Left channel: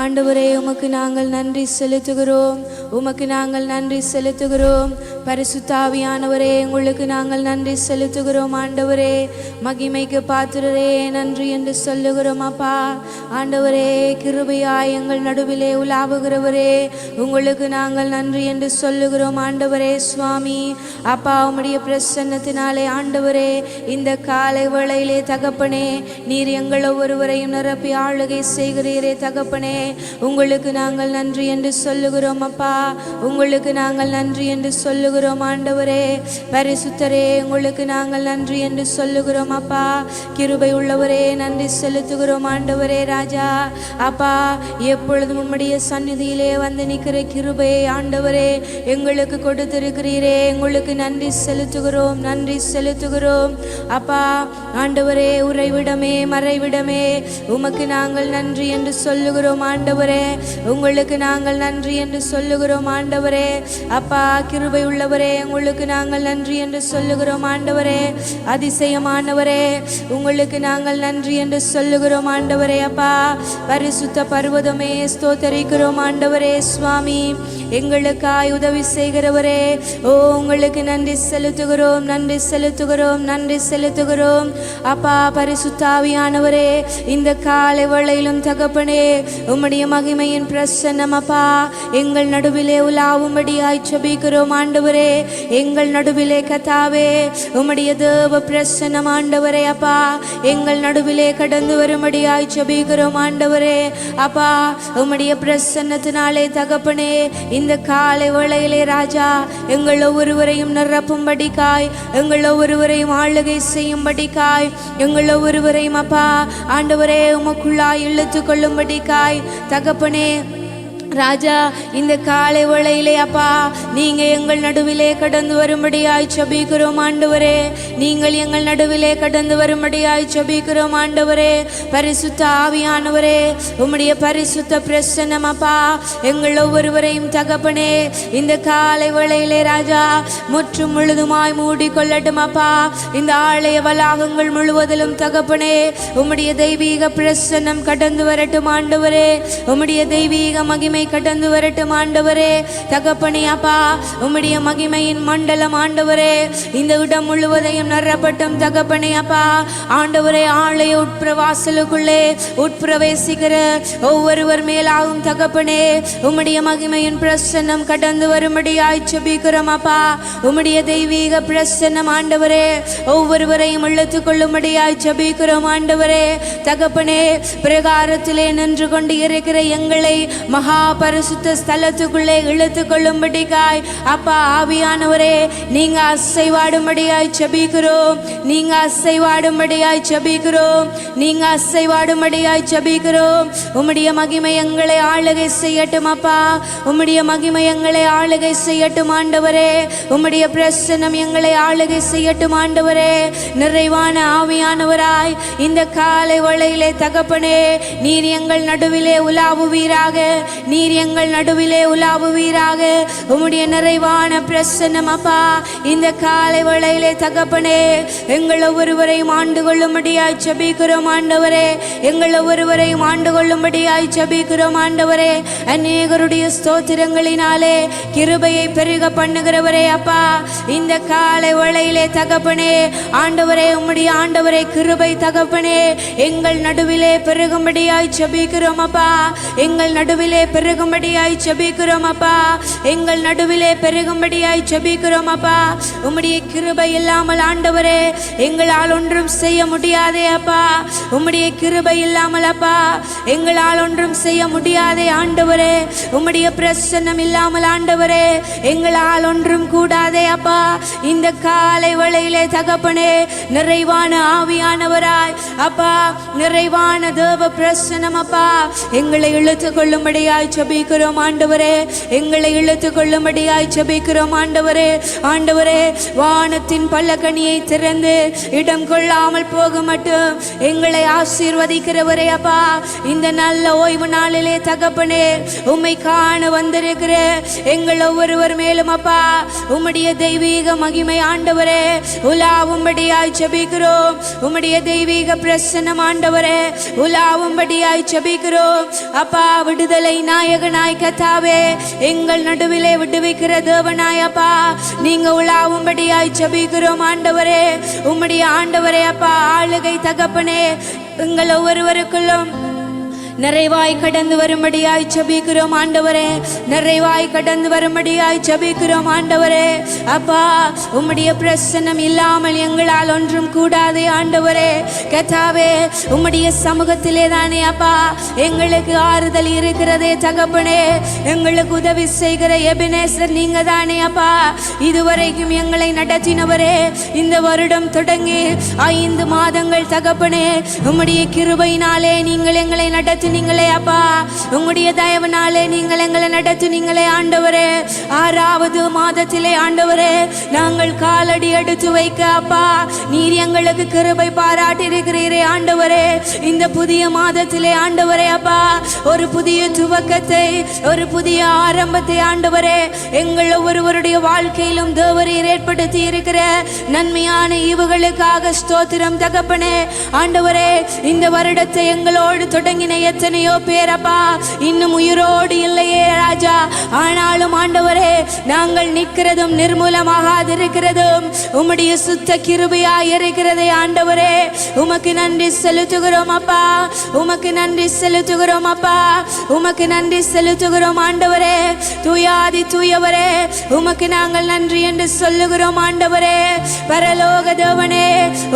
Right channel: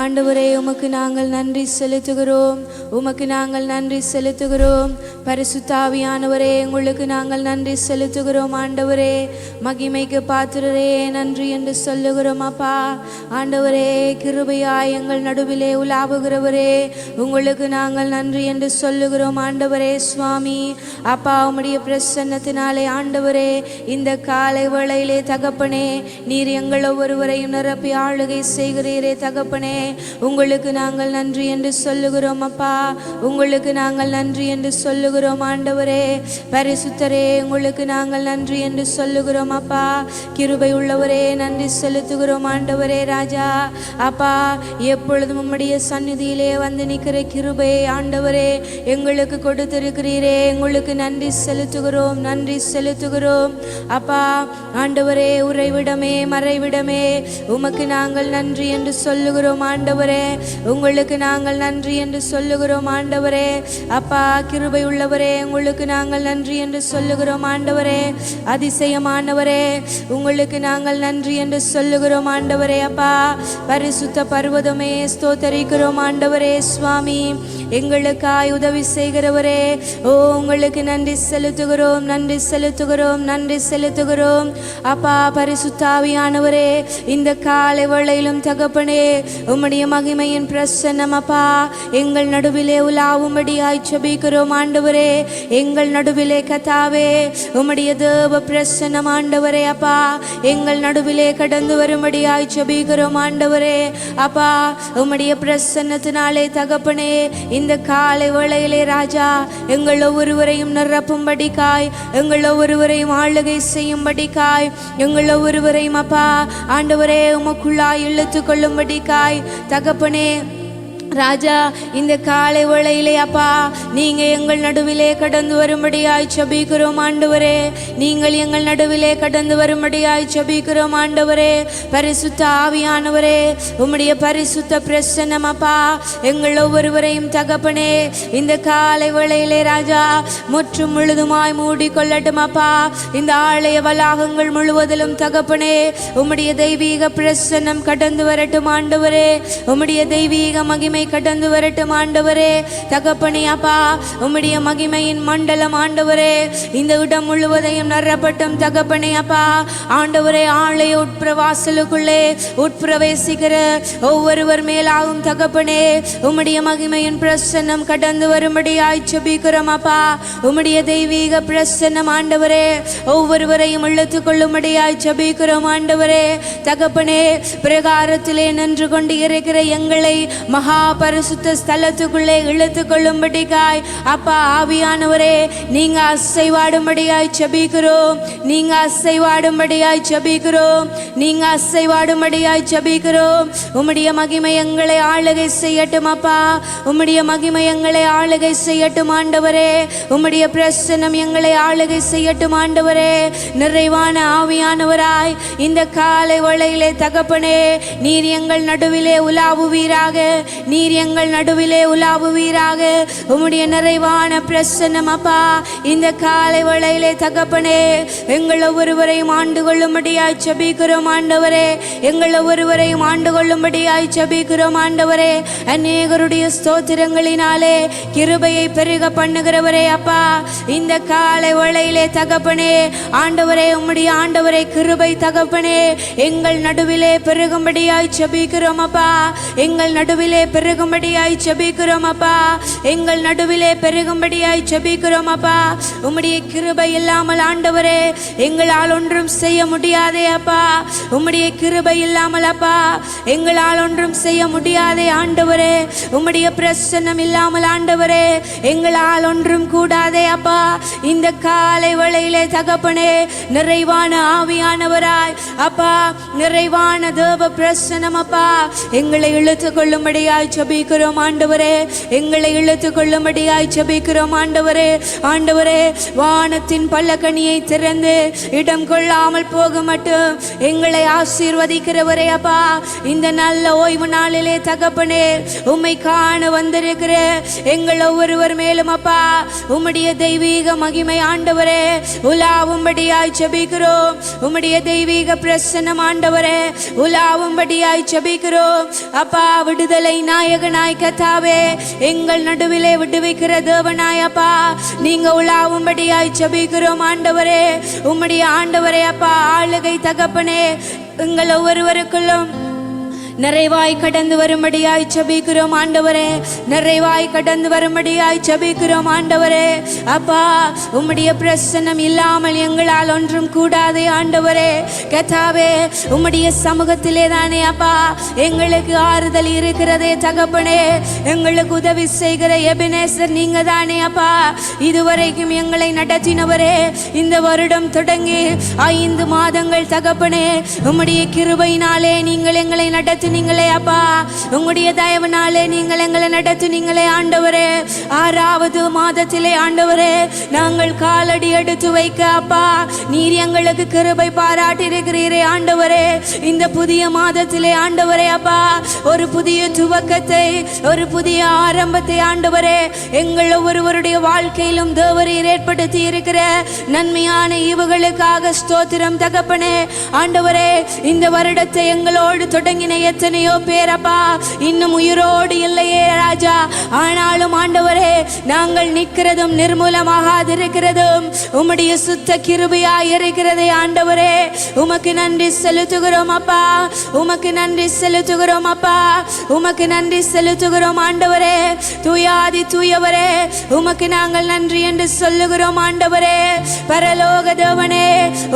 ஆண்டவரே, உமக்கு நாங்கள் நன்றி செலுத்துகிறோம். உமக்கு நாங்கள் நன்றி செலுத்துகிறோம். பரிசுத்த ஆவியானவரே, உங்களுக்கு நாங்கள் நன்றி செலுத்துகிறோம். ஆண்டவரே, மகிமைக்கு பாத்திரரே, நன்றி என்று சொல்லுகிறோம். அப்பா ஆண்டவரே, கிருபையாய் எங்கள் நடுவிலே உலாவுகிறவரே, உங்களுக்கு நாங்கள் நன்றி என்று சொல்லுகிறோம். ஆண்டவரே சுவாமி, அப்பா உம்முடைய பிரசன்னத்தினாலே ஆண்டவரே, இந்த காலை வேளையிலே தகப்பனே, நீர் எங்கள் ஒவ்வொருவரையும் நிரப்பி ஆளுகை செய்கிறீரே தகப்பனே, உங்களுக்கு நாங்கள் நன்றி என்று சொல்லுகிறோம். அப்பா உங்களுக்கு நாங்கள் நன்றி என்று சொல்லுகிறோம். ஆண்டவரே பரிசுத்தரே, உங்களுக்கு நாங்கள் நன்றி என்று சொல்லுகிறோம். அப்பா கிருபை உள்ளவரே, நன்றி செலுத்துகிறோம். ஆண்டவரே ராஜா, அப்பா எப்பொழுதும் உம்முடைய சந்நிதியிலே வந்து நிற்கிற கிருபையை ஆண்டவரே எங்களுக்கு கொடுத்திருக்கிறீரே, உங்களுக்கு நன்றி செலுத்துகிறோம், நன்றி செலுத்துகிறோம். அப்பா ஆண்டவரே, உறைவிடமே மறைவிடமே, உமக்கு நாங்கள் நன்றி என்று சொல்லுகிறோம். ஆண்டவரே உங்களுக்கு நாங்கள் நன்றி என்று சொல்லுகிறோம். ஆண்டவரே அப்பா கிருபை உள்ளவரே, உங்களுக்கு நாங்கள் நன்றி என்று சொல்லுகிறோம். ஆண்டவரே அதிசயமானவரே, உங்களுக்கு நாங்கள் நன்றி என்று சொல்லுகிறோம். ஆண்டவரே அப்பா பரிசுத்த பர்வதமே ஸ்தோத்தரிக்கிறோம். ஆண்டவரே சுவாமி, எங்களுக்காய் உதவி செய்கிறவரே, ஓ உங்களுக்கு நன்றி செலுத்துகிறோம், நன்றி செலுத்துகிறோம், நன்றி செலுத்துகிறோம். அப்பா பரிசுத்த ஆவியானவரே, இந்த காலை வேளையிலும் தகப்பனே, உம்முடைய மகிமையின் பிரசன்னம் அப்பா எங்கள் நடுவிலே உலாவும்படியாய் ஜெபிக்கிறோம். ஆண்டவரே எங்கள் நடுவிலே கர்த்தாவே உம்முடைய தேவ பிரசன்னம் ஆண்டவரே அப்பா எங்கள் நடுவிலே கடந்து வரும்படியாய் ஜெபிக்கிறோம். ஆண்டவரே அப்பா உம்முடைய பிரசன்னத்தினாலே தகப்பனே, இந்த காலை வேளையிலே ராஜா எங்கள் ஒவ்வொருவரையும் நிரப்பும்படிக்காய், எங்கள் ஒவ்வொருவரையும் ஆளுகை செய்யும்படிக்காய், எங்கள் ஒவ்வொருவரையும் அப்பா ஆண்டவரே உமக்குள்ளாய் இழுத்து கொள்ளும்படிக்காய் தகப்பனே ராஜா, இந்த காலை வேளையிலே அப்பா நீங்க எங்கள் நடுவிலே கடந்து வரும்படியாய் ஜெபிக்கிறோம். ஆண்டவரே நீங்கள் எங்கள் நடுவிலே கடந்து வரும்படியாய் ஜெபிக்கிறோம். ஆண்டவரே பரிசுத்த ஆவியானவரே, உம்முடைய பரிசுத்த பிரசன்னம் அப்பா எங்கள் ஒவ்வொருவரையும் தகப்பனே இந்த காலை வேளையிலே ராஜா முற்றும் முழுதுமாய் மூடிக்கொள்ளட்டும். அப்பா இந்த ஆலய வளாகங்கள் முழுவதிலும் தகப்பனே உம்முடைய தெய்வீக பிரசன்னம் கடந்து வரட்டும். ஆண்டவரே உம்முடைய தெய்வீக மகிமை கடந்து வரட்டும். ஆண்டவரே தகப்பனே அப்பா உம்முடைய மகிமையின் மண்டலம் ஆண்டவரே இந்த இடம் முழுவதையும் நிரப்பட்டும். தகப்பனே அப்பா ஆண்டவரே, ஆலய உட்பிரவாசலுக்குள்ளே உட்பிரவேசிக்கிற ஒவ்வொருவர் மேலாகும் தகப்பனே உம்முடைய மகிமையின் பிரசன்னம் கடந்து வரும்படியாய் ஜெபிக்கிறோம். அப்பா உம்முடைய தெய்வீக பிரசன்னம் ஆண்டவரே ஒவ்வொருவரையும் இழுத்து கொள்ளும்படியாய் ஜெபிக்கிறோம். ஆண்டவரே தகப்பனே, பிரகாரத்திலே நின்று கொண்டு இருக்கிற எங்களை மகா பரிசுத்த ஸ்தலத்துக்குள்ளே இழுத்து கொள்ளும்படியாய் அப்பா ஆவியானவரே நீங்க அசைவாடும்படியாய் ஜெபிக்கிறோம், நீங்க அசைவாடும்படியாய் ஜெபிக்கிறோம், நீங்க அசைவாடும்படியாய் ஜெபிக்கிறோம். உம்முடைய மகிமை எங்களை ஆளுகை செய்யட்டும். அப்பா உம்முடைய மகிமை எங்களை ஆளுகை செய்யட்டும். ஆண்டவரே உம்முடைய பிரசன்னம் எங்களை ஆளுகை செய்யட்டும். ஆண்டவரே நிறைவான ஆவியானவராய் இந்த காலை வேளையிலே தகப்பனே நீர் எங்கள் நடுவிலே உலாவுவீராக, நீர் எங்கள் நடுவிலே உலாவுவீராக. உம்முடைய நிறைவான பிரசன்னம் அப்பா இந்த காலை வேளையிலே தகப்பனே எங்கள் ஒவ்வொருவரையும் ஆண்டு கொள்ளும்படியாய் ஜெபிக்கிறோம். ஆண்டவரே எங்கள் ஒவ்வொருவரையும் ஆண்டு கொள்ளும்படியாய் ஜெபிக்கிறோம். ஆண்டவரே அநேகருடைய ஸ்தோத்திரங்களினாலே கிருபையை பெருக பண்ணுகிறவரே அப்பா இந்த காலை வேளையிலே தகப்பனே ஆண்டவரே உம்முடைய ஆண்டவரே கிருபை தகப்பனே எங்கள் நடுவிலே பெருகும்படியாய் ஜெபிக்கிறோம். அப்பா எங்கள் நடுவிலே பெருகும்படியாய் ஜெபிக்கிறோம். அப்பா எங்கள் நடுவிலே பெருகும்படியாய் ஜெபிக்கிறோம். அப்பா உம்முடைய கிருபை இல்லாமல் ஆண்டவரே எங்களால் ஒன்றும் செய்ய முடியாதே. அப்பா உம்முடைய கிருபை இல்லாமல் அப்பா எங்களால் ஒன்றும் செய்ய முடியாதே. ஆண்டவரே உம்முடைய பிரசன்னம் இல்லாமல் ஆண்டவரே எங்களால் ஒன்றும் கூடாதே. அப்பா இந்த காலை வேளையிலே தகப்பனே நிறைவான ஆவியானவராய் அப்பா நிறைவான தேவ பிரசன்னம் அப்பா எங்களை இழுத்து கொள்ளும்படியாய் ஜெபிக்கிறோம் ஆண்டவரே. எங்களை இழுத்து கொள்ளும்படியாய் ஜெபிக்கிறோம் ஆண்டவரே. ஆண்டவரே, வானத்தின் பல்லக்கனியை திறந்து இடம் கொள்ளாமல் போக மட்டும் எங்களை ஆசீர்வதிக்கிறவரே அப்பா. இந்த நல்ல ஓய்வு நாளிலே தகப்பனே, உம்மை காண வந்திருக்கிற எங்கள் ஒவ்வொருவர் மேலும் அப்பா உம்முடைய தெய்வீக மகிமை ஆண்டவரே உலாவும்படியாய் ஜெபிக்கிறோம். உம்முடைய தெய்வீக பிரசன்னம் ஆண்டவரே உலாவும்படியாய் ஜெபிக்கிறோம் அப்பா. விடுதலை நாயகனாய் கர்த்தாவே, எங்கள் நடுவிலே விடுவிக்கிற தேவனாய் அப்பா, நீங்க உலாவும்படியாய் ஜெபிக்கிறோம் ஆண்டவரே. உம்முடைய ஆண்டவரே அப்பா ஆளுகை தகப்பனே எங்கள் ஒவ்வொருவருக்குள்ளும் நிறைவாய் கடந்து வரும்படியாய் ஜெபிக்கிறோம் ஆண்டவரே. நிறைவாய் கடந்து வரும்படியாய் ஜெபிக்கிறோம் ஆண்டவரே அப்பா. உம்முடைய பிரசன்னம் இல்லாமல் எங்களால் ஒன்றும் கூடாதே ஆண்டவரே. கர்த்தாவே, உம்முடைய சமூகத்திலே தானே அப்பா எங்களுக்கு ஆறுதல் இருக்கிறதே தகப்பனே. எங்களுக்கு உதவி செய்கிற எபினேசர் நீங்க தானே அப்பா. இதுவரைக்கும் எங்களை நடத்தினவரே. இந்த வருடம் தொடங்கி 5 மாதங்கள் தகப்பனே உம்முடைய கிருபையினாலே நீங்கள் எங்களை நடத்தினீங்களே அப்பா. உங்களுடைய தயவுனாலே நீங்கள் எங்களை நடத்தினீங்களே ஆண்டவரே. 6வது மாதத்திலே ஆண்டவரே நாங்கள் காலடி எடுத்து வைக்க அப்பா நீர் எங்களுக்கு கிருபை பாராட்டி இருக்கிறீரே ஆண்டவரே. இந்த புதிய மாதத்திலே ஆண்டவரே அப்பா ஒரு புதிய துவக்கத்தை, ஒரு புதிய ஆரம்பத்தை ஆண்டவரே எங்கள் ஒவ்வொருவருடைய வாழ்க்கையிலும் தேவரீர் ஏற்படுத்தி இருக்கிற நன்மையான ஈவுகளுக்காக ஸ்தோத்திரம் தகப்பனே. ஆண்டவரே, இந்த வருடத்தை எங்களோடு தொடங்கின எத்தனையோ பேரப்பா இன்னும் உயிரோடு இல்லையே ராஜா. ஆனாலும் ஆண்டவரே நாங்கள் நிற்கிறதும் நிர்மூலமாகாதிருக்கிறதும் உம்முடைய சுத்த கிருபையாய் இருக்கிறதே ஆண்டவரே. உமக்கு நன்றி செலுத்துகிறோம் அப்பா. உமக்கு நன்றி செலுத்துகிறோம் அப்பா. உமக்கு நன்றி செலுத்துகிறோம் ஆண்டவரே. தூயாதி தூயவரே, உமக்கு நாங்கள் நன்றி என்று சொல்லுகிறோம் ஆண்டவரே. பரலோக தேவனே,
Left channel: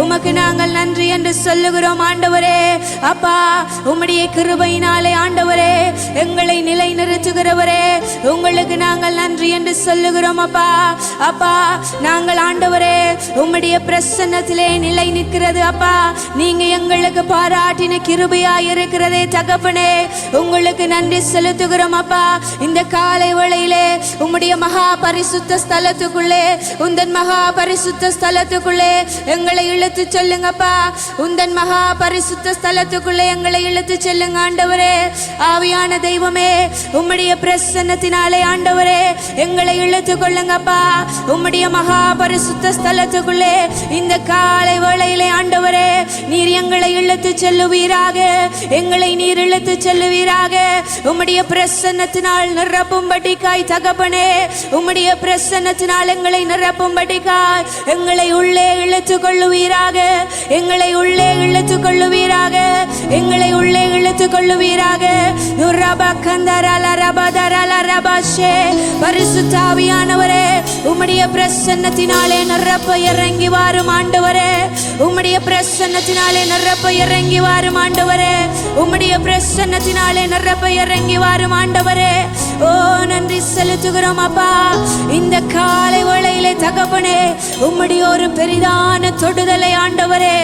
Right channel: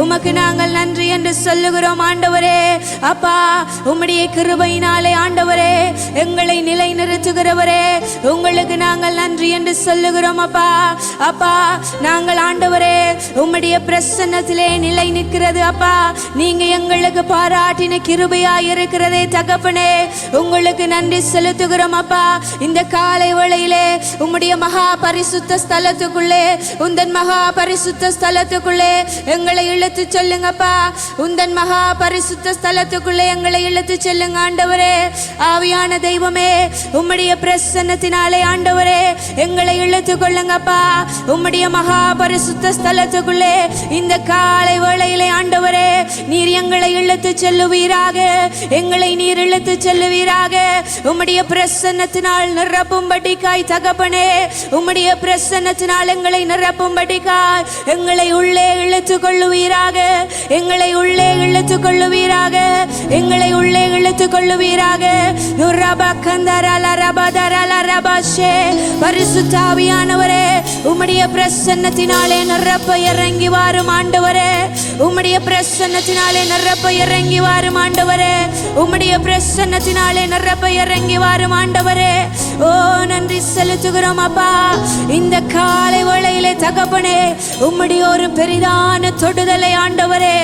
உமக்கு நாங்கள் நன்றி என்று சொல்லுகிறோம் ஆண்டவரே அப்பா. உம்முடைய கிருபையினாலே ஆண்டவரே எங்களை நிலை நிறுத்துகிறவரே, உங்களுக்கு நாங்கள் நன்றி என்று சொல்லுகிறோம் அப்பா. அப்பா, நாங்கள் ஆண்டவரே உம்முடைய பிரசன்னத்திலே நிலை நிற்கிறது அப்பா. நீங்க எங்களுக்கு பாராட்டின கிருபையாய் இருக்கிறதே தகப்பனே, உங்களுக்கு நன்றி செலுத்துகிறோம் அப்பா. இந்த காலை வேளையிலே உம்முடைய மகா பரிசுத்த ஸ்தலத்துக்குள்ளே, உந்தன் மகா பரிசுத்த ஸ்தலத்துக்குள்ளே எங்களை இழுத்து சொல்லுங்கப்பா. உந்தன் மகா பரிசுத்த ஸ்தலத்துக்குள்ளே எங்களை இழுத்து செல்லுங்க ஆண்டவரே. ஆவியான தெய்வமே, உம்முடைய பிரசன்னத்தினாலே ஆண்டவரே எங்களை இழுத்து கொள்ளுங்கப்பா. உம்முடைய மகா பரிசுத்த ஸ்தலத்துக்குள்ளே இந்த காலை வேளையிலே ஆண்டவரே நீர் எங்களை இழுத்து செல்லுவீராக. எங்களை நீர் இழுத்து செல்லுவீராக. உம்முடைய பிரசன்னத்தினால் நிரப்பும்படிக்காய் தகப்பனே, உம்முடைய பிரசன்னத்தினால் எங்களை நிரப்பும்படிக்காய் எங்களை உள்ளே இழுத்து கொள்ளுவீராக. எங்களை உள்ளே இழுத்து கொள்ளுவீராக. எங்களை உள்ளே இழுத்து கொள்ளுவீராக. பரிசுத்த ஆவியானவரே, உம்முடைய பிரசன்னத்தினாலே நிரப்ப இறங்கி வாரும் ஆண்டவரே. உம்முடைய பிரசன்னத்தினாலே நிரப்ப இறங்கி வாரும் ஆண்டவரே. உம்முடைய பிரசன்னத்தினாலே நிரப்ப இறங்கி வாரும் ஆண்டவரே. ஓ, நன்றி செலுத்துகிறோம் அப்பா. இந்த காலை வேளையிலே தகப்பனே உம்முடைய ஒரு பெரிதான தொடுதலை ஆண்டவரே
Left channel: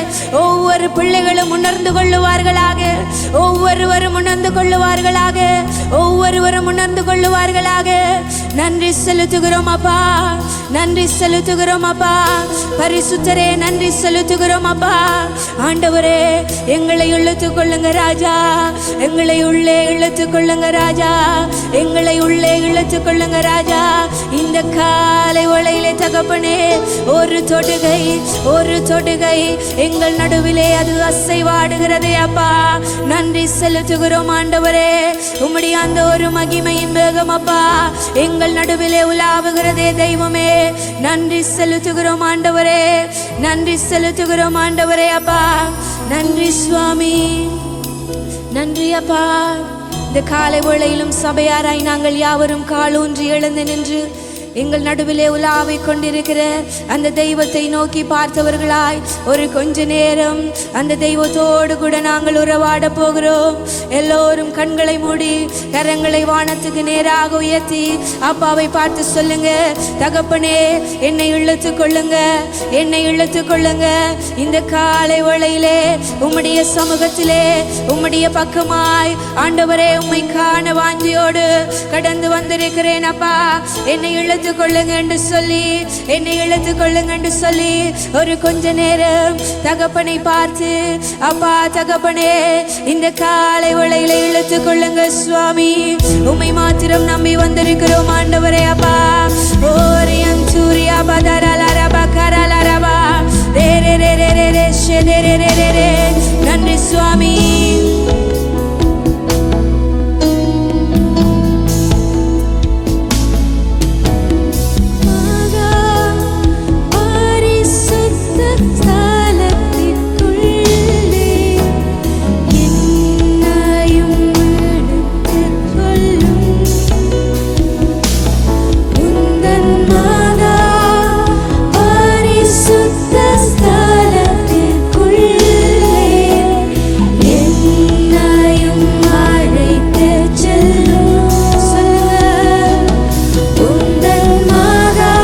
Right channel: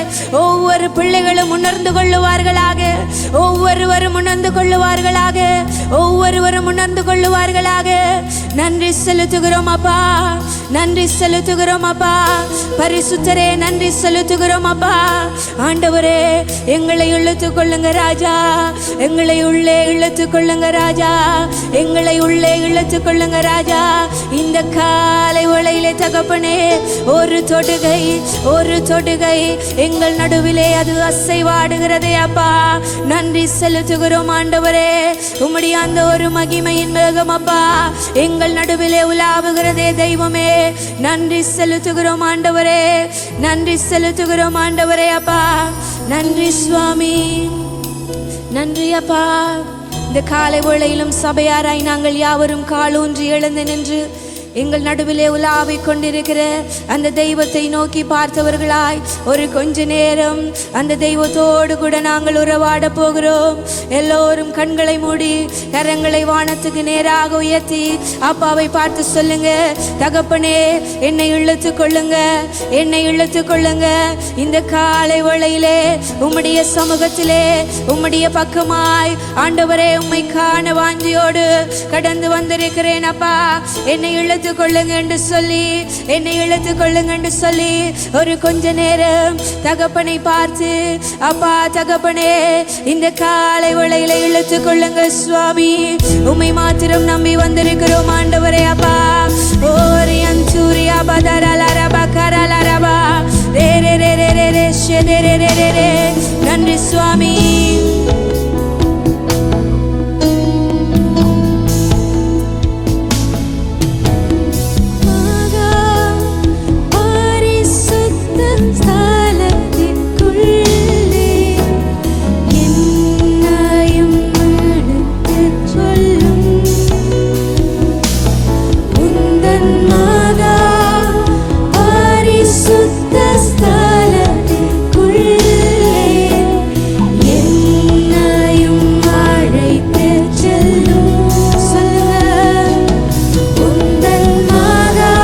ஒவ்வொரு பிள்ளைகளும் உணர்ந்து கொள்ளுவார்களாக. ஒவ்வொருவரும் உணர்ந்து கொள்ளுவார்களாக. ஒவ்வொருவரும் உணர்ந்து கொள்ளுவார்களாக. நன்றி செலுத்துகிறோம் அப்பா. நன்றி செலுத்துகிறோம் அப்பா. பரிசுத்தரே, நன்றி செலுத்துகிறோம் அப்பா. ஆண்டவரே, எங்களை இழுத்து கொள்ளுங்க ராஜா. எங்களை உள்ளே இழுத்து கொள்ளுங்க ராஜா. எங்களை உள்ளே இழுத்து கொள்ளுங்க ராஜா. இந்த காலை வேளையிலே தகப்பனே ஒரு தொடுகை, ஒரு தொடுகை எங்கள் நடுவிலே அது அசைவாடுகிறதே அப்பா. நன்றி செலுத்துகிறோம் ஆண்டவரே. உம்முடைய அந்த ஒரு மகிமையின் வேகம் அப்பா எங்கள் நடுவிலே உலாவுகிறதே தெய்வமே. நன்றி செலுத்துகிறோம் ஆண்டவரே. நன்றி செலுத்துகிறோம் ஆண்டவரே அப்பா. நன்றி சுவாமி. நன்றி அப்பா. இந்த காலை வேளையிலும் சபையாராய் நாங்கள் யாவரும் காலூன்றி எழுந்து நின்று எங்கள் நடுவிலே உலாவிக் கொண்டிருக்கிற அந்த தெய்வத்தை நோக்கி பார்த்தவர்களாய் ஒரு கொஞ்ச நேரம் அந்த தெய்வத்தோடு கூட நாங்கள் உறவாட போகிறோம். எல்லோரும் கண்களை மூடி கரங்களை வானத்துக்கு நேராக உயர்த்தி அப்பாவை பார்த்து சொல்லுங்க, தகப்பனே என்னை இழுத்து கொள்ளுங்க, என்னை இழுத்து கொள்ளுங்க. இந்த காலை வேளையிலே உம்முடைய சமூகத்திலே உம்முடைய பக்கமாய் ஆண்டவரே உம்மை காண வாஞ்சியோடு கடந்து வந்திருக்கிறேன் அப்பா. என்னை இழுத்து கொள்ளுங்க என்று சொல்லி, என்னை இழுத்து கொள்ளுங்க என்று சொல்லி ஒரு கொஞ்ச நேரம் தகப்பனை பார்த்து, அப்பா தகப்பனே இந்த காலை வேளையில இழுத்து கொள்ளுங்க சுவாமி, உம்மை மாத்திரம் நம்பி வந்திருக்கிறோம் ஆண்டவரே அப்பா. ஓரியன் சூரியா பதரலரபா கரலரபா ரே ரே ரே ரே ரே ரே ஷெதே ரே ரே ரே ரே. நன்றி சுவாமி. மகா பரிசுத்த ஸ்தலத்திற்குள்ளே என்னையும் எடுத்துக் கொள்ளும். உந்தன் மகா பரிசுத்த ஸ்தலத்திற்குள்ளே என்னையும் அழைத்துச் செல்லும். சொல்லுங்க, உந்தன் மகா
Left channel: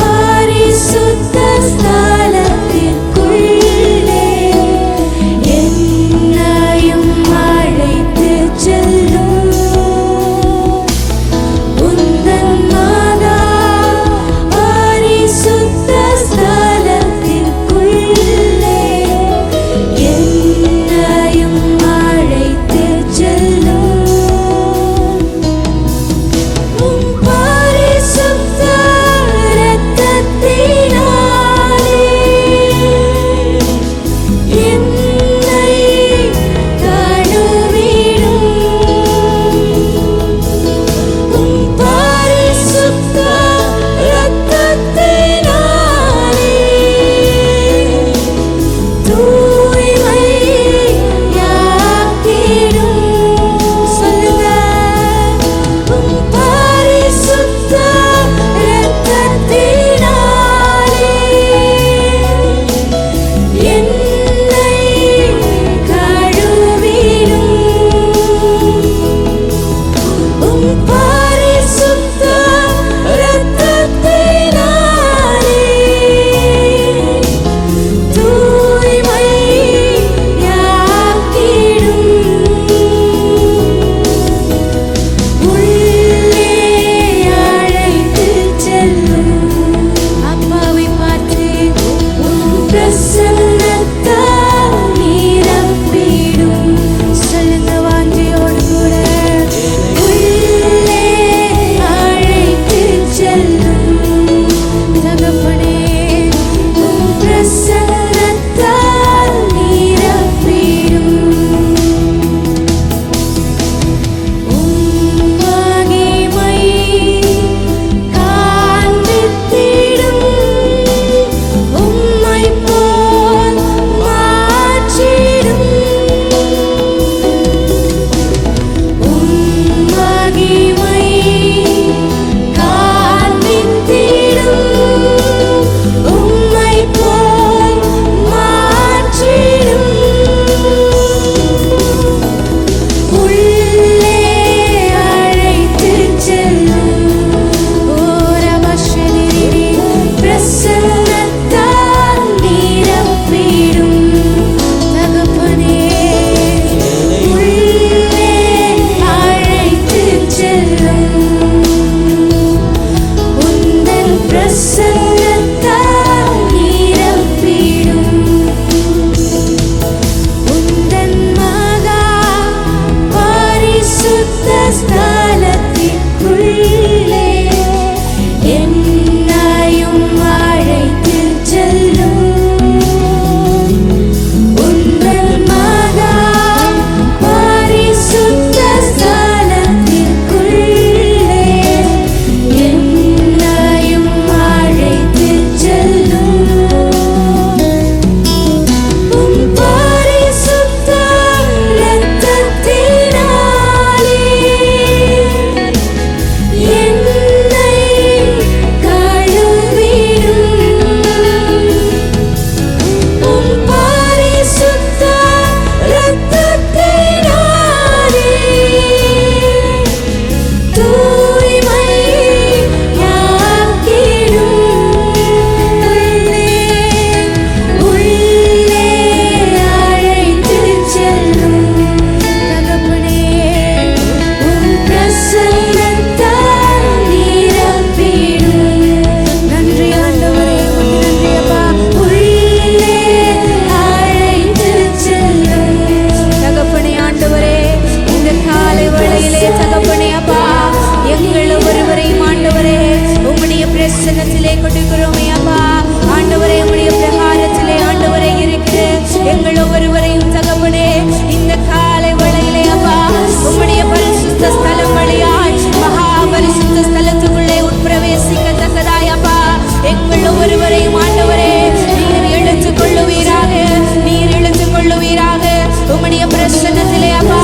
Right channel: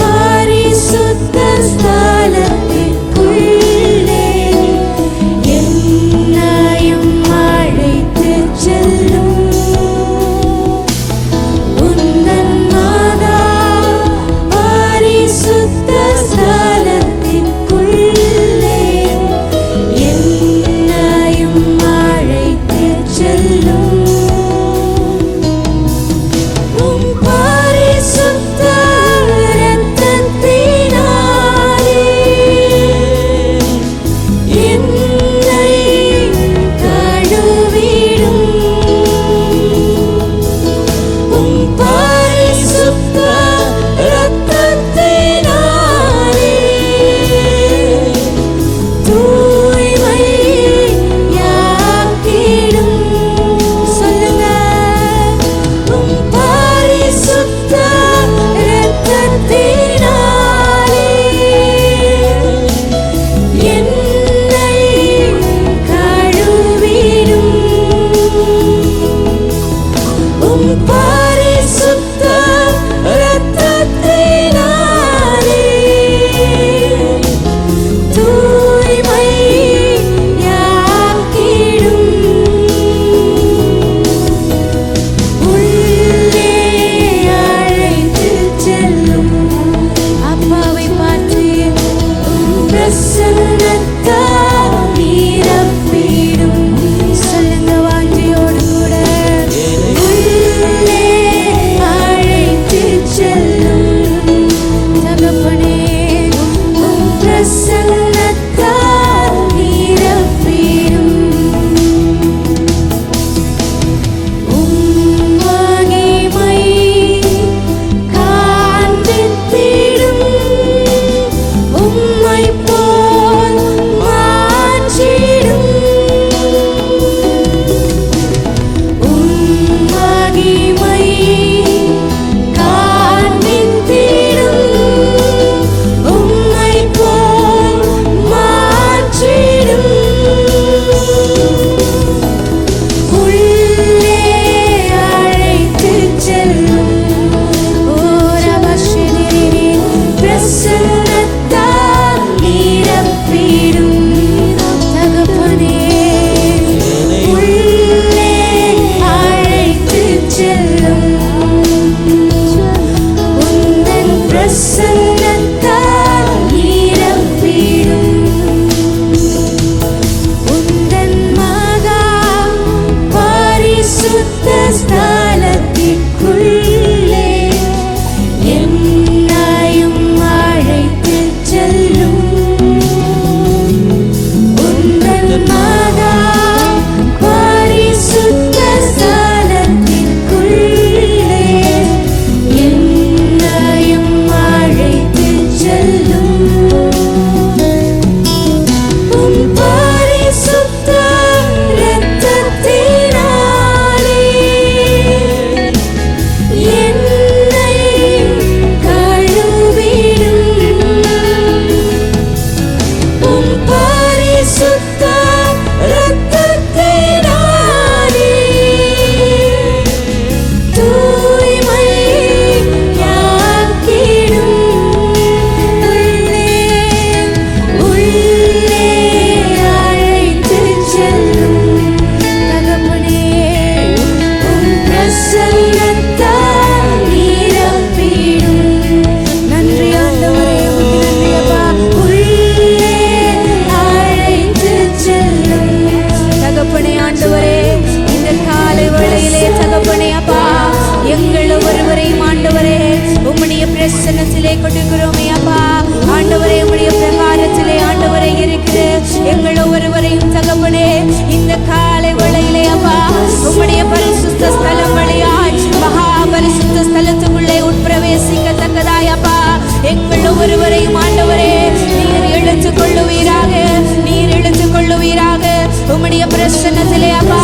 பரிசுத்த ஸ்தலத்திற்குள்ளே என்னையும் அழைத்துச் செல்லும். உந்தன் மகா பரிசுத்த ஸ்தலத்திற்குள்ளே என்னையும் அழைத்துச் செல்லும். உம் பரிசுத்த இரத்தத்தினாலே என்னை கழுவிடும். உம் பரிசுத்த இரத்தத்தினாலே தூய்மையாக்கிடும். சொல்லுங்க, உம் பரிசுத்த இரத்தத்தினாலே என்னை கழுவிடும். உம் பரிசுத்த இரத்தத்தினாலே தூய்மையாக்கிடும். உள்ளே அழைத்துச் செல்லும். அப்பாவை பார்த்து உம் பிரசன்னத்தால் நிரப்பிடும். சொல்லுங்க வாஞ்சியோடு கூட, உள்ளே அழைத்துச் செல்லும். தகப்பனே உம் பிரசன்னத்தால் நிரப்பிடும். உம் மகிமை காண்பித்திடும். உம்மை போல் மாற்றிடும். தகப்பனே உம் பிரசன்னத்தால் நிரப்பிடும். நன்றி ஆண்டவரே, உமக்கு நன்றி அப்பா. உள்ளே அழைத்து செல்லும் தகப்பனே. ஆண்டவரே, இந்த காலை வேளையிலே தகப்பனே அப்பா, எங்கள் ஒவ்வொருவரையும் ஆண்டவரே உம்முடைய பிரசன்னத்திலே கொடுக்கிறோமே அப்பா. ஆண்டவரே, உம்முடைய பிரகாரத்திலே ஆண்டவரே இருக்கிற எங்கள் ஒவ்வொருவரையும் தகப்பனே இந்த காலை வேளையிலே அப்பா உம்முடைய பரிசுத்த ஸ்தலம் வழியாய் மகா பரிசுத்த ஸ்தலத்துக்குள்ளே உட்பிரவேசிக்கத்தக்கதாய் அப்பா எங்கள் ஒவ்வொருவரையும் ஆண்டவரே நீர் இழுத்துக் கொள்ளுவீராக, நீர் இழுத்துக் கொள்ளுவீராக. உம்முடைய பிரசன்னத்திலே அப்பா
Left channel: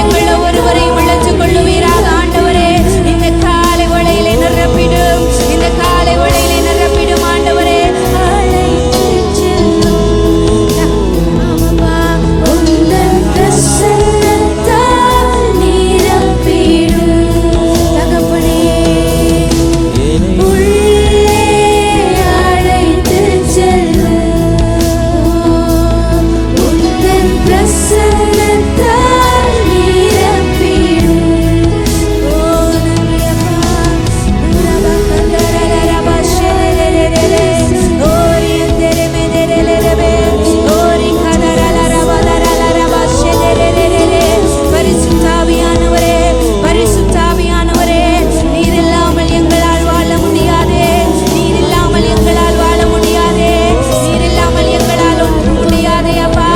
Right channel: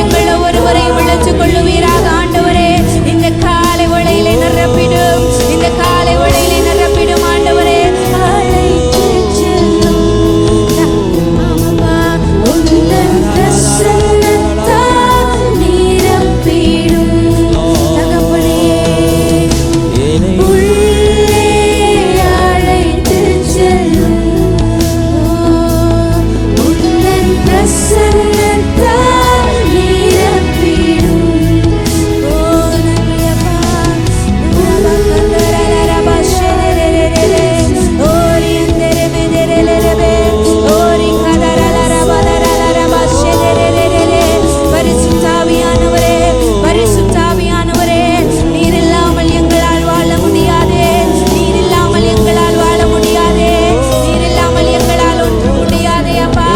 எங்கள் ஒவ்வொருவரையும் இழுத்துக் கொள்ளுவீராக. ஆண்டவரே, இந்த காலை வேளையிலே நிரப்பிடும், இந்த காலை வேளையிலே நிரப்பிடும் ஆண்டவரே. அழைத்து செல்லும் ஆமாப்பா, உந்தன் பிரசன்னத்தால் நிரப்பிடும் தகப்பனே. உள்ளே அழைத்து செல்லும் உந்தன் பிரசன்னத்தால் நிரப்பிடும். ஓ நன்றி அப்பா. நூரபா கந்தரலரபா ஷெதரரரரே ஓரி அந்தரே மெதரலரபே ஓரி கதரலரபதரலரபா ஷெதரரரரே. பரிசுத்தாவியானவரே, பரிசுத்தாவியானவரே, நீர் இல்லாமல் எங்களால் வாழ முடியாதே, நீர் இல்லாமல் எங்களால் வாழ முடியாதே, நீர் இல்லாமல் எங்களால் ஒன்று முடியாதே அப்பா.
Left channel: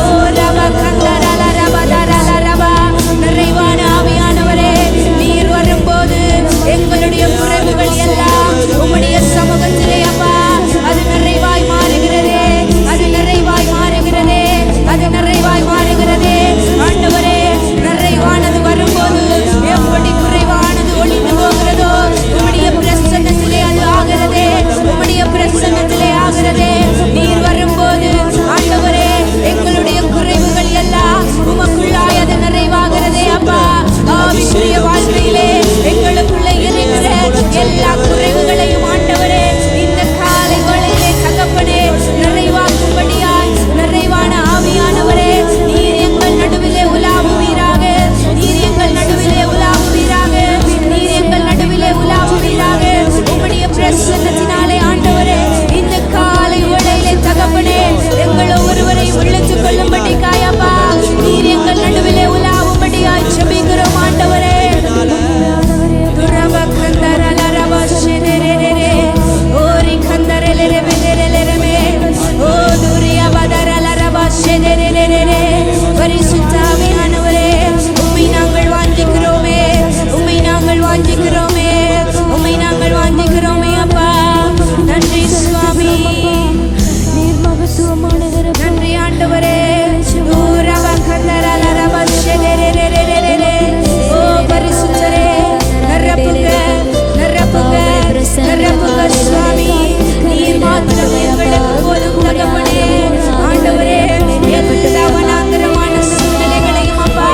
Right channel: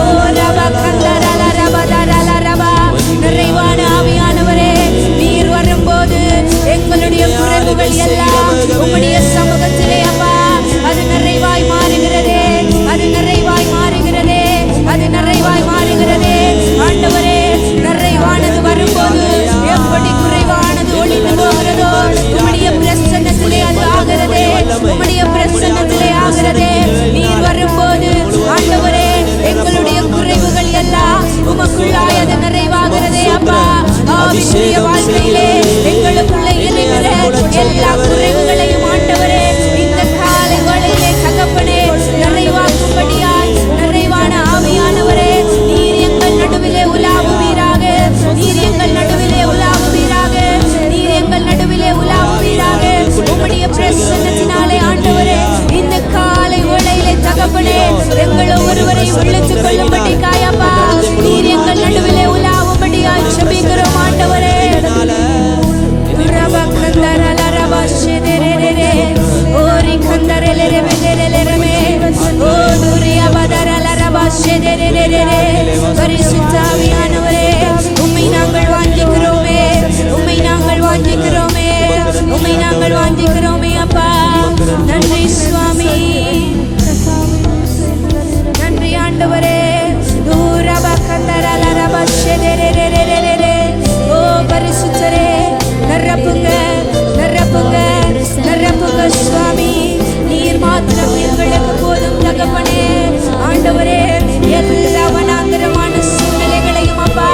ஓ ரபா கந்தரலரபதரலரபா. நிறைவான ஆவியானவரே, நீர் வரும்போது எங்களுடைய குறைவுகள் எல்லாம் உம்முடைய சமூகத்திலே அப்பா அது நிறைவாய் மாறுகிறதே, அது நிறைவாய் மாறுகிறதே, அது நிறைவாய் மாறுகிறதே. ஆண்டவரே, நிறைவானது வரும்போது எப்படி குறைவானது ஒளிந்து போகிறதோ உம்முடைய பிரசன்னத்திலே அது ஆகிறதே, உம்முடைய பிரசன்னத்திலே ஆகிறதே. நீர் வரும்போது ஆண்டவரே எங்களுடைய குறைவுகள் எல்லாம் உமக்குள்ளாய் அது நிறைவாகிறதே அப்பா. ஆவிக்குரிய வாழ்க்கையிலே எங்களுக்குள்ளே இருக்கிற எல்லா குறைவுகளையும் ஆண்டவரே இந்த காலை வேளையிலே தகப்பனே நிறைவாக்கும்படியாய் நிறைவான ஆவியானவரே நீர் எங்கள் நடுவிலே உலாவுவீராக, நீர் எங்கள் நடுவிலே உலாவுவீராக, நீர் எங்கள் நடுவிலே உலாவுவீராக. உம்முடைய பிரசன்னத்தினாலே ஆண்டவரே இந்த காலை வேளையிலே தகப்பனே எங்கள் ஒவ்வொருவரையும் இழுத்துக் கொள்ளும்படி காயப்பா நீர் எங்கள் நடுவிலே உலாவும்படியாய் ஜெபிக்கிறோம் ஆண்டவரே. துரபா கந்தரலரபா ஷெதரரரே ஓரி கந்தரலரபெதரலரமே ஓ துரியா பதரலரபா ஷெதரரரே. பரிசுத்தாவியானவரே, உம்மை நாங்கள் வாஞ்சிக்கிறோமே, உம்மை நாங்கள் வாஞ்சிக்கிறோமே, உம்மை நாங்கள் வாஞ்சிக்கிறோமே அப்பா. நன்றி சுவாமி, நன்றி ஆண்டவரே. ரபா கந்தரலரபா ஷெதரரரே ஓ பரிசுத்தரே, நிரப்புங்க, நிரப்புங்க, நிரப்புங்க சுவாமி. நீர் மாத்திரம் எங்களுக்கு போதும் தகப்பனே. ஆண்டவரே, எல்லா வனாந்தரமான சூழ்நிலைகளையும் அப்பா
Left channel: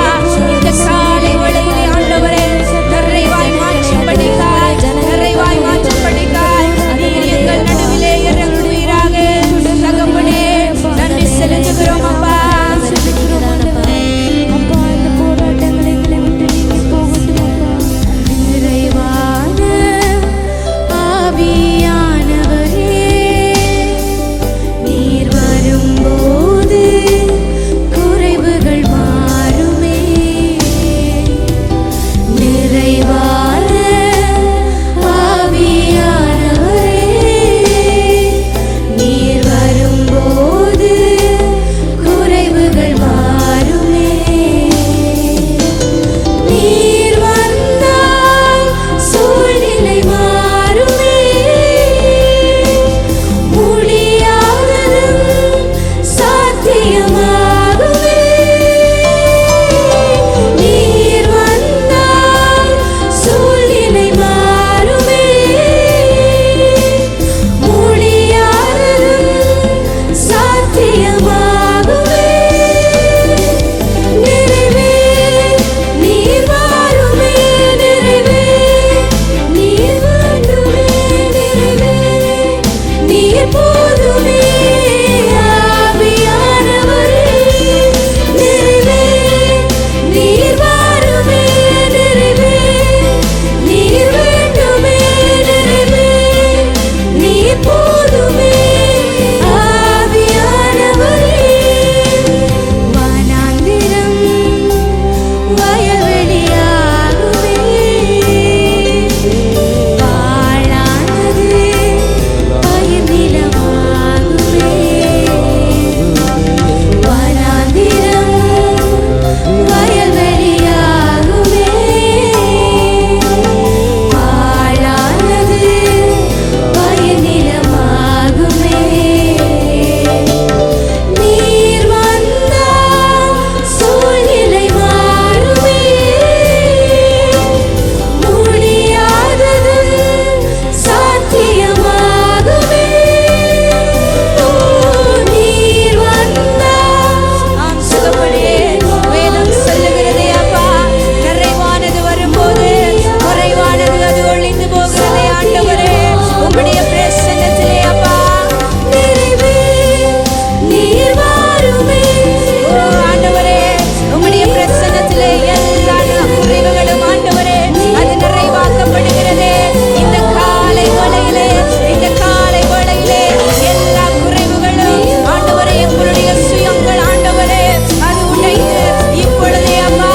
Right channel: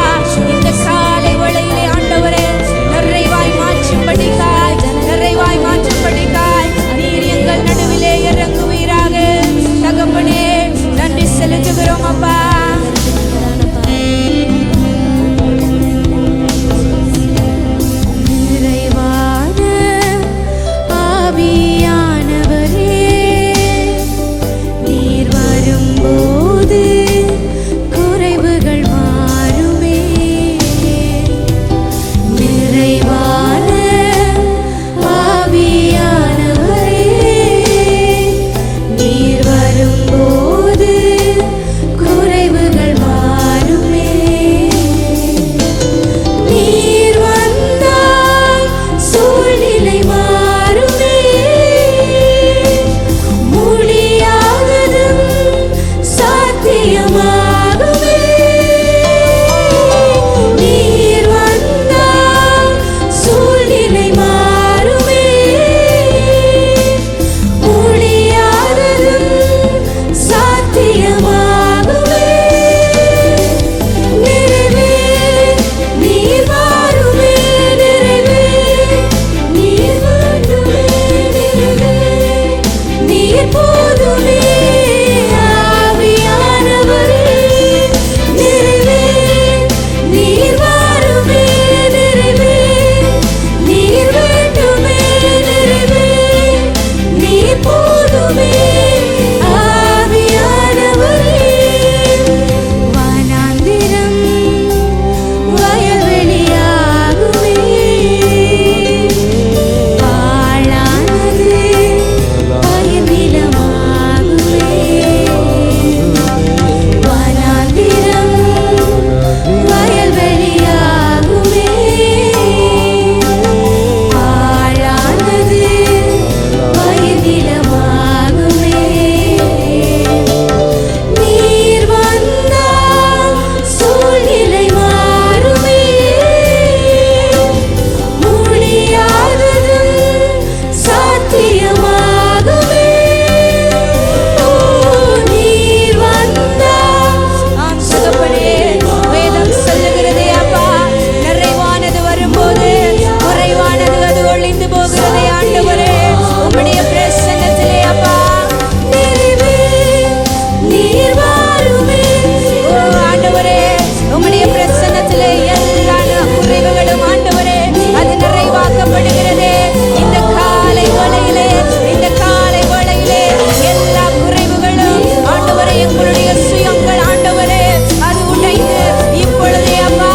இந்த காலை வேளையிலே ஆண்டவரே நிறைவாய் மாற்றும்படிக்காய், நிறைவாய் மாற்றும்படிக்காய் நீர் எங்கள் நடுவிலே இறங்குவீராக தகப்பனே. நன்றி செலுத்துகிறோம் அப்பா. நிறைவான ஆவியானவரே, நீர் வரும்போது குறைவுகள் மாறுமே. நிறைவான ஆவியானவரே, நீர் வரும்போது குறைவுகள் சொல்லுகிறதே அப்பா. நிறைவானது வரும்போது குறைவானது அது ஒளிந்து போகிறதே ஆண்டவரே. உம்முடைய பிரசன்னத்திலே அப்பா நிறைவே நீர் வாருமே. ஓ ஆண்டவரே, உம்முடைய பிரசன்னத்திலே எல்லா குறைவுகளும் ஆண்டவரே அது நிறைவாக்கப்படுகிறதே. இந்த காலை வேளையிலே, இந்த காலை வேளையிலே எல்லா குறைவுகளும் ஆண்டவரே, எங்களுடைய சுயங்கள் ஆண்டவரே அது உடைந்து இப்பொழுதே அப்பா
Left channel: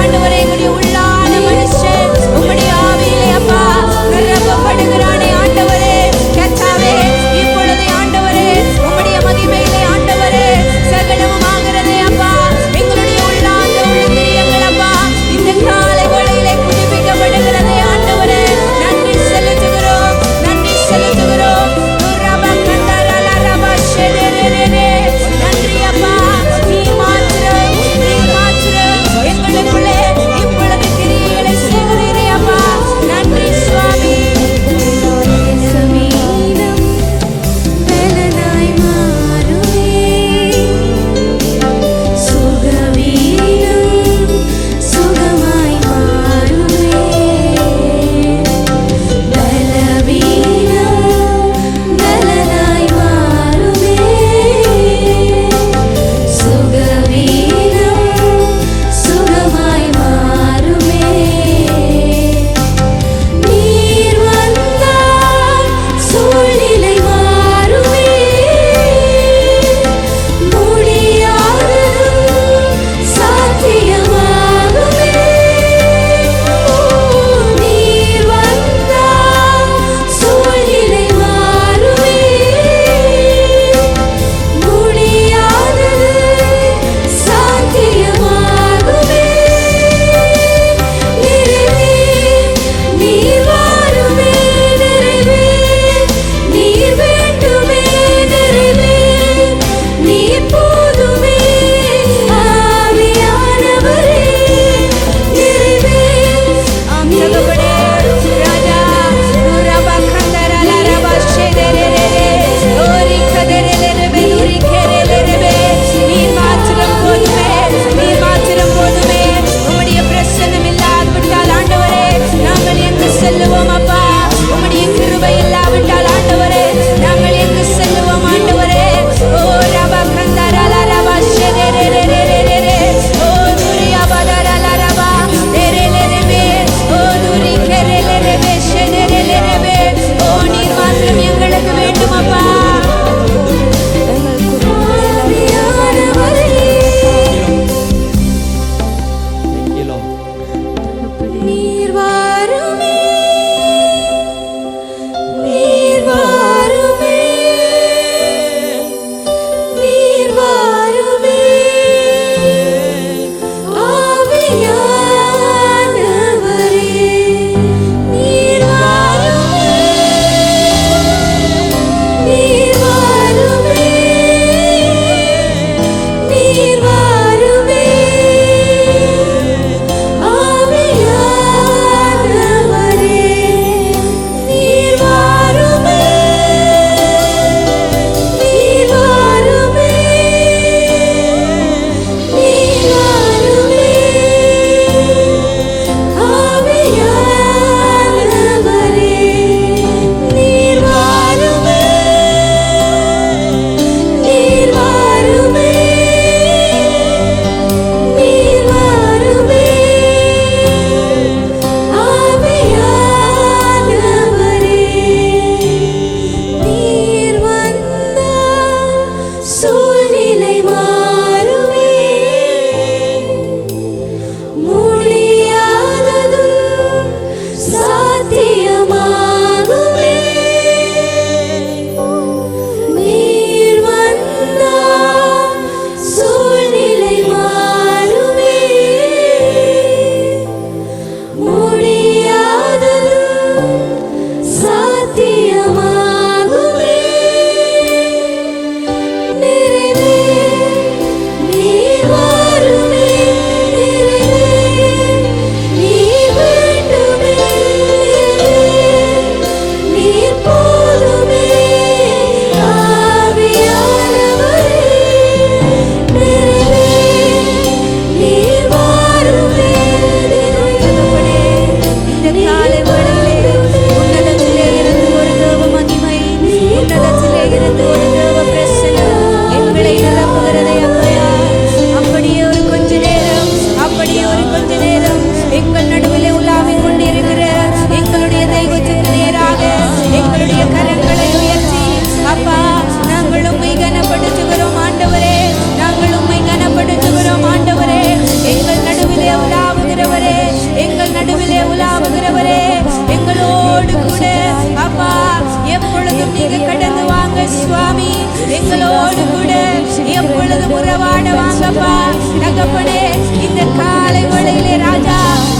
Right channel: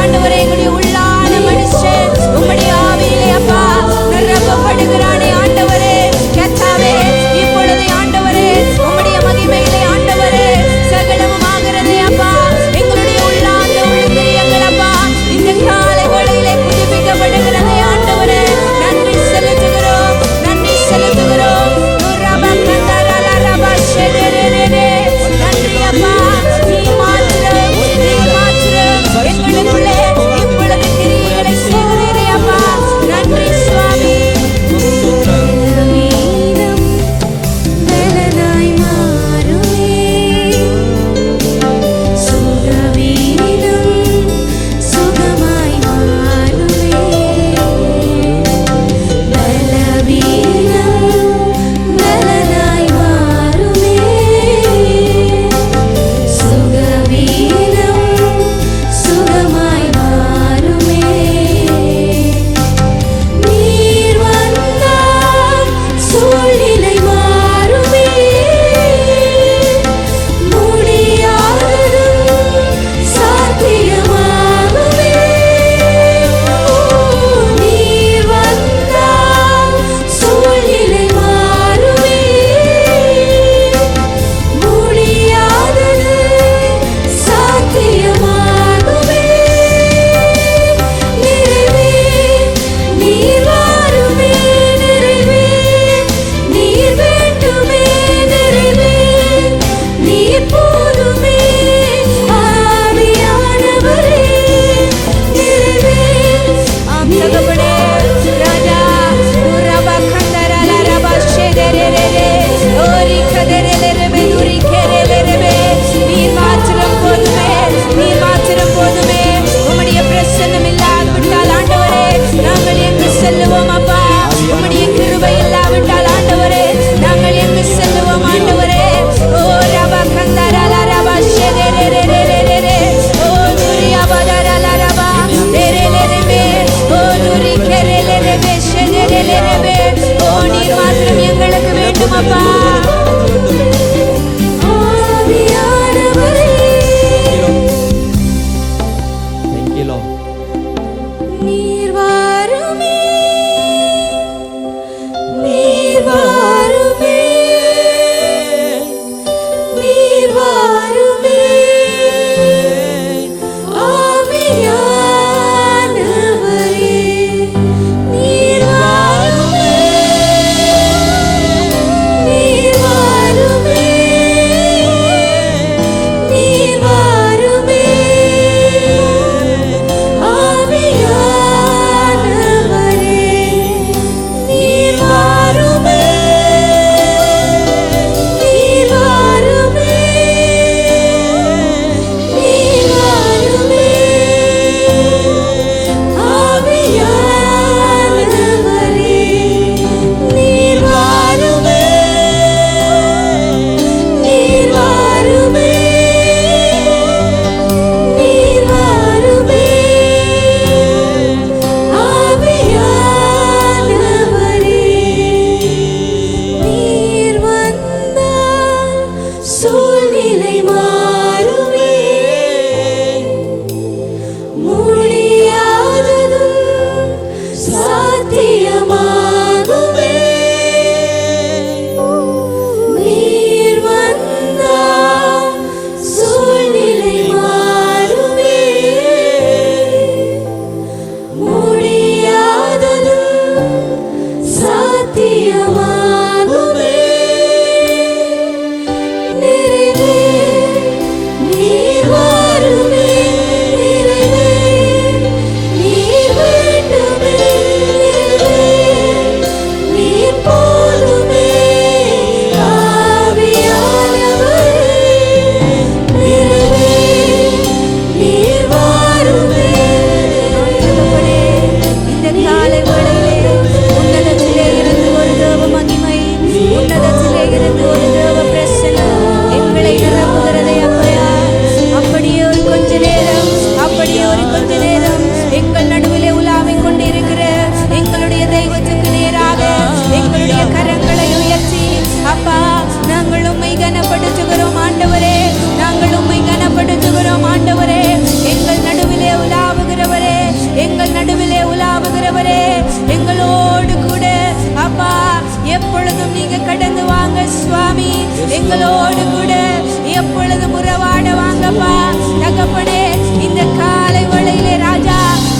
ஆண்டவரே எங்களுடைய உள்ளான மனுஷன் உம்முடைய ஆவியிலே அப்பா நிரப்பப்படுகிறானே ஆண்டவரே. கர்த்தாவே, இப்பொழுதே ஆண்டவரே உம்முடைய மகிமையிலே ஆண்டவரே சகலமும் ஆகிறதே அப்பா. எங்களுடைய உள்ளாந்த உள்ளிந்திரியங்கள் அப்பா இந்த காலை வேளையிலே புதுப்பிக்கப்படுகிறதே ஆண்டவரே. நன்றி செலுத்துகிறோம், நன்றி செலுத்துகிறோம். நன்றி அப்பா. நீர் மாத்திரம், நீர் மாத்திரம் எங்களுக்குள்ளே இப்பொழுது கிரியைகளை செய்கிறீரே அப்பா. நன்றி சுவாமி. பலவீனம் பலனாய் மாறுமே, சுகவீனம் சுகமாய் மாறுமே. பலவீனம் பலனாய் மாறுமே, சுகவீனம் சுகமாய் மாறுமே. நீர் வந்தால் சூழ்நிலை மாறுமே, முடியாததும் சாத்தியமாகுமே. ஓ நீர் வந்தால் சூழ்நிலை மாறுமே, முடியாதது சாத்தியமாகுமே. நிறைவே நீர் வாருமே, நிறைவே நீர் வேண்டுமே, நிறைவே நீர் போதுமே. ஆவியானவரே நிறைவே. ஆம் தகப்பனே ராஜா துரபா கந்தரல ரபா ஷெதரரே ஓரி கதரலரபே துரி கெரலரபே. நீர் மாத்திரம் போதுமே, நீர் மாத்திரம் போதுமே. உம்முடைய பிரசன்னம் இல்லாது விட்டால் ஆண்டவரே நாங்கள் எங்கு செல்லுவோம் அப்பா. உம்முடைய கிருபை இல்லாவிட்டால் ஆண்டவரே நாங்கள் எங்கு செல்லுவோம் ஆண்டவரே. ஓ ரபா கந்தரல ரபா ஷெதரரே ஓ துரியா பதரல ரபா தெரலரபே ஓ துரி கெரலரபே ஷெதரலரபே. ஓ நீர் மாத்திரம் எங்களுக்கு வேண்டும் அப்பா. ஆவியானவரே நீர் வாருமே, நீர் வாருமே, நீர் வாருமே. ஆவியானவரே நீர் வாருமே, நீர் பிரசனம் எங்களை நிரப்புகிறதே அப்பையா. அப்படியே ஒரு கொஞ்ச நேரம், அப்படியே ஒரு கொஞ்ச நேரம் எங்கள் நடுவிலே உலாவிக் கொண்டிருக்கிற எங்களுடைய தெய்வத்துக்கு நேராக எங்களுடைய கரங்களை உயர்த்தி, அப்பா நாங்கள் உம்மை கனப்படுத்துகிறோம் ஆண்டவரே, நாங்கள் உம்மை கனப்படுத்துகிறோம் ஆண்டவரே. எங்கள் நடுவிலே உலாவுகிறவரே, எங்கள் நடுவிலே உலாவுகிறவரே, எங்களோடு கூட அப்பா எப்பொழுதும் நீங்க கடந்து வாங்க சுவாமி. எங்களோடு கூட எப்பொழுதும் உறவாட வாங்கப்பா தகப்பனே. இந்த காலை வேளையிலே ராஜா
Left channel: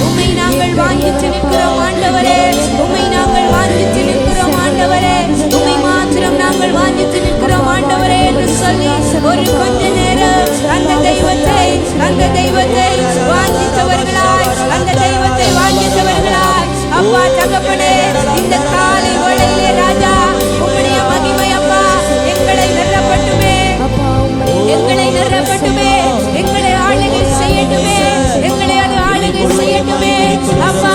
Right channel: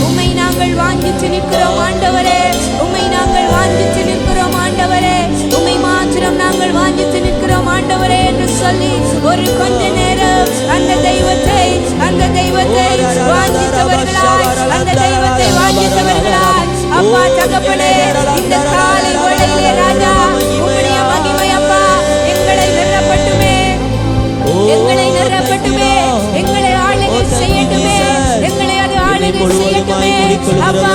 உம்மை நாங்கள் வாஞ்சித்து நிற்கிறோம் ஆண்டவரே, உம்மை நாங்கள் வாஞ்சித்து நிற்கிறோம் ஆண்டவரே, உம்மை மாத்திரம் நாங்கள் வாஞ்சித்து நிற்கிறோம் ஆண்டவரே என்று சொல்லி ஒரு கொஞ்ச நேரம் அந்த தெய்வத்தை வாஞ்சித்தவர்களாய், அந்த தெய்வத்தை வாஞ்சித்தவர்களாய் அப்பா தகப்பனே, இந்த காலை வேளையிலே ராஜா உம்முடைய மகிமை அப்பா எங்களை நிரப்பட்டுமே, எங்களை நிரப்பட்டுமே, எங்களை ஆளுகை செய்யட்டுமே, எங்களை அது ஆளுகை செய்யட்டுமே அப்பா.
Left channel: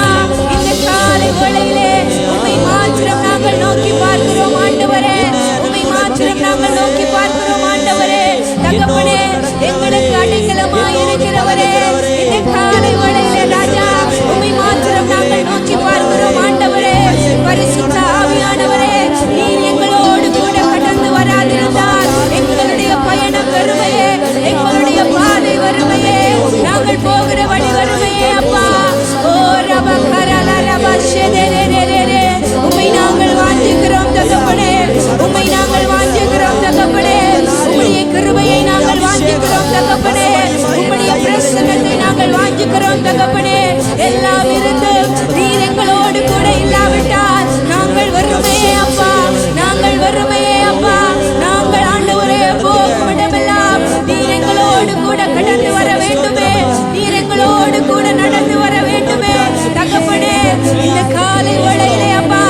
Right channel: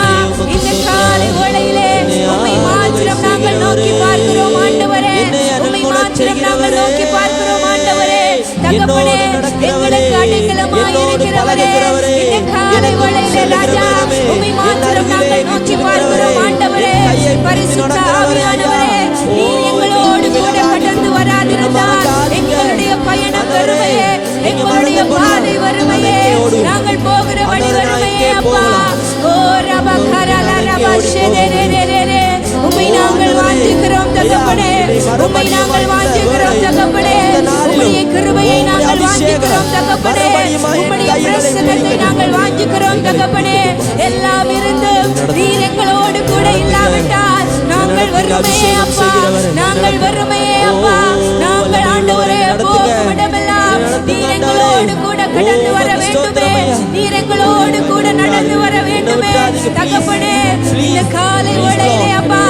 இந்த காலை வேளையிலே உம்மை மாத்திரம் நாங்கள் நோக்கி பார்க்கிறோம் ஆண்டவரே, உம்மை மாத்திரம் நாங்கள் நோக்கி பார்க்கிறோம் ஆண்டவரே தகப்பனே. எங்களுக்கு அடைக்கலமாய் இருக்கிறவரே, இந்த காலை வேளையிலே ராஜா உம்மை மாத்திரம் நாங்கள் நோக்கி பார்க்கிறோம் ஆண்டவரே. பரிசுத்த ஆவியானவரே, நீர் எங்களோடு கூட கடந்து வராதிருந்தால் எங்களுடைய பயணம் வறுமையே, எங்களுடைய பாதை வறுமையே, நாங்கள் போகிற வழி வறுமையே அப்பா. ஓ ரபா கரலா ரபா ஷெதெரெரெரெரெ, உம்மை நாங்கள் வாஞ்சிக்கிறோம் தகப்பனே, உம்மை நாங்கள் வாஞ்சிக்கிறோம் தகப்பனே. உம்முடைய கிருபையை நாங்கள் வாஞ்சிக்கிறோம் தகப்பனே, உம்முடைய பிரசன்னத்தை நாங்கள் வாஞ்சிக்கிறோம் தகப்பனே. எல்லாம் இருந்தும் நீர் எங்களோடு கூட இல்லாவிட்டால் நாங்கள் வறுமையே அப்பா, நாங்கள் வறுமையே அப்பா. நாங்கள் ஆண்டவரே போகும் இடமெல்லாம் நீர் எங்களோடு கூட கடந்து வர வேண்டுமே, நீர் எங்களோடு கூட நடந்து வர வேண்டுமே தகப்பனே. இந்த காலை வேளையிலே அப்பா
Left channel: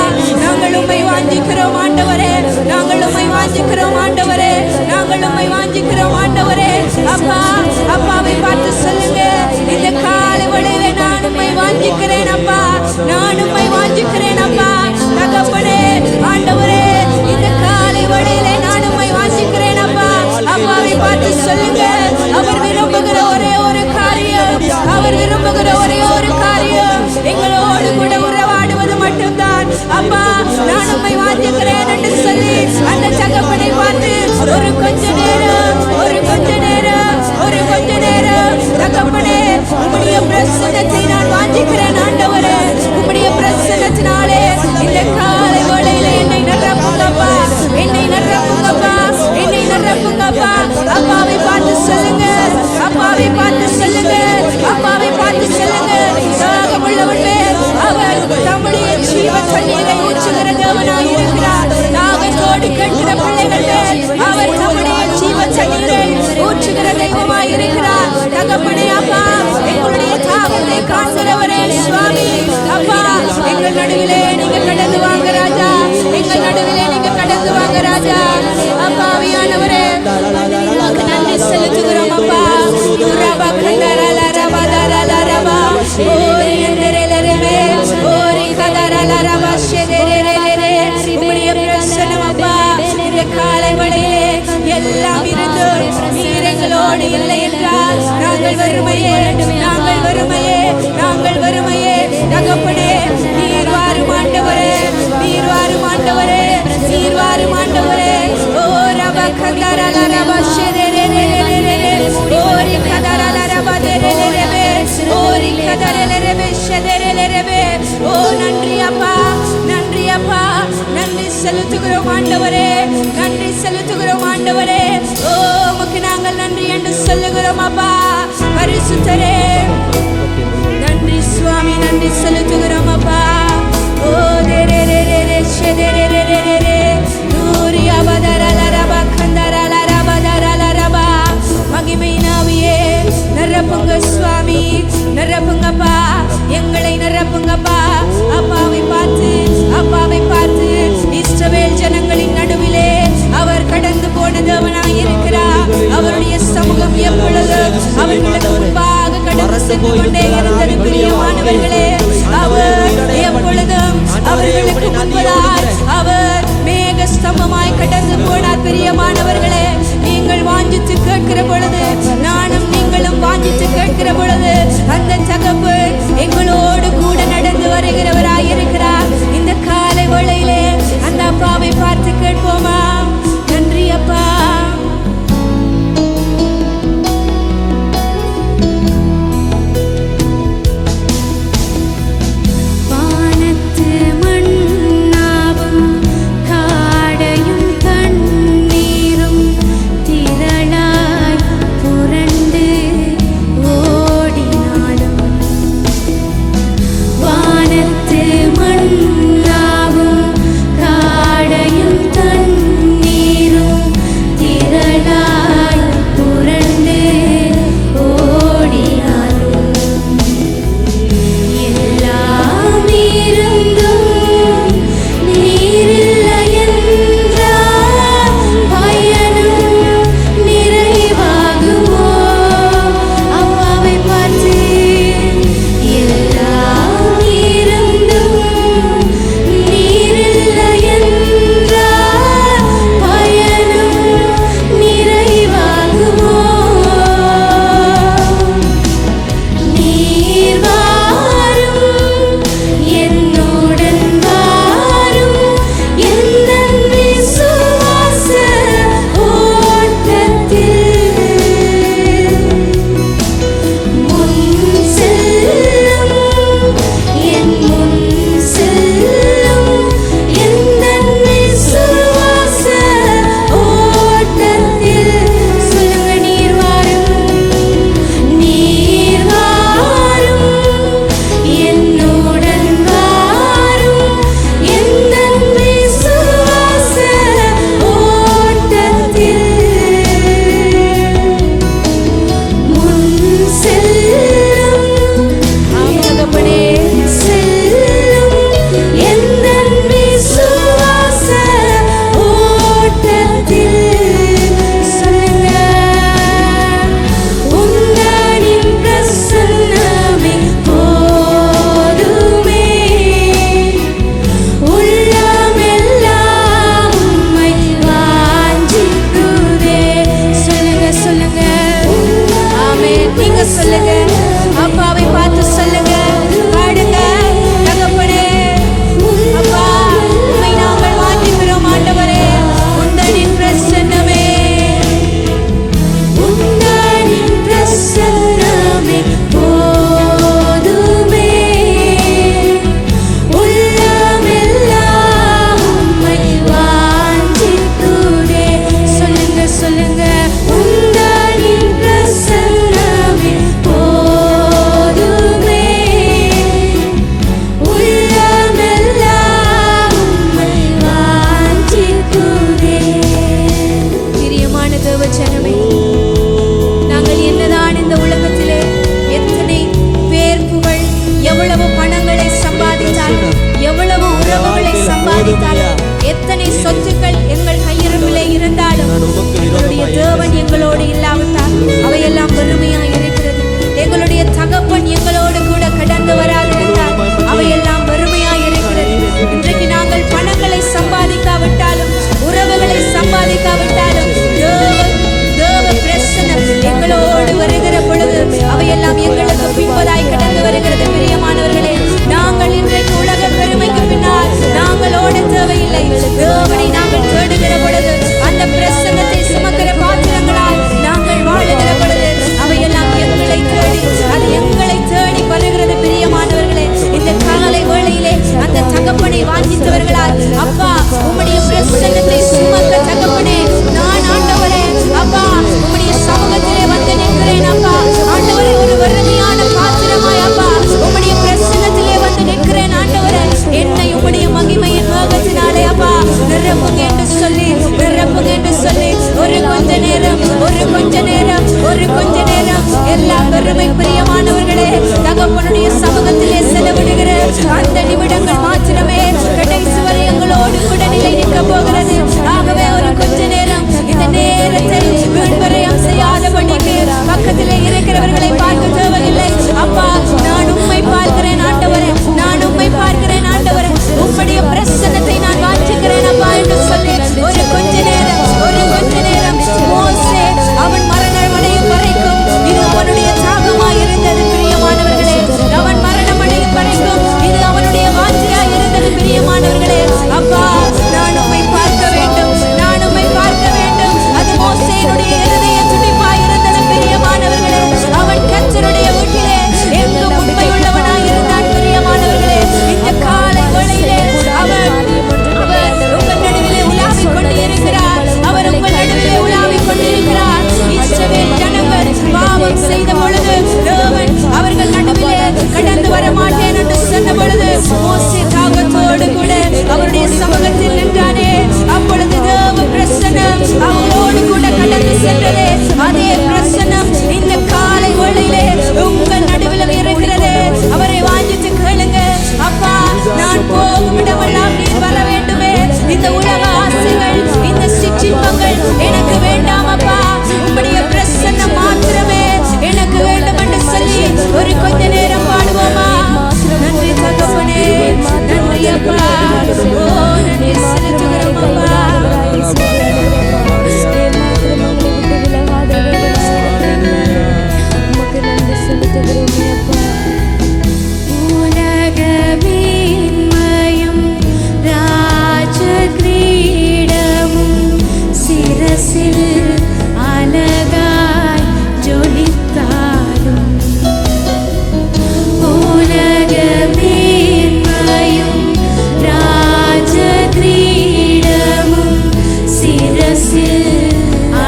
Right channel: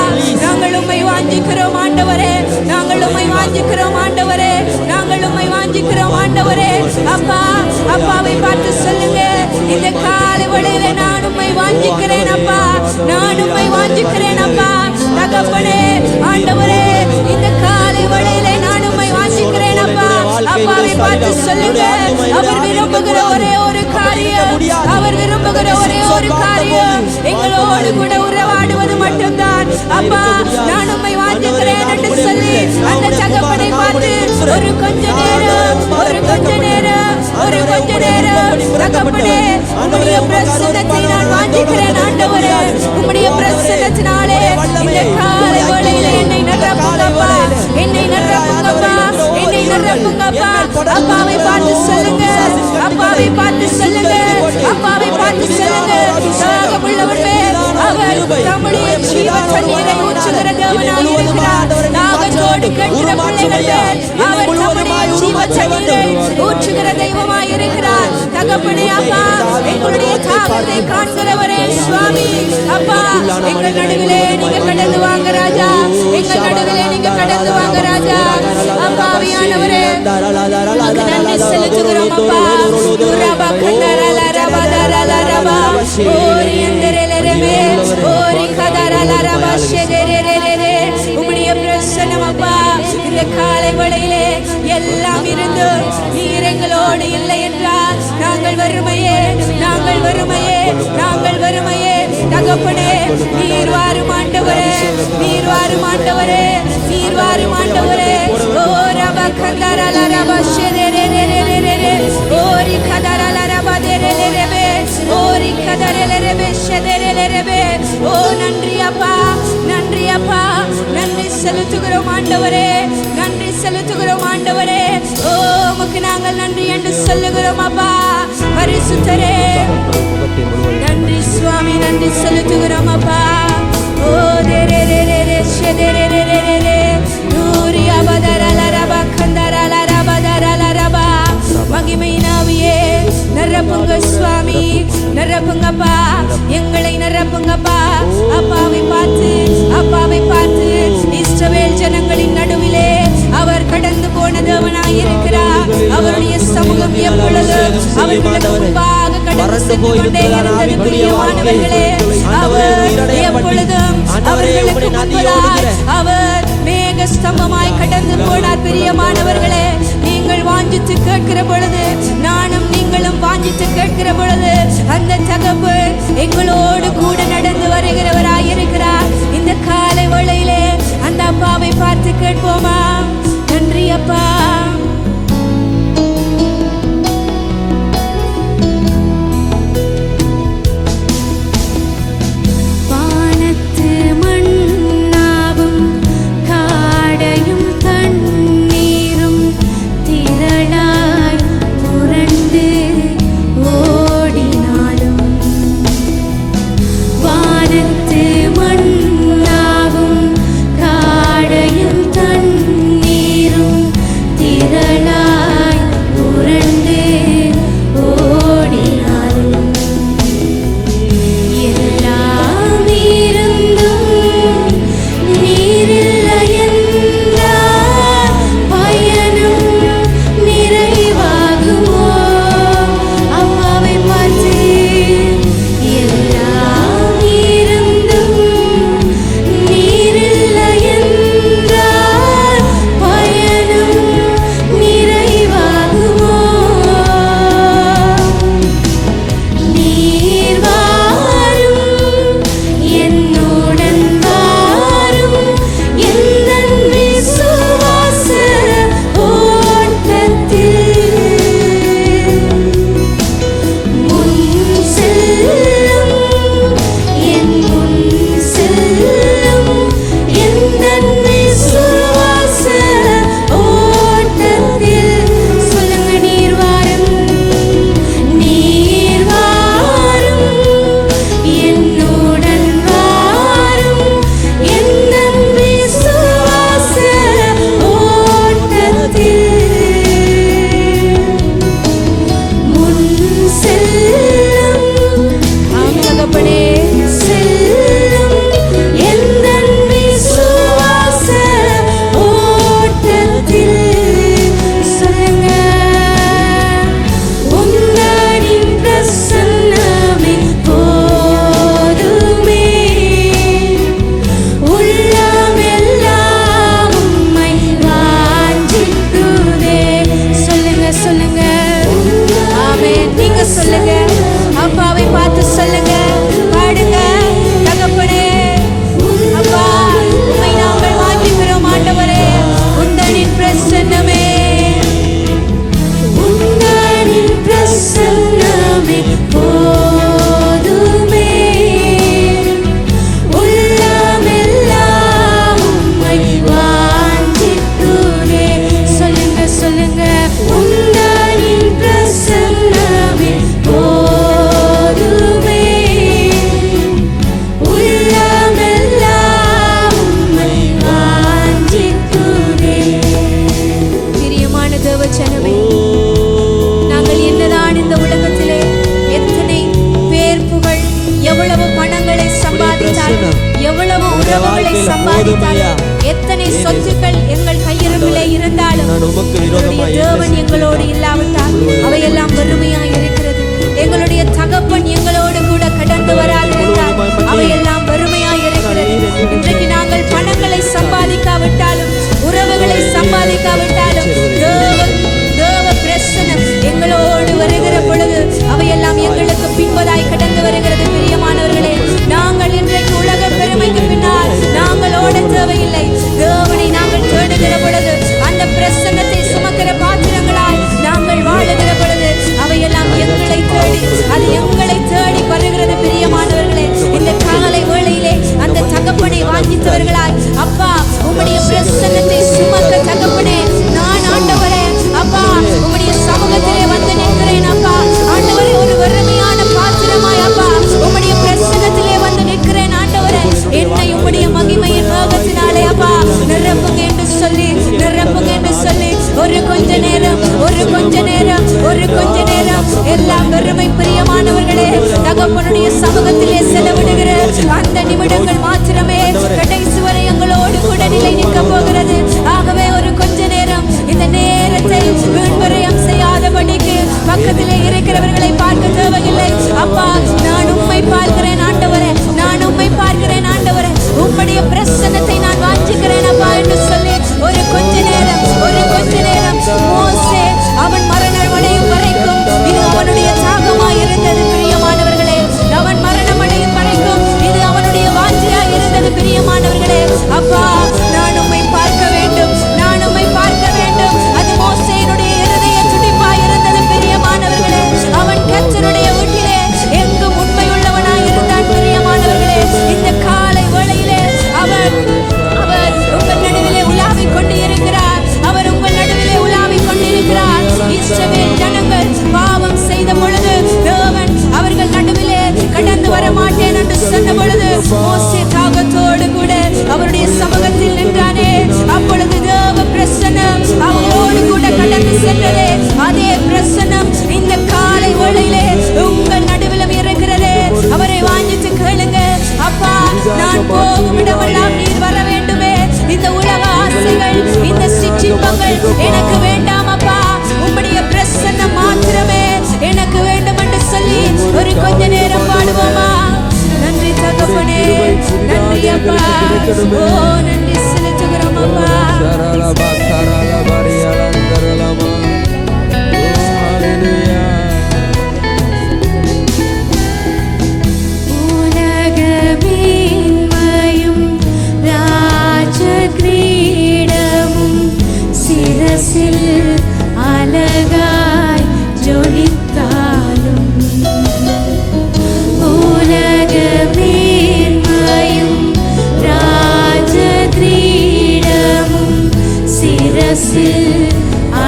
நாங்கள் உம்மை வாஞ்சிக்கிறோம் ஆண்டவரே, நாங்கள் உம்மை வாஞ்சிக்கிறோம் ஆண்டவரே, நாங்கள் உம்மை வாஞ்சிக்கிறோம் ஆண்டவரே அப்பா. அப்பாவை பார்த்து சொல்லுங்க, இந்த காலை வேளையிலே நான் உம்மை வாஞ்சிக்கிறேன் அப்பா, நான் உம்மை வாஞ்சிக்கிறேன் அப்பா தகப்பனே. ஆண்டவரே இந்த காலை வேளையிலே நான் உம்மை வாஞ்சிக்கிறேன் அப்பா. அப்பாவை பார்த்து சொல்லுங்க, அவர் விரும்புகிற ஒரே ஒரு காரியம், அவர் விரும்புகிற ஒரே ஒரு காரியம் எங்களோடு கூட உறவாடுவது மட்டும்தான் அப்பா. நான் உம்மை வாஞ்சிக்கிறேன் என்று சொல்லி அந்த தகப்பனை பார்த்து ஒரு கொஞ்ச நேரம், ஒரு கொஞ்ச நேரம், ஒரு கொஞ்ச நேரம் தகப்பனே உம்முடைய பிரசன்னத்தை நான் வாஞ்சிக்கிறேன் ஆண்டவரே. உம்முடைய பிரசன்னத்தினாலே இந்த காலை வேளையில என்னை நிரப்புங்கப்பா, என்னை நிரப்புங்கப்பா, என்னை நிரப்புங்கப்பா. அப்பாவை பார்த்து சொல்லுங்க, அப்பாவை பார்த்து சொல்லுங்க, அப்பாவை பார்த்து சொல்லுங்க. தாகமுள்ளவன் மேல் அவர் தம்முடைய ஜீவ தண்ணீரை ஊற்றுகிற தேவனாய் இருக்கிறார். தாகத்தோடு கேட்கிற பிள்ளைகள் மேல் அவர் தம்முடைய ஜீவ தண்ணீரை ஊற்றுகிற தெய்வமாய் இருக்கிறார் தகப்பனே. அப்பா எங்களுடைய தாகத்தை காண்கிறவரே சுவாமி அப்பா, எங்கள் நடுவிலே நீங்க கடந்து வாங்க ராஜா, எங்கள் நடுவிலே நீங்க கடந்து வாங்க ராஜா. அப்பா ஆவியானவரே உமக்கு நன்றி செலுத்துகிறோம் அப்பா. துரபா கந்தரல ரபா தரல ரபா ஓரி அந்தரலரமே ஓரி கதரல ரபா ஷெதெரெரெரெரெ. உம்முடைய பிரசன்னம் அப்பா இந்த காலை வேளையிலே எல்லாம் இருந்து நீர் எங்களோடு இல்லை என்றால் நாங்கள் வறுமையே, நாங்கள் வறுமையே, நாங்கள் வறுமையே தகப்பனே. நீர் வாரும் ஆண்டவரே, நீர் வாரும் ஆண்டவரே, நீர் வாரும் ஆண்டவரே. ஓ ரபா கந்தரல ரபா ஷெதெரெரெரெரெரெ ஓரி கதரல ரபா தெரெரெரெபே ஓரி கதரெரெரெபே ஷெதெரெரெரெபே. ஓ நன்றி அப்பா, நன்றி அப்பா, நன்றி செலுத்துகிறோம் ஆண்டவரே, நன்றி செலுத்துகிறோம் ஆண்டவரே. ஓ உமக்கு நாங்கள் நன்றி என்று சொல்லுகிறோம் அப்பா. பரிசுத்தரே நன்றி சுவாமி, நன்றி செலுத்துகிறோம் அப்பா. ஓ தெரெரெரெரெ ஷெதெரெரெரெரெ தூரியா பதரல ரபா கந்தரல ரபா தரல ரபா. மகிமை நாவியே நிரப்புங்க சுவாமி, நிரப்புங்கப்பா, எங்களை நிரப்புங்கப்பா. அப்பாவை பார்த்து, அப்பாவை பார்த்து இஸ்ரவேல் ஜனங்களின் நடுவிலே அவர் கடந்து போன தேவனாய் இருக்கிறார். அவருடைய சமூகம் எப்பொழுதும் அவர்களுக்கு முன்பாக கடந்து சென்று கொண்டே இருந்தது பிரியமானவர்களே. அவர் எப்பொழுதும் அவர்களுக்கு முன்பதாய் அவர் மேக ஸ்தம்பமாய் கடந்து போனார். பிரியமானவர்களே, நீங்கள் வாஞ்சித்து கேட்கிற பொழுது, நானும் நீங்களும் வாஞ்சித்து கேட்கிற பொழுது, அந்த தகப்பன் எங்களோடு கூட நடந்து வருகிறவராயிருக்கிறார். இந்த காலை வேளையிலே அந்த அப்பாவை பார்த்து கேட்போமா? நன்றி அப்பா. வானத்து மண்ணாவும் காடையும் தண்ணீரும் திரளாய் புரண்டு ஓடினாலும், வானத்து மண்ணாவும் காடையும் தண்ணீரும் திரளாய் புரண்டு ஓடினாலும், எல்லாம் இருந்தும் நீரில்லை என்றால் பயணம் நிறைவாகுமோ? அப்பாவை பார்த்து, எல்லாம் இருந்தும் நீரில்லை என்றால் பயணம் நிறைவாகுமோ? நீர் வாரும், என்னுடன் வாரும், எந்தன் விசுவாச ஓட்டத்தில் முன் செல்லும், என் முன் செல்லும், எந்தன் விசுவாச ஓட்டத்தில். சொல்லுங்க, நீர் வாரும், நீர் வாரும், என்னுடன் வாரும், எந்தன் விசுவாச ஓட்டத்தில் முன் செல்லும். ஆம் தகப்பனே, செல்லும் எந்தன் விசுவாச ஓட்டத்தில். சொல்லுங்க, உந்தனின் பிரசன்னமே போதுமே, உள்ளமெல்லாம் உம்மை வாஞ்சிக்குதே. சொல்லுங்க, சொல்லுங்க. ஆமென். நீங்க சொல்லுங்க, அப்பாவை பார்த்து சொல்லுங்க, பாடுங்க. தகப்பனே, அப்பா, உம்மை நாங்கள் வாஞ்சிக்கிறோம் ஆண்டவரே. உந்தனின் பிரசன்னமே, உந்தனின் பிரசன்னமே போதுமே, உள்ளமெல்லாம் உம்மை வாஞ்சிக்குதே. சொல்லுங்க, சொல்லுங்க, உந்தனின் பிரசன்னமே போதுமே, உள்ளமெல்லாம் உம்மை வாஞ்சிக்குதே. பிரியமான தேவ ஜனமே, நாங்கள் என்னதான் இந்த உலகத்திலே எத்தனை பேர் புகழ், எவ்வளவு பணங்களை சம்பாதித்தாலும், எவ்வளவு உறவுகளை சம்பாதித்தாலும், எத்தனை சொத்துக்கள் எங்கள் கையிருப்பிலே இருந்தாலும், எங்களுடைய தேவன் எங்களோடு இல்லாவிட்டால் அவையெல்லாம் வெறுமையாய் இருக்கிறது. எங்களுடைய தகப்பன் எங்களோடு கூட கடந்து வராதிருந்தால் அவையெல்லாம் வெறுமையாய் இருக்கிறது. இன்றைக்கு நாங்கள் பணங்களை சம்பாதிக்காவிட்டாலும், உறவுகளை சம்பாதிக்காவிட்டாலும், தேவ பிரசன்னம் எங்களோடு வருகிற பொழுது அவையெல்லாம் எங்களுக்கு பின்பதாய் கடந்து வருகிறது. பிரியமானவர்களே, நாங்கள் இன்றைக்கு உலக பெருமைக்கு பின்னால் நாங்கள் ஓட தேவையில்லை. தேவனை நாங்கள் தேடுகிற பொழுது, அந்த பிரசன்னத்தை சுமக்கிற பாத்திரங்களாய் நாங்கள் வாழுகிற பொழுது அவையெல்லாம் எங்களை தேடி, அது எங்களை தேடி வருகிறது. பிரியமானவர்களே, இந்த காலை வேளையிலே அந்த தகப்பனை வாஞ்சித்தவர்களாய், அப்பா உம்முடைய பிரசன்னத்தை சுமக்க தகப்பனே, நான் ஆண்டவரே அப்பா உம்முடைய சமூகத்திலே வந்து நிற்கிறேன். அப்பா ஆண்டவரே, ஒரு வறுமையான பாத்திரமாய் அப்பா உம்முடைய பிரசன்னத்திலே வந்து நிற்கிறேன். ஆண்டவரே, என்னை உம்முடைய மகிமையின் மேகத்தினாலே அப்பா நிரப்புங்க என்று சொல்லி, நிரப்புங்க என்று சொல்லி, ஒரு கொஞ்ச நேரம், ஒரு கொஞ்ச நேரம், ஒரு கொஞ்ச நேரம் எல்லாம் வெறுமை பிரியமானவர்களே தகப்பனுடைய சமூகத்திலே செலவிடுகிற அந்த நிமிடங்கள் மாத்திரமே கடைசி வரை எங்களோடு கூட நிலை நிற்க போகிறது. ஆகவே ஒரு கொஞ்ச நேரம் இந்த நேரத்தை வீண்வரையம் செய்யாதபடிக்கு பக்கத்திலே இருக்கிறவர்களை பார்த்து பார்க்க தேவையில்லை. அப்பா, நான் உம்மை பார்க்கிறேன் ஆண்டவரே, நான் உம்மை பார்க்கிறேன் ஆண்டவரே, உம்முடைய பிரசன்னத்தை நான் வாஞ்சிக்கிறேன் அப்பா என்று சொல்லி ஒரு கொஞ்ச நேரம் மோசே அவன் மரணம் அடையும் வரைக்கும் இது அவனுடைய தாகமாய் இருந்தது பிரியமானவர்களே. அவன் மரணம் அடையும் வரைக்கும் இது அவனுடைய வாஞ்சியாய் இருந்தது பிரியமானவர்களே. அப்பா, நான் உம்மை பார்க்க வேண்டும், நான் உம்மை பார்க்க வேண்டும். அது மோசேயினுடைய இருதய துடிப்பாய் இருந்தது பிரியமானவர்களே. அவன் கர்த்தருடைய வீட்டிலே எங்கும் உண்மை உள்ளவனாய் இருந்தான் பிரியமானவர்களே. இந்த காலை வேளையிலே அவர் உங்கள் நடுவிலே உலாவிக் கொண்டு இருக்கிறார். அவர் உங்கள் நடுவிலே உலாவிக் கொண்டிருக்கிறார். இஸ்ரவேல் ஜனங்கள் பாவம் செய்த பொழுது தேவன் அவர்கள் நடுவிலே கடந்து வர மாட்டேன் என்று சொன்ன பொழுது மோசே தாகத்தோடு கூட அவருடைய சமூகத்தில் நின்றானே. அப்பொழுது தேவ பிரசன்னம் அவங்களோடு கூட கடந்து சென்றதே. அதே பிரசன்னம் இந்த காலை வேளையிலே உங்கள் நடுவிலும் இருக்கிறதே. அவரை வாஞ்சித்து கேளுங்க. அப்பா, நான் போகும் இடமெல்லாம் நீர் வர வேண்டுமே. இந்த உலக ஆசைகள், இந்த சிற்றின்பங்கள் எனக்கு வேண்டாம் அப்பா, உம்முடைய பிரசன்னம் மாத்திரமே எனக்கு வேண்டும் என்று சொல்லி ஒரு கொஞ்ச நேரம் பாடுவோமா? நன்றி தகப்பனே, நன்றி அப்பா, ஓ நன்றி செலுத்துகிறோம் அப்பா. உலகமேன்மையும் ராஜகிரீடமும் சிரசில் அழகாய் ஜொலித்தாலும், உலகமேன்மையும் ராஜகிரீடமும் சிரசில்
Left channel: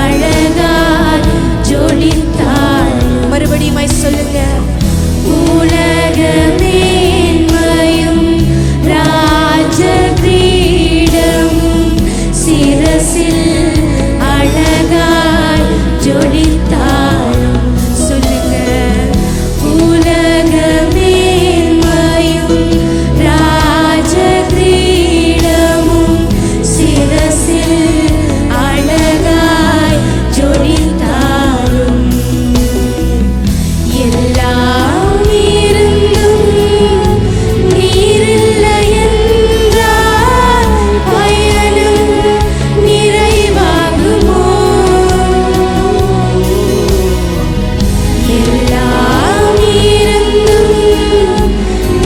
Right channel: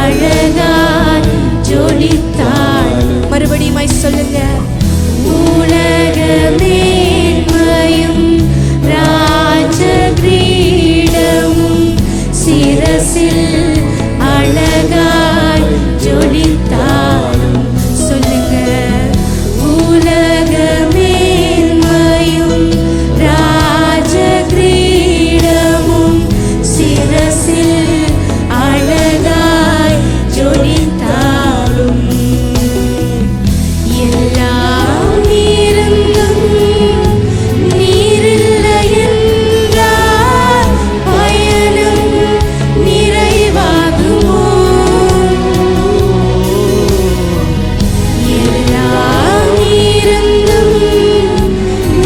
அழகாய் ஜொலித்தாலும். மறுபடியும் சொல்லுங்க. உலகமேன்மையும் ராஜகிரீடமும் சிரசில் அழகாய் ஜொலித்தாலும். சொல்லுங்க. உலகமேன்மையும் ராஜகிரீடமும் சிரசில் அழகாய் ஜொலித்தாலும், எல்லாம் இருந்தும் நீரில்லை என்றால் பயணம் நிறைவாகுமோ? எல்லாம் இருந்தும்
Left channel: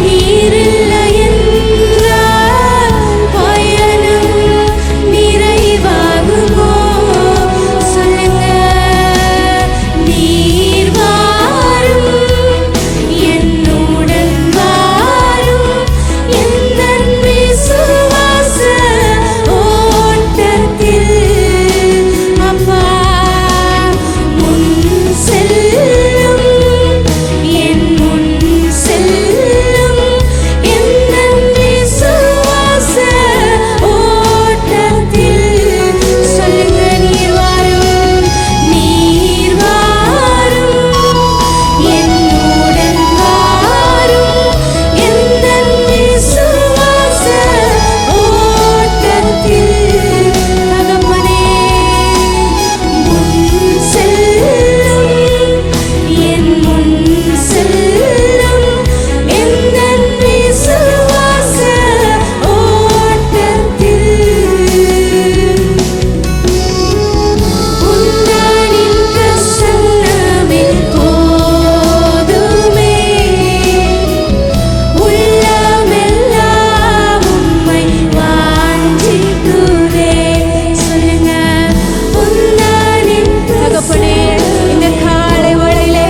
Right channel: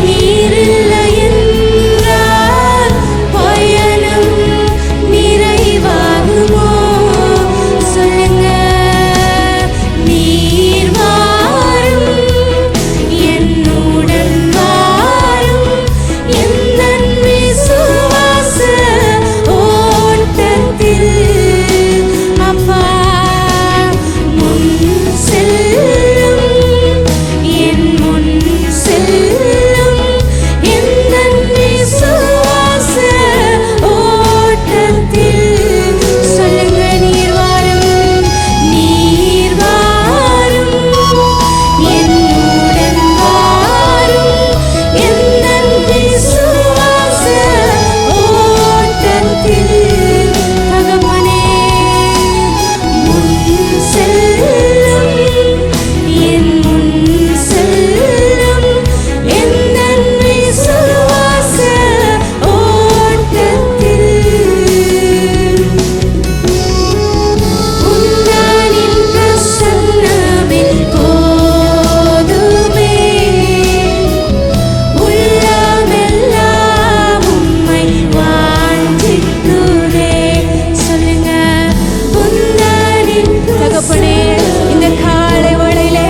நீரில்லை என்றால் பயணம் நிறைவாகுமோ? சொல்லுங்க. நீர் வாரும், என்னுடன் வாரும், எந்தன் விசுவாச ஓட்டத்தில் அப்பா முன் செல்லும், என் முன் செல்லும், எந்தன் விசுவாச ஓட்டத்தில். சொல்லுங்க. நீர் வாரும், நீர் வாரும், என்னுடன் வாரும், எந்தன் விசுவாச ஓட்டத்தில். தகப்பனே, முன் செல்லும், என் முன் செல்லும், எந்தன் விசுவாச ஓட்டத்தில். உந்தனின் பிரசன்னமே போதுமே, உள்ளமெல்லாம் உம்மை வாஞ்சிக்குதே. சொல்லுங்க. உந்தனின் தகப்பனே, இந்த காலை வேளையிலே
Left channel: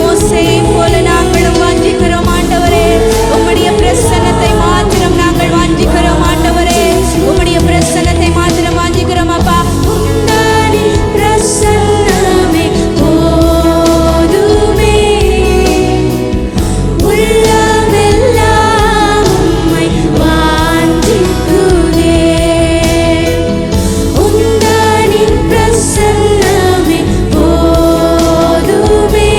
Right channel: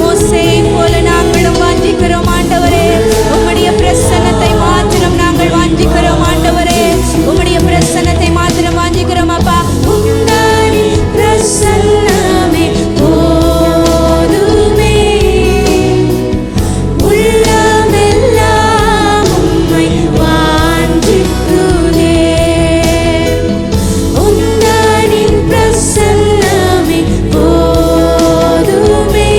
மோசேயை போல நாங்களும் வாஞ்சிக்கிறோம் ஆண்டவரே. உம்முடைய பிரசன்னத்தை மாத்திரம் நாங்கள் வாஞ்சிக்கிறோம் ஆண்டவரே. உம்முடைய பிரசன்னத்தை மாத்திரம் வாஞ்சிக்கிறோம் அப்பா. உந்தனின் பிரசன்னமே போதுமே, உள்ளமெல்லாம் உம்மை வாஞ்சிக்குதே. உந்தனின் பிரசன்னமே போதுமே,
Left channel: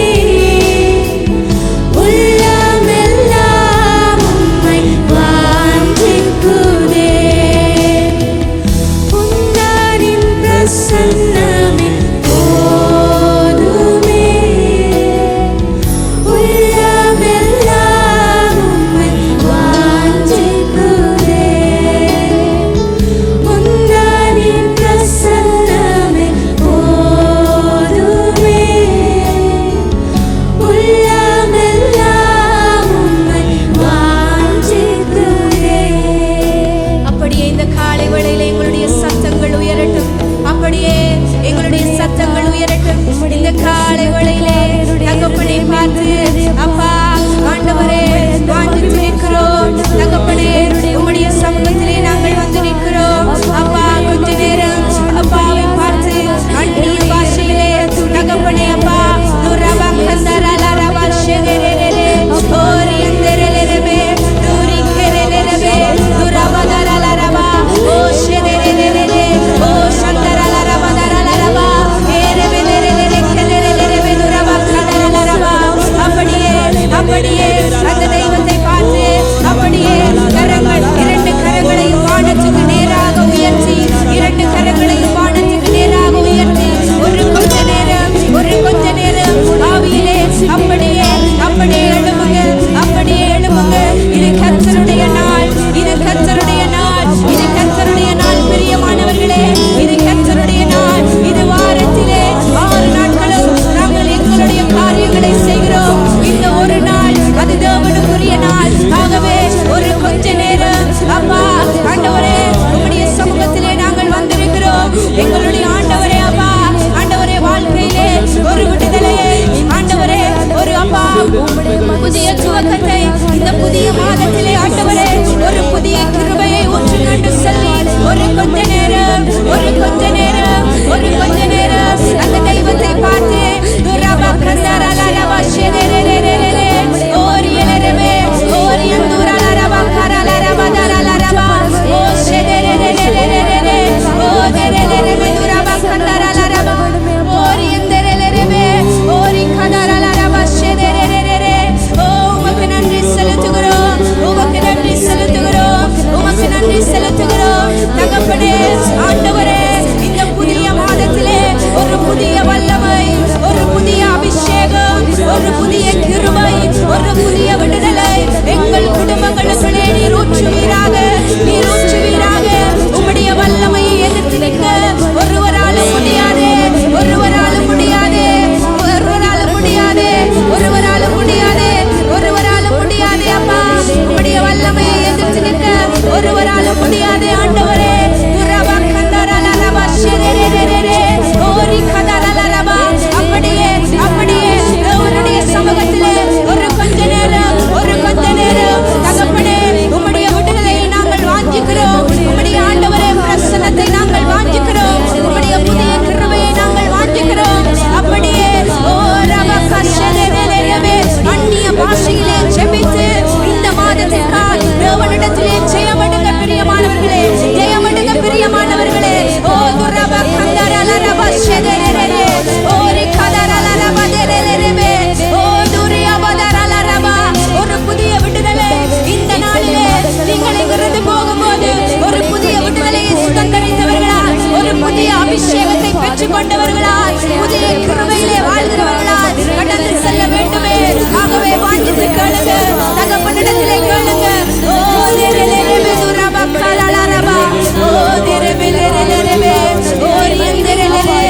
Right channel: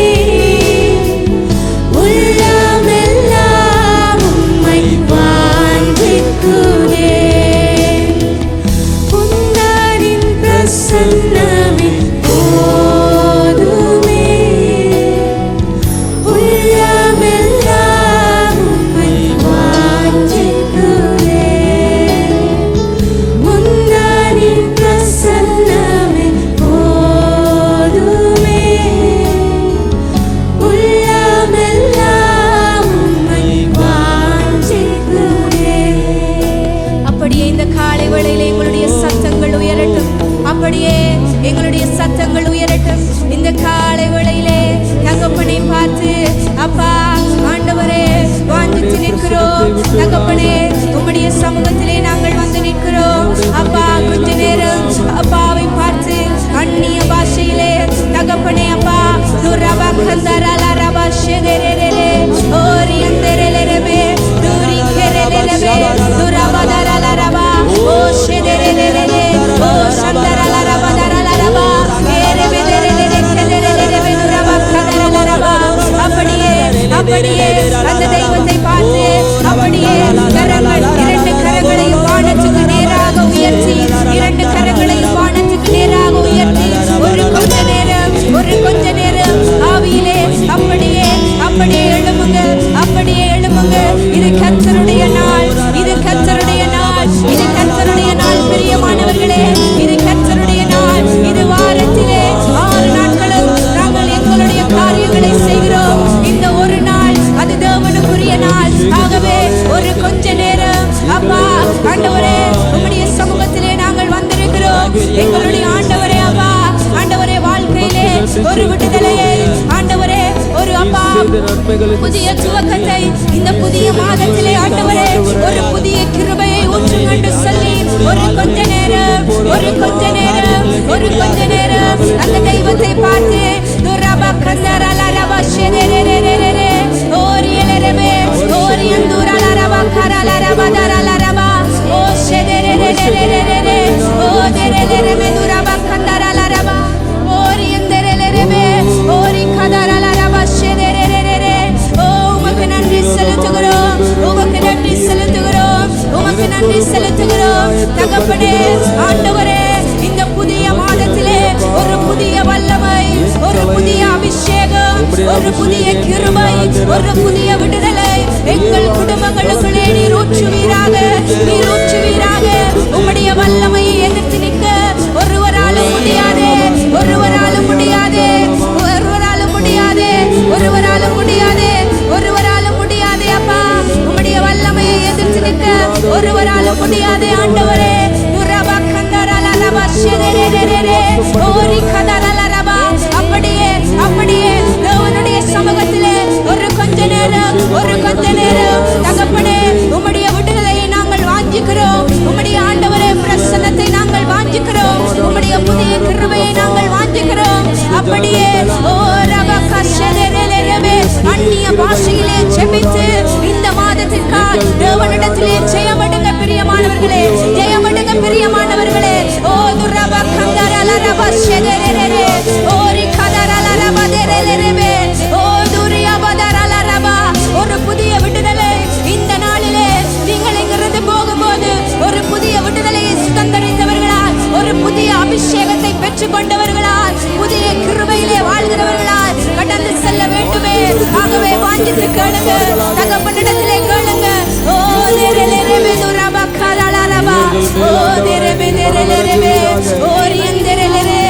உள்ளமெல்லாம் உம்மை வாஞ்சிக்குதே. உந்தனின் பிரசன்னமே போதுமே. காலை வேளையிலே எங்களுடைய சத்தங்கள் உயரட்டும். அப்படியே எங்களுடைய சத்தங்கள் உயரட்டும். இந்த காலை வேளையிலே தகப்பனை பார்த்து அப்பா ஆண்டவரே வாஞ்சித்து நிற்கிறோம். தகப்பனே உம்முடைய சமூகத்திலே நாங்கள் வந்து நிற்கிறோம். அப்பா கொஞ்ச நேரம் அப்பாவை பார்த்து அந்நிய பாஷையிலே தகப்பனே அப்பா துரபா கந்தரலா ரபா ஷெதெரெரெரெ ஓரி அந்தரெரெரெபே துரி கெரெரெரெபே துரபதரலா ரபா ஓ ஷெதெரெரெரெரெ ஓ சந்தரலா ரபா தரலா ரபா ஏரெமெதெரெரெரெ கெதெரெரெரெபே துரபா கதரலா ரபா. அப்படியே அப்படியே அந்த தெய்வத்தை பார்த்து அப்படியே கரங்கள் 2 கரங்களையும் வானத்துக்கு நேராக உயர்த்தி 2 கரங்களையும் வானத்துக்கு நேராக உயர்த்தி ஒரு கொஞ்ச நேரம் ஆவியிலே அப்படியே அப்படியே எழும்புங்க, அப்படியே எழும்புங்க. இது கர்த்தருடைய நாள், இது கர்த்தருடைய நாள், இது கர்த்தருடைய நாள் பிரியமானவர்களே. இது கர்த்தருடைய நாள். இது வாரத்திலே 6 நாட்களும் நாங்கள் எங்களுடைய காரியங்களை செய்கிறோம். இந்த ஒரு நாள் அது தேவனுக்குரிய நாள். ஆகவே ஒரு கொஞ்ச நேரம் அப்பா ஆண்டவரே உம்முடைய சமூகத்திலே நாங்கள் வந்திருக்கிறோம். எங்களுடைய ஆண்டவரே அப்பா ஆண்டவரே வாழ்க்கையிலே ஒரு விடுதலையை ஆண்டவரே ஒரு அப்பா புதிய துவக்கத்தை இந்த புதிய மாதத்திலே ஆண்டவரே ஒரு புதிய கிருபையை ஊற்றுங்க என்று சொல்லி ஒரு கொஞ்ச நேரம் அந்த தெய்வத்தை பார்த்து துரபா கந்தரலா ரபா ஷெதெரெரெரெரெ ஓரியலரபே ஓரியந்துரலா ரபா கரலா ரபா தரலா ரபா ஓ ஷெதெரெரெரெரெரெ ஓ தெரெரெரெமெ துரபா கந்தரலா ரபா ஓரியந்தரெரெரெபே ஓரி கதரலா ரபா ஷெதெரெரெரெரெ ஓ உமக்கு நன்றி செலுத்துகிறோம், உமக்கு நன்றி செலுத்துகிறோம், உமக்கு நன்றி செலுத்துகிறோம். தகப்பனே ஆண்டவரே இந்த புதிய மாதத்திலே ஒரு புதிய வல்லமை, ஒரு புதிய அபிஷேகம், ஒரு புதிய கிருபை, ஒரு புதிய விடுதலை எங்கள் குடும்பங்களுக்குள்ளே நீர் ஊற்றுவீராக, நீர் ஊற்றுவீராக. உம்முடைய வல்லமையை எதிர்த்து நிற்க ஒருவராலும் முடியாதே, ஒருவராலும் முடியாதே, ஒருவராலும் முடியாதே, ஒருவராலும் முடியாதே, ஒருவராலும் முடியாதே. அப்பா உம்முடைய வல்லமையை எதிர்த்து நிற்க ஒருவராலும் முடியாதே ஆண்டவரே. துரபா கந்தரலா ரபா ஷெதெரெரெரெரெ ஓரி கதரலா ரபா. அப்படியே அப்படியே தேவனுடைய சமூகத்திலே ஒரு கொஞ்ச நேரம் தகப்பனே உம்முடைய விடுதலையை நாங்கள் வாஞ்சிக்கிறோம். உம்முடைய ஆண்டவரே பிரசன்னத்தை நாங்கள் வாஞ்சிக்கிறோம். உம்முடைய புதிய கிருபையை நாங்கள் வாஞ்சிக்கிறோம். அப்படியே ஓ ரபா கஷெதெரெரெரெபே அந்நிய பாஷையிலே ஜெபித்து இந்த மாதத்திற்காய் தேவனிடத்திலே ஜெயமடுங்க பிரியமானவர்களே, ஜெயமடுங்க பிரியமானவர்களே. ஓ துரபா கந்தரலா ரபா ஷெதெரெரெரெ ஓரி கதரலா ரபா தெரெரெரெபே ஓ துரியபதரலா ரபா. ஒரு புதிய விடுதலை இந்த நாளிலே நீங்கள் இங்கிருந்து போகும்போது ஒரு புதிய விடுதலையை சுதந்தரித்தவர்களால், ஒரு புதிய அபிஷேகத்தை பெற்றுக் கொண்டவர்களால், புதிய கிருபையிலே வாழ்கிறவர்களால் கடந்து செல்ல வேண்டுமே. ஆகவே வாஞ்சித்து கேளுங்க, தகப்பனிடத்திலே கேளுங்க. ஓ தெரெரெரெபே துரபா கதரலா ரபா ஓ தெரெரெரெரெபே ஓரியந்தரெரெரெ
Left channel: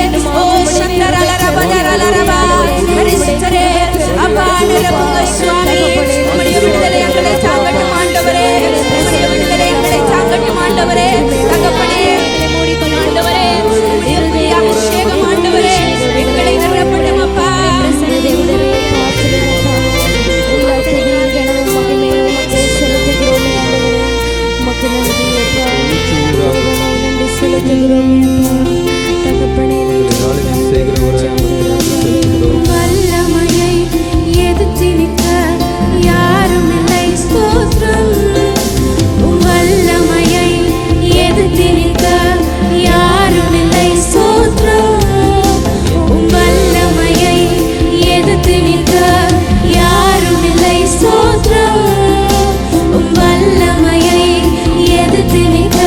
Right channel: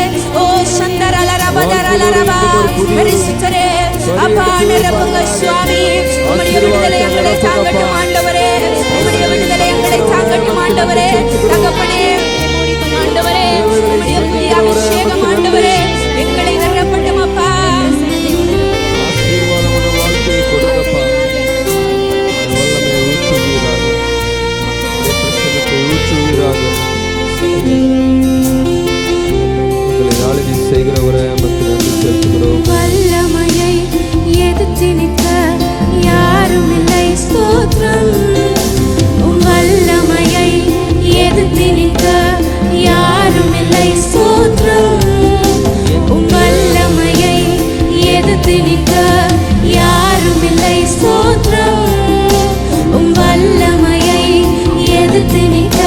ஓ சந்தரலா ரபா தரலா ரபா. பரிசுத்தரே அப்பா நிரப்புங்க சுவாமி. உம்முடைய விடுதலை எங்களை தாங்கட்டும் ஆண்டவரே, உம்முடைய விடுதலை எங்களை தாங்கட்டும் ஆண்டவரே. தகப்பனே ஆண்டவரே உம்முடைய புதிய அபிஷேகம் ஆண்டவரே எங்களை நிரப்பட்டும் அப்பா. வல்லமையை எதிர்த்து நிற்க யாரும் இல்லை ஸ்தோத்திரம். உம் வல்லமையை எதிர்த்து நிற்க யாரும் இல்லை ஸ்தோத்திரம். உம் வல்லமையை எதிர்த்து நிற்க யாரும் இல்லை ஸ்தோத்திரம். உம் வல்லமையை எதிர்த்து நிற்க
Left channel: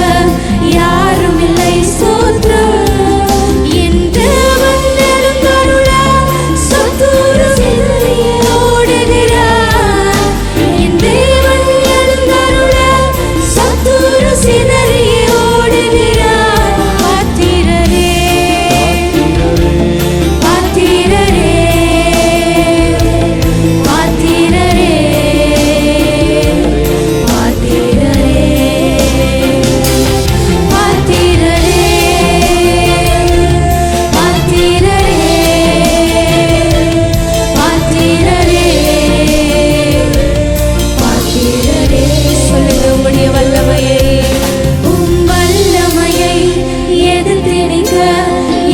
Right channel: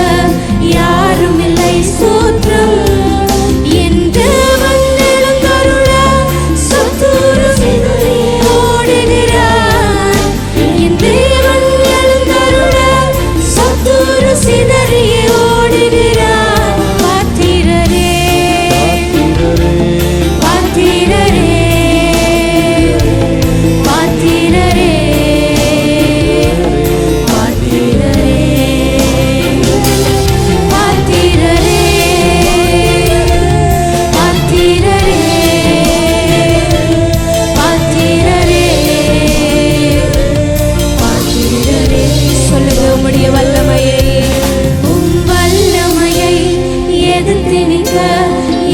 யாரும் இல்லை ஸ்தோத்திரம். என் தேவன் எழுந்தருள சத்துரு ஓடுகிறார். என் தேவன் எழுந்தருள சத்துரு சிதறிய ஓடுகிறார். பாத்திரரே பாத்திரரே பாத்திரரே சொல்லுங்க உம்முடைய வல்லமையை. வல்லமையை எதிர்த்து நிற்க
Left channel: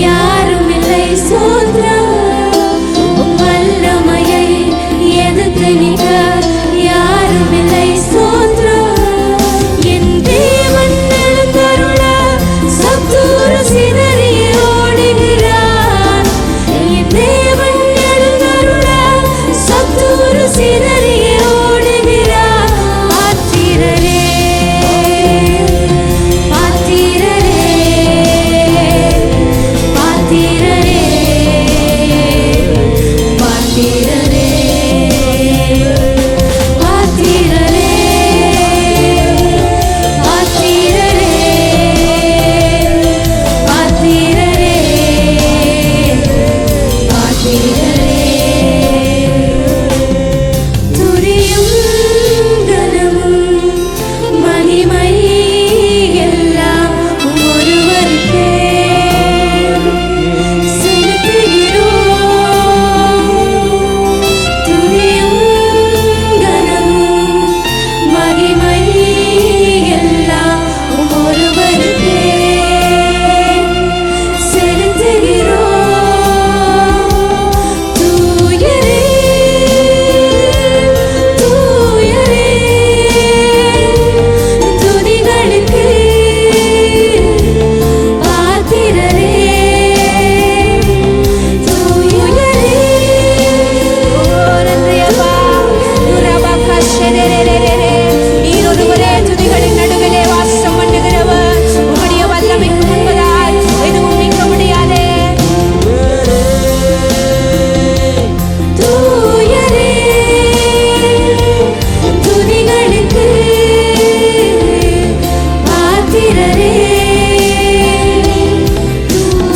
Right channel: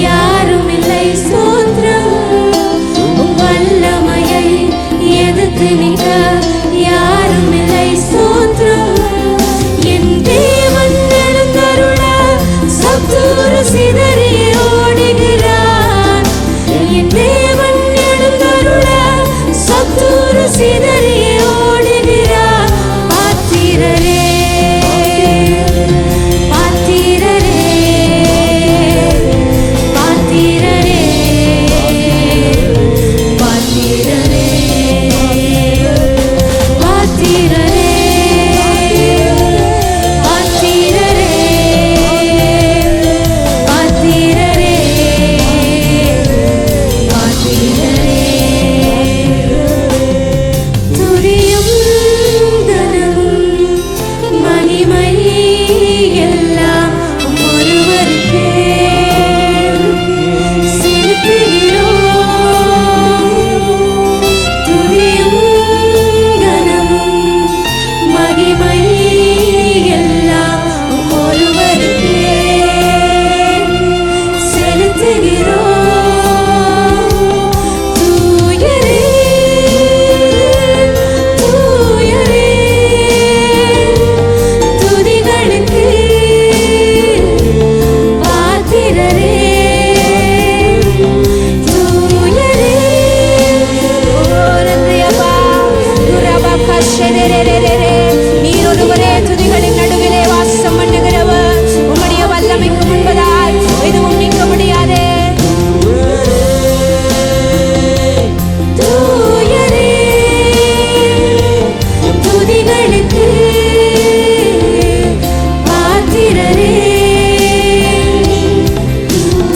யாரும் இல்லை ஸ்தோத்திரம். வல்லமையை எதிர்த்து நிற்க யாரும் இல்லை ஸ்தோத்திரம். என் தேவன் எழுந்தருள சத்துரு சிதறிய ஓடுகிறான். என் தேவன் எழுந்தருள சத்துரு சிதறிய ஓடுகிறான். பாத்திரரே பாத்திரரே பாத்திரரே பாத்திரரே பாத்திரரே பாத்திரரே பாத்திரரே பாத்திரரே. துதியும் கனமும் மகிமை எல்லாம் ஒருவருக்கே செலுத்துகிறோம். துதியும் கனமும் மகிமை எல்லாம் ஒருவருக்கே செலுத்துகிறோம். தூயரே தூயரே துதிகளுக்கு பாத்திரரே தூயரே. ஓ நன்றி அப்பா. நீர் ஒருவரே துதிகளின் நடுவிலே வாசம் பண்ணுகிறவர். உம்முடைய வல்லமைக்கு முன்பதாய் எதுவும் நிற்க முடியாதே. தூயரே துதிகளுக்கு பாத்திரரே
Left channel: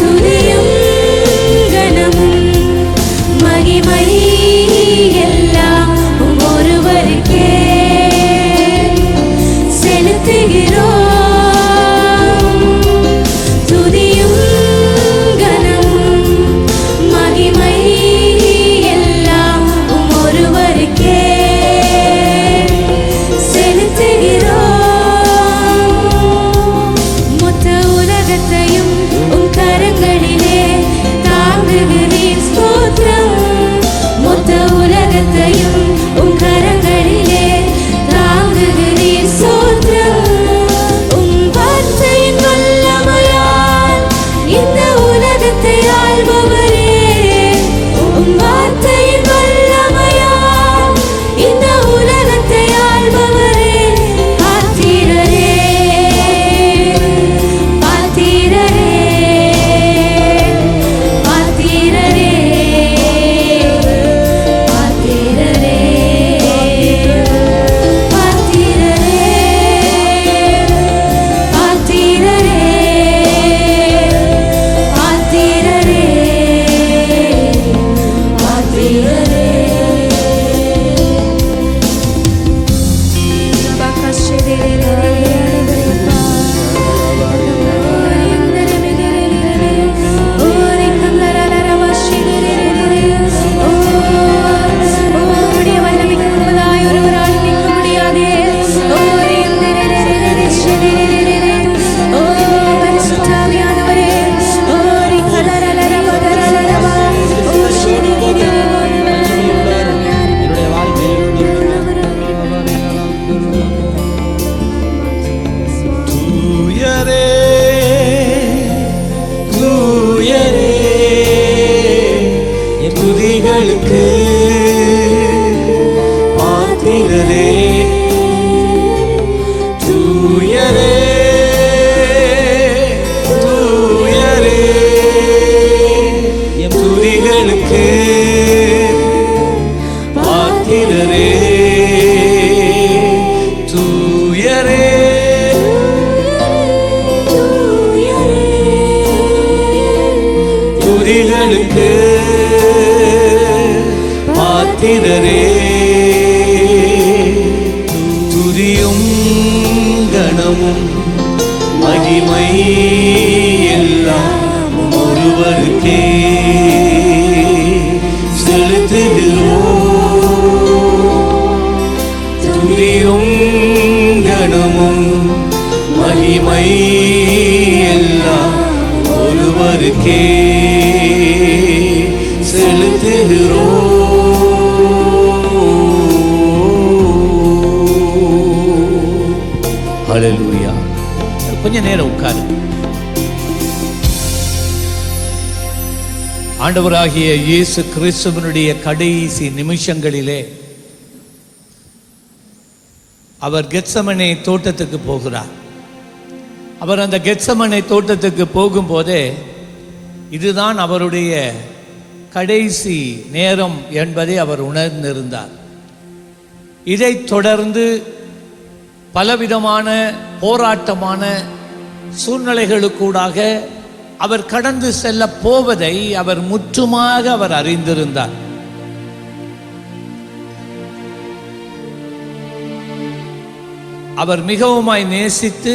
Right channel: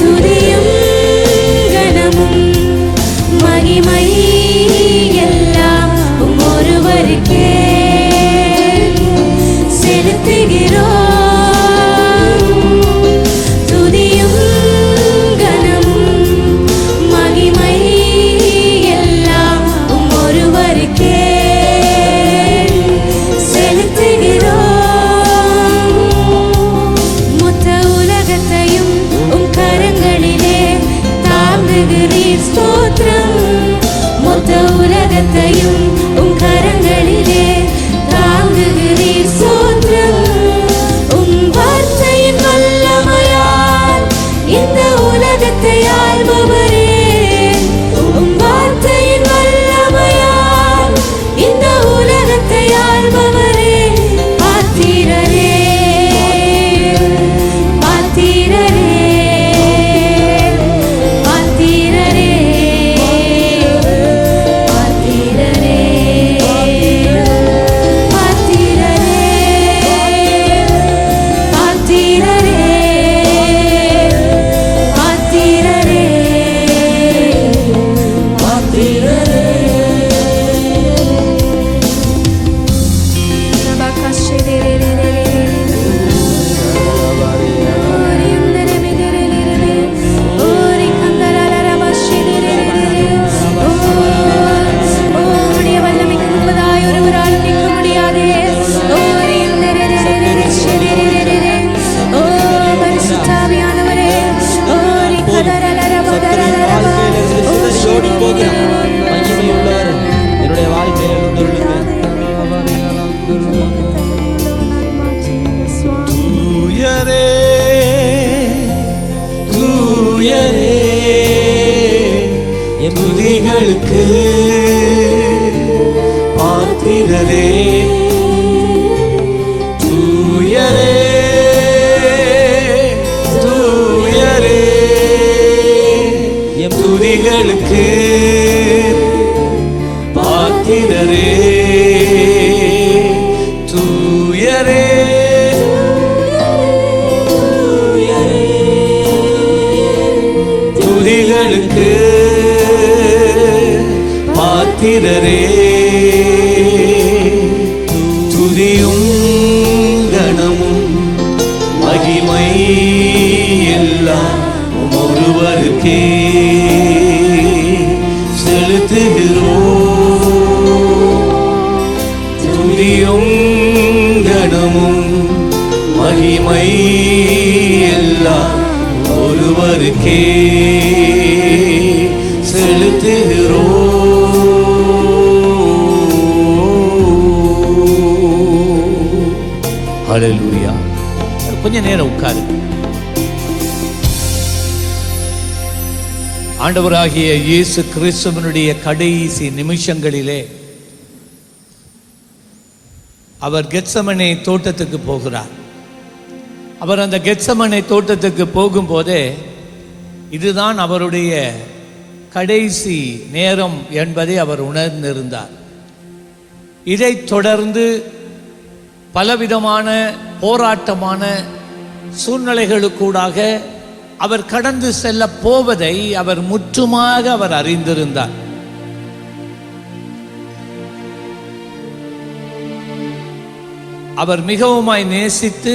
துதியும் கனமும் மகிமை எல்லாம் ஒருவருக்கே செலுத்துகிறோம். துதியும் கனமும் மகிமை எல்லாம் ஒருவருக்கே செலுத்துகிறோம். மொத்த உலகத்தையும் கரங்களிலே தாங்குகிறீர் ஸ்தோத்திரம். மொத்த உலகத்தையும் கரங்களிலே தாங்குகிறீர் ஸ்தோத்திரம். வார்த்தையின் வல்லமையால் இந்த உலகத்தை ஆள்பவரே. வார்த்தையின் வல்லமையால் இந்த உலகத்தை ஆள்பவரே. பாத்திரரே பாத்திரரே பாத்திரரே பாத்திரரே பாத்திரரே பாத்திரரே பாத்திரரே பாத்திரரே. உம்முடைய வல்லமைக்கு முன்பதாய் ஒருவராலும் நிற்க முடியாதே. ஓ பரிசுத்தாவியானவரே. ஓரி கதரலரபா தரலரபா. ஓ ஷெரிரிரிரி. தூயரே தூயரே துதிகளுக்கு பாத்திரரே. தூயரே தூயரே துதிகளுக்கு பாத்திரரே. தூயரே துதிகளுக்கு பாத்திரரே. துதியும் கணமும் மகிமை எல்லாம் ஒருவருக்கே செலுத்துகிறோம். துதியும் கணமும் மகிமை எல்லாம் ஒருவருக்கே செலுத்துகிறோம். ஹல்லேலூயா. கொஞ்ச நேரம் உட்காருங்க. ஆண்டவராகிய இயேசு கிறிஸ்துவினுடைய கடைசி நிமிஷங்களிலே அவர் கெத்சமனே தோட்டத்துக்கு போகிறார். அவர் அந்த கெத்சமனே தோட்டத்துக்கு போகும்போதே இதுதான் அவருடைய கடைசி நேரம் என்பதை அவர் உணர்ந்திருந்தார். இதைத் தொடர்ந்து பலவிதமான போராட்டமான சூழ்நிலைகளுக்கூடாக அவர் கடந்து செல்ல போவதை அவர் முற்றுமாக அவர் அறிந்திருந்தார். அவர் மிகவுமாய் நேசித்து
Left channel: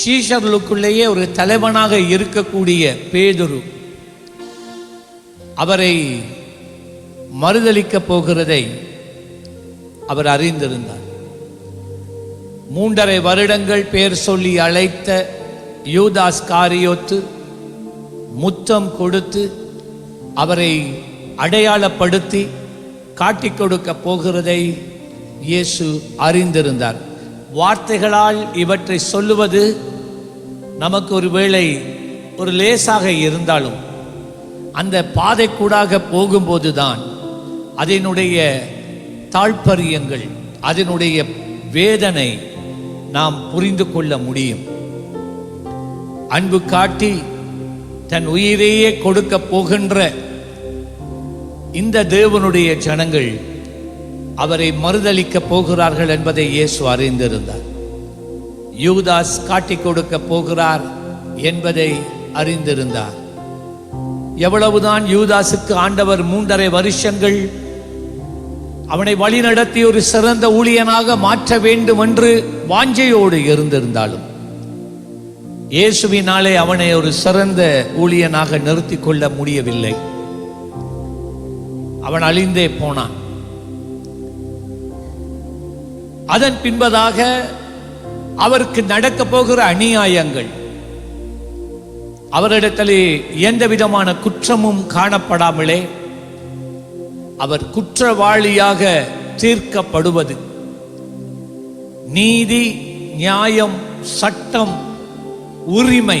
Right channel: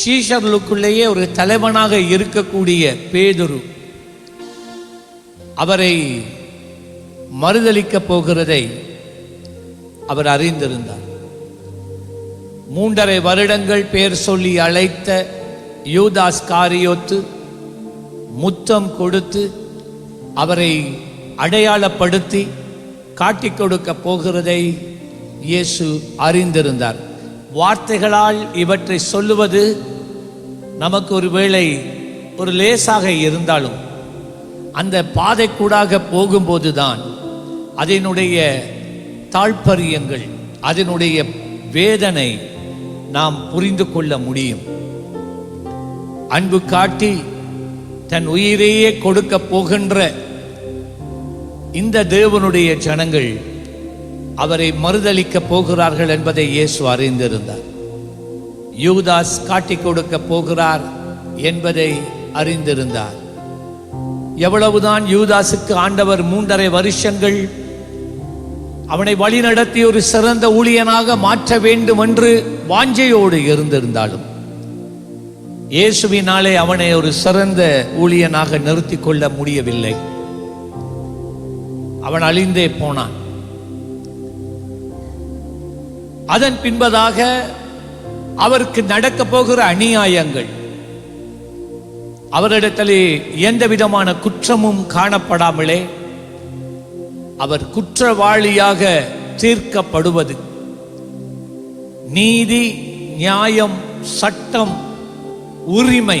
சீஷர்களுக்குள்ளேயே ஒரு தலைவனாக இருக்கக்கூடிய பேதுரு அவரை மறுதலிக்க போகிறதை அவர் அறிந்திருந்தார். 3.5 வருடங்கள் பேர் சொல்லி அழைத்த யூதாஸ் காரியோத்து முத்தம் கொடுத்து அவரை அடையாளப்படுத்தி காட்டிக் கொடுக்க போகிறதை இயேசு அறிந்திருந்தார். வார்த்தைகளால் இவற்றை சொல்லுவது நமக்கு ஒரு வேளை ஒரு லேசாக இருந்தாலும் அந்த பாதைக்கூடாக போகும்போதுதான் அதனுடைய தாழ்பரியங்கள் அதனுடைய வேதனை நாம் புரிந்து கொள்ள முடியும். அன்பு காட்டி தன் உயிரையே கொடுக்க போகின்ற இந்த தேவனுடைய ஜனங்கள் அவரை மறுதலிக்க போகிறார்கள் என்பதை இயேசு அறிந்திருந்தார். யூதாஸ் காட்டிக் கொடுக்க போகிறார் என்பதை அறிந்திருந்தார். எவ்வளவுதான் யூதாசுக்கு ஆண்டவர் 3.5 வருஷங்கள் அவனை வழிநடத்தி ஒரு சிறந்த ஊழியனாக மாற்ற வேண்டும் என்று வாஞ்சையோடு இருந்திருந்தாலும் இயேசுவினாலே அவனை ஒரு சிறந்த ஊழியனாக நிறுத்தி கொள்ள முடியவில்லை. அவன் அழிந்தே போனான். அதன் பின்பதாக அவருக்கு நடக்க போகிற அநியாயங்கள், அவரிடத்திலே எந்த விதமான குற்றமும் காணப்படாமலே அவர் குற்றவாளியாக தீர்க்கப்படுவது, நீதி நியாயம் சட்டம் உரிமை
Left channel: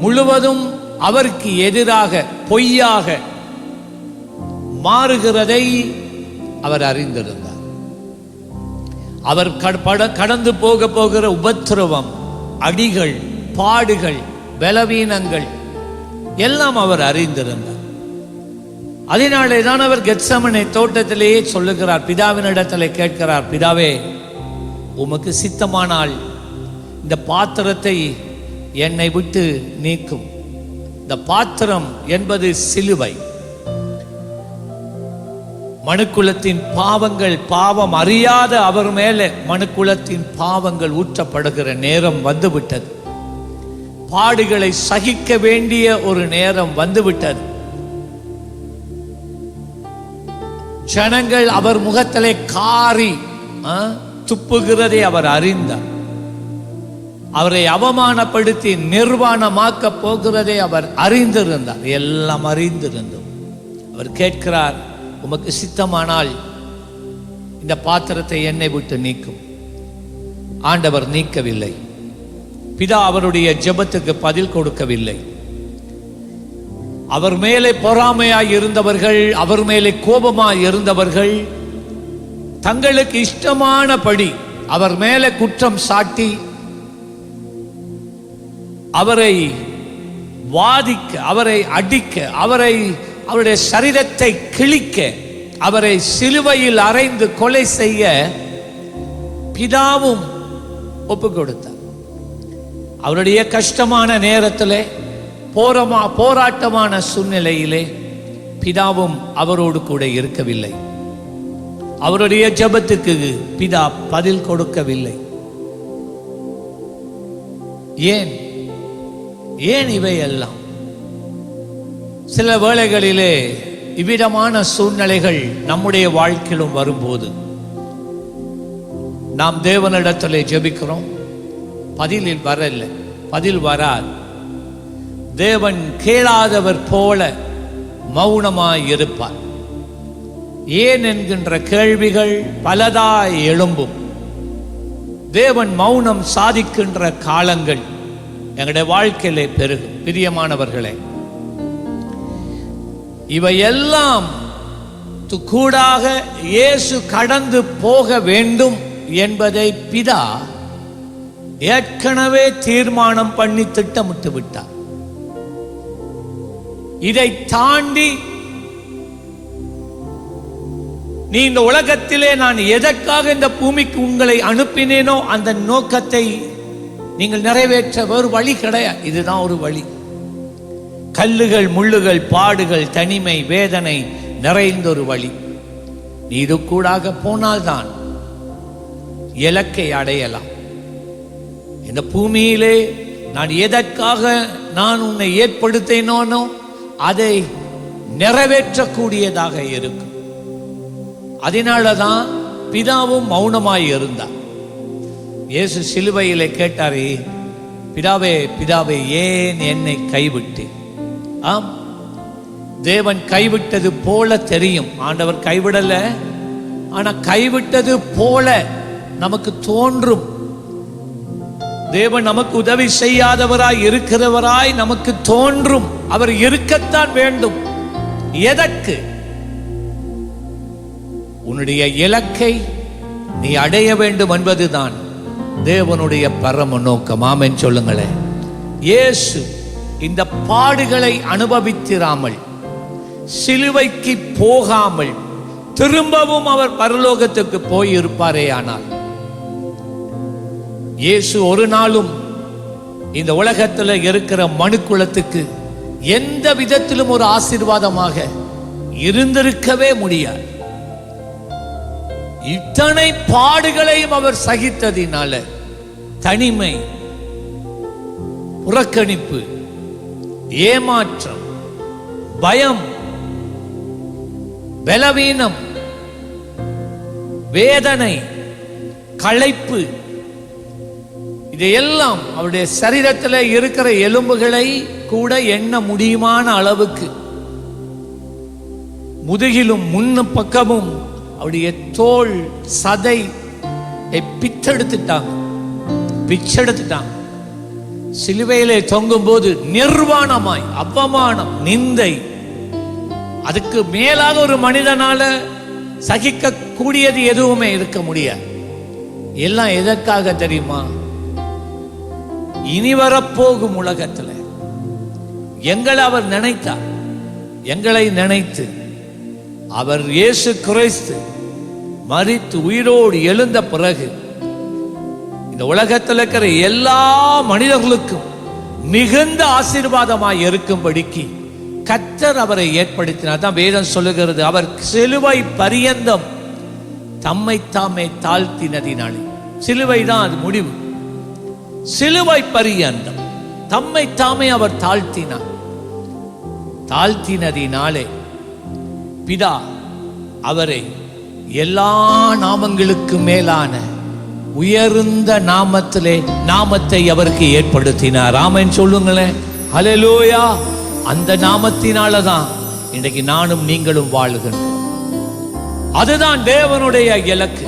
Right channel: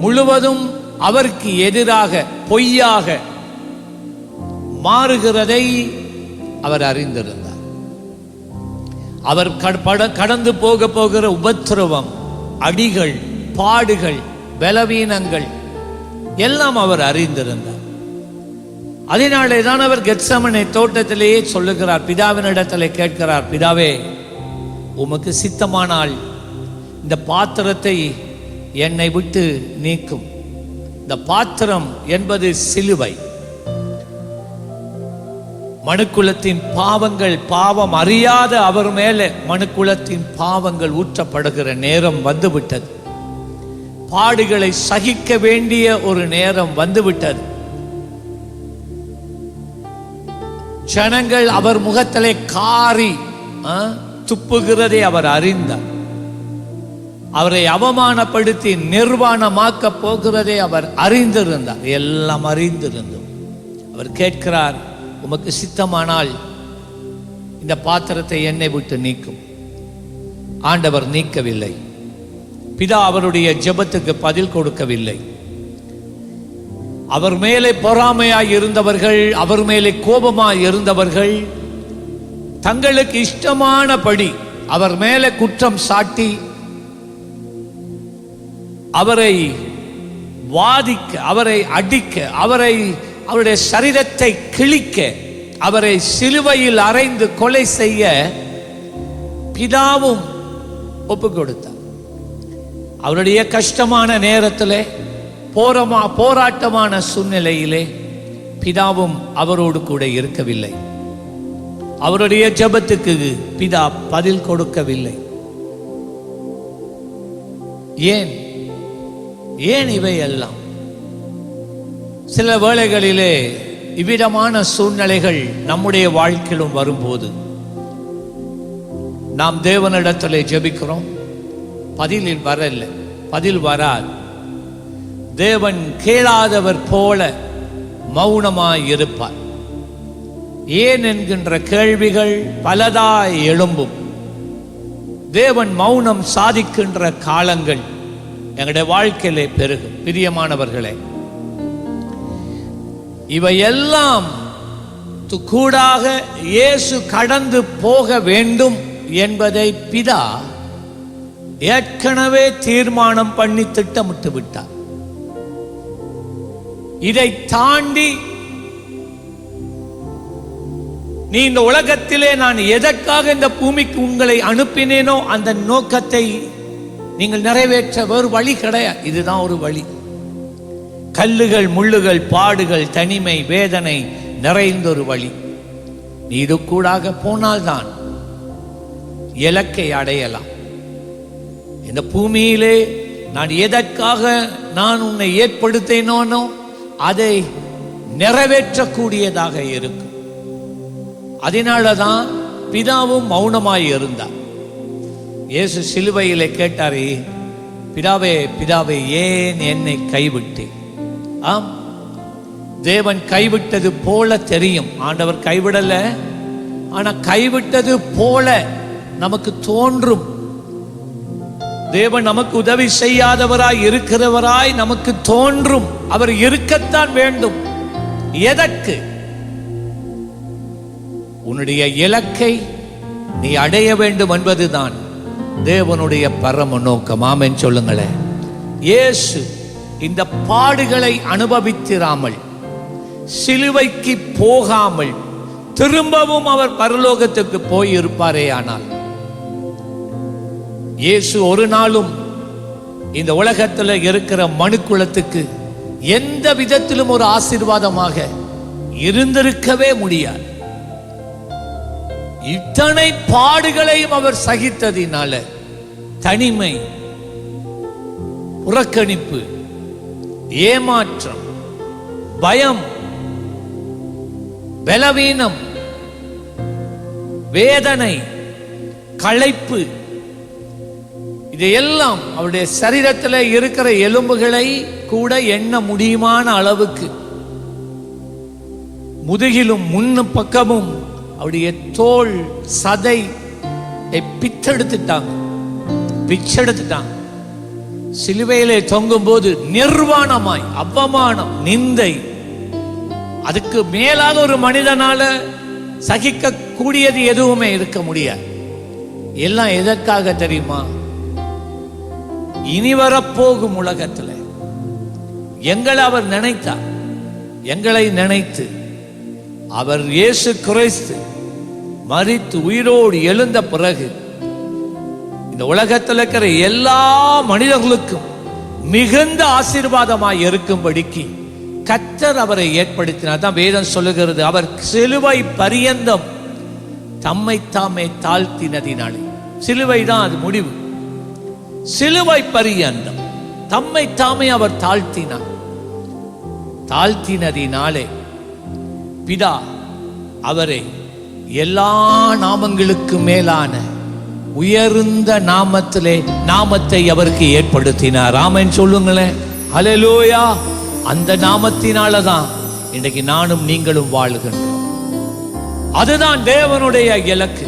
முழுவதும் அவருக்கு எதிராக பொய்யாக மாறுகிறதை அவர் அறிந்திருந்தார். அவர் கடந்து போகிற உபத்திரவம், அடிகள், பாடுகள், பலவீனங்கள் எல்லாம் அவர் அறிந்திருந்தார். அதனாலே தான் அவர் கெத்சமனே தோட்டத்திலேயே சொல்லுகிறார், பிதாவினிடத்திலே கேட்கிறார், பிதாவே உமக்கு சித்தமானால் இந்த பாத்திரத்தை என்னை விட்டு நீக்கும். இந்த பாத்திரம் என்பது சிலுவை. மனுக்குலத்தின் பாவங்கள், பாவம் அறியாத அவர் மேலே மனுக்குலத்தின் பாவங்கள் ஊற்றப்படுகிற நேரம் வந்துவிட்டது. பாடுகளை சகிக்க வேண்டிய ஒரு நேரம் வந்துவிட்டது. ஜனங்கள் அவர் முகத்திலே காரி துப்புகிறதை அவர் அறிந்தார். அவரை அவமானப்படுத்தி நிர்வாணமாக்க போகிறதை அவர் அறிந்திருந்தார். எல்லாம் அறிந்திருந்தும் அவர் கேட்கிறார், உமக்கு சித்தமானால் இந்த பாத்திரத்தை என்னை விட்டு நீக்கும். ஆண்டவர் நீக்கவில்லை. பிதா அவருடைய ஜெபத்துக்கு பதில் கொடுக்கவில்லை. அவர் மேலே பொறாமையாய் இருந்தவர்கள், அவர் மேலே கோபமாய் இருந்தவர்கள் தங்களுக்கு இஷ்டமானபடி அவர் மேலே குற்றம் சாட்டி அவரை வாதிக்க, அவரை அடிக்க, அவருடைய சரீரத்தை கிழிக்க, அவரை சிலுவையில் அறைந்து கொலை செய்ய பிதாவும் ஒப்பு கொடுத்தார். அவருடைய கஷ்டமான நேரத்திலே, போராட்டமான சூழ்நிலையிலே பிதாவும் அவரோடு கூட இருக்கவில்லை. அவருடைய ஜெபத்துக்கு பிதா பதில் கொடுக்கவில்லை. ஏன் இவையெல்லாம்? சில வேளைகளிலே இவ்விதமான சூழ்நிலைகள் நம்முடைய வாழ்க்கையிலும் வரும்போது நாம் தேவனிடத்தில் ஜெபிக்கிறோம், பதில் வராது. தேவன் கேளாதவர் போல மௌனமாய் இருப்பார். ஏன் என்கின்ற கேள்விகள் பலதாய் எழும்பும். தேவன் மௌனம் சாதிக்கின்ற காலங்கள் எங்களுடைய வாழ்க்கையிலே பெருகும். பிரியமானவர்களே, இவையெல்லாம் கூடாக இயேசு கடந்து போக வேண்டும் என்பதை பிதா ஏற்கனவே தீர்மானம் பண்ணி திட்டமிட்டு விட்டார். இதை தாண்டி நீ இந்த உலகத்திலே நான் எதற்காக இந்த பூமிக்கு உங்களை அனுப்பினேனோ அந்த நோக்கத்தை நீங்கள் நிறைவேற்ற வேறு வழி கிடையாது. இதுதான் ஒரு வழி. கல்லுகள், முள்ளுகள், பாடுகள், தனிமை, வேதனை நிறைந்த ஒரு வழி. நீ இது கூடாக போனால்தான் இலக்கை அடையலாம். இந்த பூமியிலே நான் எதற்காக நான் உன்னை ஏற்படுத்தினோனோ அதை நிறைவேற்றக்கூடியதாக இருக்கும். அதனாலதான் பிதாவும் மௌனமாய் இருந்தார். இயேசு சிலுவையிலே கேட்டாரே, பிதாவே பிதாவே ஏன் என்னை கைவிட்டு? ஆம், தேவன் கைவிட்டது போல தெரியும். ஆண்டவர் கைவிடல, ஆனா கைவிட்டது போல நமக்கு தோன்றும். தேவன் நமக்கு உதவி செய்யாதவராய் இருக்கிறவராய் நமக்கு தோன்றும். அவர் இருக்கத்தான் வேண்டும். எதற்கு? உன்னுடைய இலக்கை நீ அடைய வேண்டும் என்பதுதான் தேவனுடைய பரம நோக்கம். ஆமென் சொல்லுங்களேன். இயேசு இந்த பாடுகளை அனுபவித்திராமல், சிலுவைக்கு போகாமல் திரும்பவும் அவர் பரலோகத்துக்கு போய் இருப்பாரே ஆனால், இயேசு ஒரு நாளும் இந்த உலகத்தில் இருக்கிற மனுக்குலத்துக்கு எந்த விதத்திலும் ஒரு ஆசீர்வாதமாக இருந்திருக்கவே முடியாது. இத்தனை பாடுகளையும் அவர் சகித்ததினால தனிமை, புறக்கணிப்பு, ஏமாற்றம், பயம், பலவீனம், வேதனை, களைப்பு, இதையெல்லாம் அவருடைய சரீரத்தில் இருக்கிற எலும்புகளை கூட எண்ண முடியுமான அளவுக்கு முதுகிலும் முன்னு பக்கமும் அவருடைய தோல் சதை பிச்செடுத்துட்டாங்க. சிலுவையிலே தொங்கும் போது நிர்வாணமாய் அவமானம், நிந்தை, அதுக்கு மேலாக ஒரு மனிதனால சகிக்க கூடியது எதுவுமே இருக்க முடியாது. எல்லாம் எதற்காக தெரியுமா? இனி வரப்போகும் உலகத்தில் எங்களை அவர் நினைத்தார். எங்களை நினைத்து அவர் இயேசு கிறிஸ்து மரித்து உயிரோடு எழுந்த பிறகு இந்த உலகத்தில் இருக்கிற எல்லா மனிதர்களுக்கும் மிகுந்த ஆசீர்வாதமாய் இருக்கும்படிக்கு கர்த்தர் அவரை ஏற்படுத்தினார். தான் வேதம் சொல்லுகிறது, அவர் சிலுவை பரியந்தம் தம்மை தாமே தாழ்த்தினதினாலே. சிலுவை தான் அது முடிவு. சிலுவை பரியந்தம் தம்மை தாமே அவர் தாழ்த்தினதினாலே பிதா அவரை எல்லா நாமங்களுக்கு மேலான உயர்ந்த நாமத்தை அவருக்கு ஏற்படுத்தினார். ஆமென் சொல்லுங்களேன். ஹல்லேலூயா. அந்த நாமத்தினால தான் இன்றைக்கு நானும் நீங்களும் வாழுகின்றோம். அதுதான் தேவனுடைய இலக்கு,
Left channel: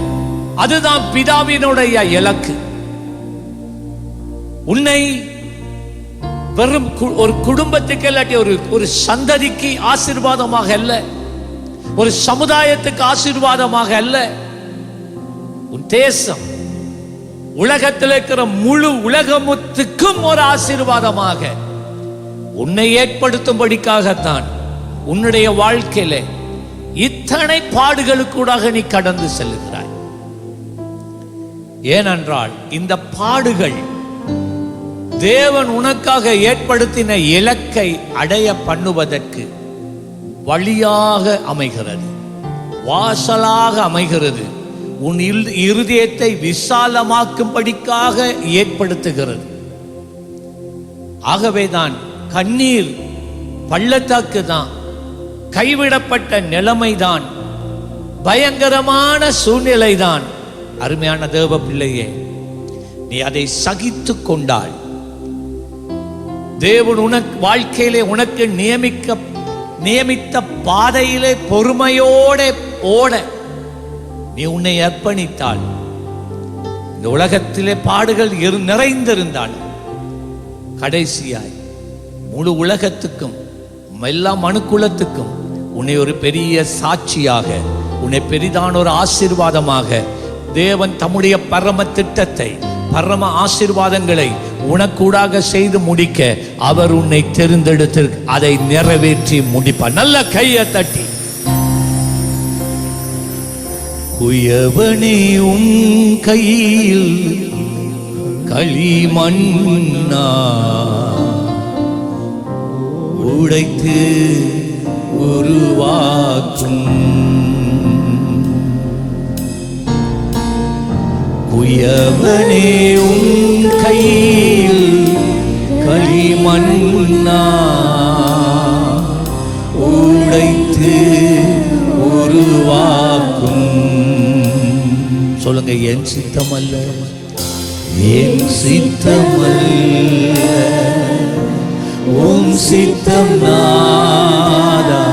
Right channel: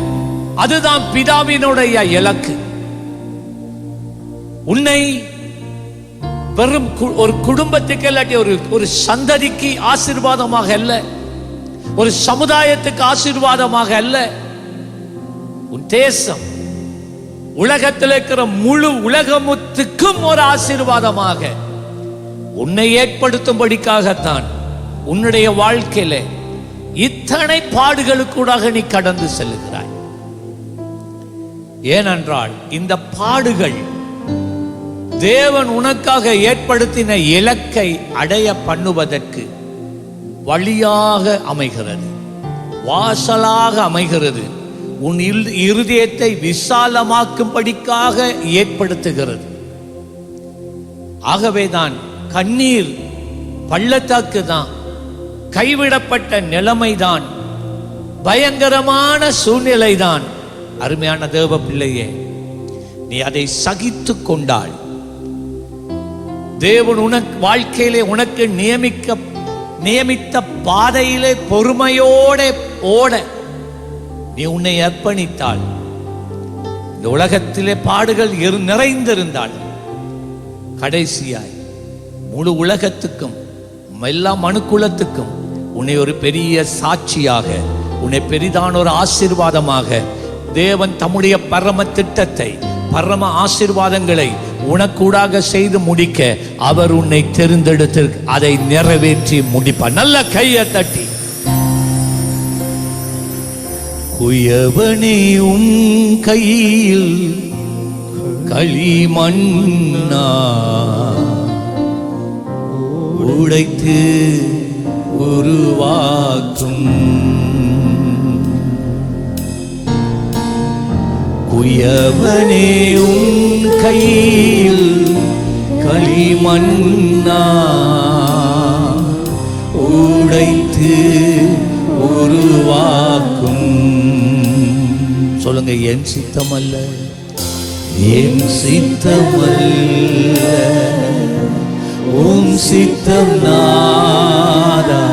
அதுதான் பிதாவினுடைய இலக்கு. உன்னை வெறும் ஒரு குடும்பத்துக்கு இல்லாட்டி ஒரு சந்ததிக்கு ஆசீர்வாதமாக அல்ல, ஒரு சமுதாயத்துக்கு ஆசீர்வாதமாக அல்ல, உன் தேசம், உலகத்தில் இருக்கிற முழு உலகத்துக்கும் ஒரு ஆசீர்வாதமாக உன்னை ஏற்படுத்தும்படிக்காகத்தான் உன்னுடைய வாழ்க்கையில இத்தனை பாடுகளுக்கூடாக நீ கடந்து செல்லுகிறாய். ஏனென்றால் இந்த பாடுகள் தேவன் உனக்காக ஏற்படுத்தின இலக்கை அடைய பண்ணுவதற்கு வழியாக அமைகிறது, வாசலாக அமைகிறது, உன் இருதயத்தை விசாலமாக்கும்படிக்காக ஏற்படுத்துகிறது. ஆகவேதான் கண்ணீர் பள்ளத்தாக்கு தான், கைவிடப்பட்ட நிலைமைதான், பயங்கரமான சூழ்நிலை தான் அருமையான தேவ பிள்ளையே, நீ அதை சகித்து கொண்டால் தேவன் உனக்கு வாழ்க்கையிலே உனக்கு நியமித்த பாதையிலே பொறுமையோட ஓட நீ உன்னை அர்ப்பணித்தால், இந்த உலகத்திலே பாடுகள் நிறைந்திருந்தால் கடைசியாய் முழு உலகத்துக்கும் எல்லா மனுக்குலத்துக்கும் உன்னை ஒரு பெரிய சாட்சியாக, உன்னை பெரிதான ஒரு ஆசீர்வாதமாக தேவன் தம்முடைய பரம திட்டத்தை, பரம ஆசீர்வாதங்களை உனக்கூடாக செய்து முடிக்க அவர் உன்னை தெரிந்தெடுத்து அதை நிறைவேற்றி முடிப்பார். நல்ல கையை தட்டி குயவனே உன் கையில் களிமண்ணா உடைத்து உருவாக்கும், குயவனே உன் கையில் களிமண்ணா உடைத்து உருவாக்கும். சொல்லுங்க, என் சித்தமல்ல, என் சித்தமல்ல உன் சித்தம் நாதா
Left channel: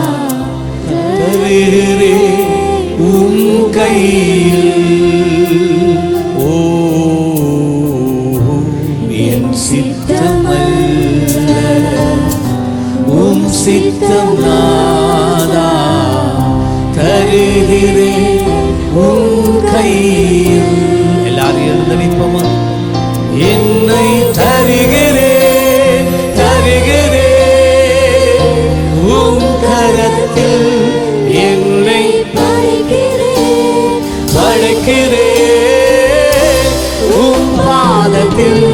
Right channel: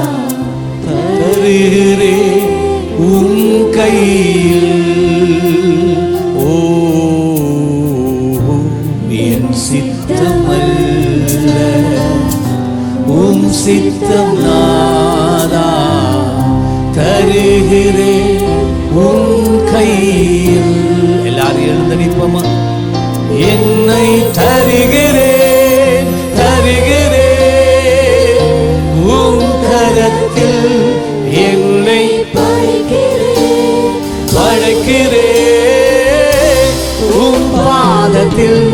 தருகிறே உன் கையில். ஓ என் சித்தமல்ல உன் சித்தம் நாதா தருகிறே உன் கையில். எல்லாரும் எழுந்து நிற்போமா? என்னை தருகிறேன் தருகிறேன் உன் கரத்தில், என்னை படைக்கிறேன் உன் பாதத்தில்,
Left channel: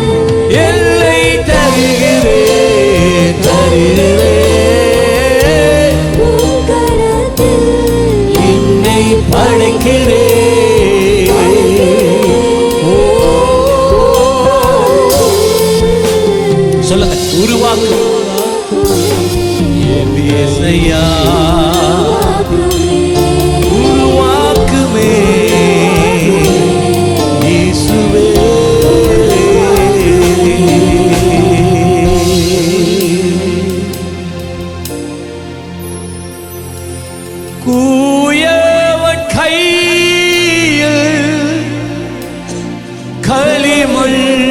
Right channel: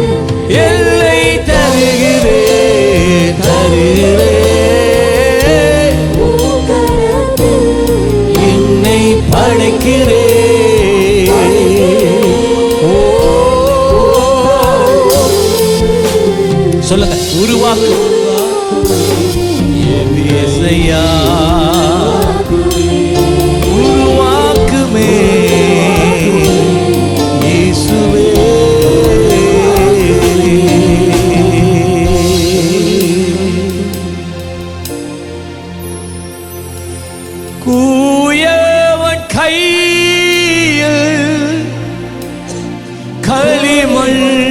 என்னை தருகிறேன் தருகிறேன் என்னை படைக்கிறேன். ஓ சொல்லுங்க, உருவாக்கும். ஓவியசையா உருவாக்குமே இயேசுவே. கூயவன் கையில் களிமண்ணானே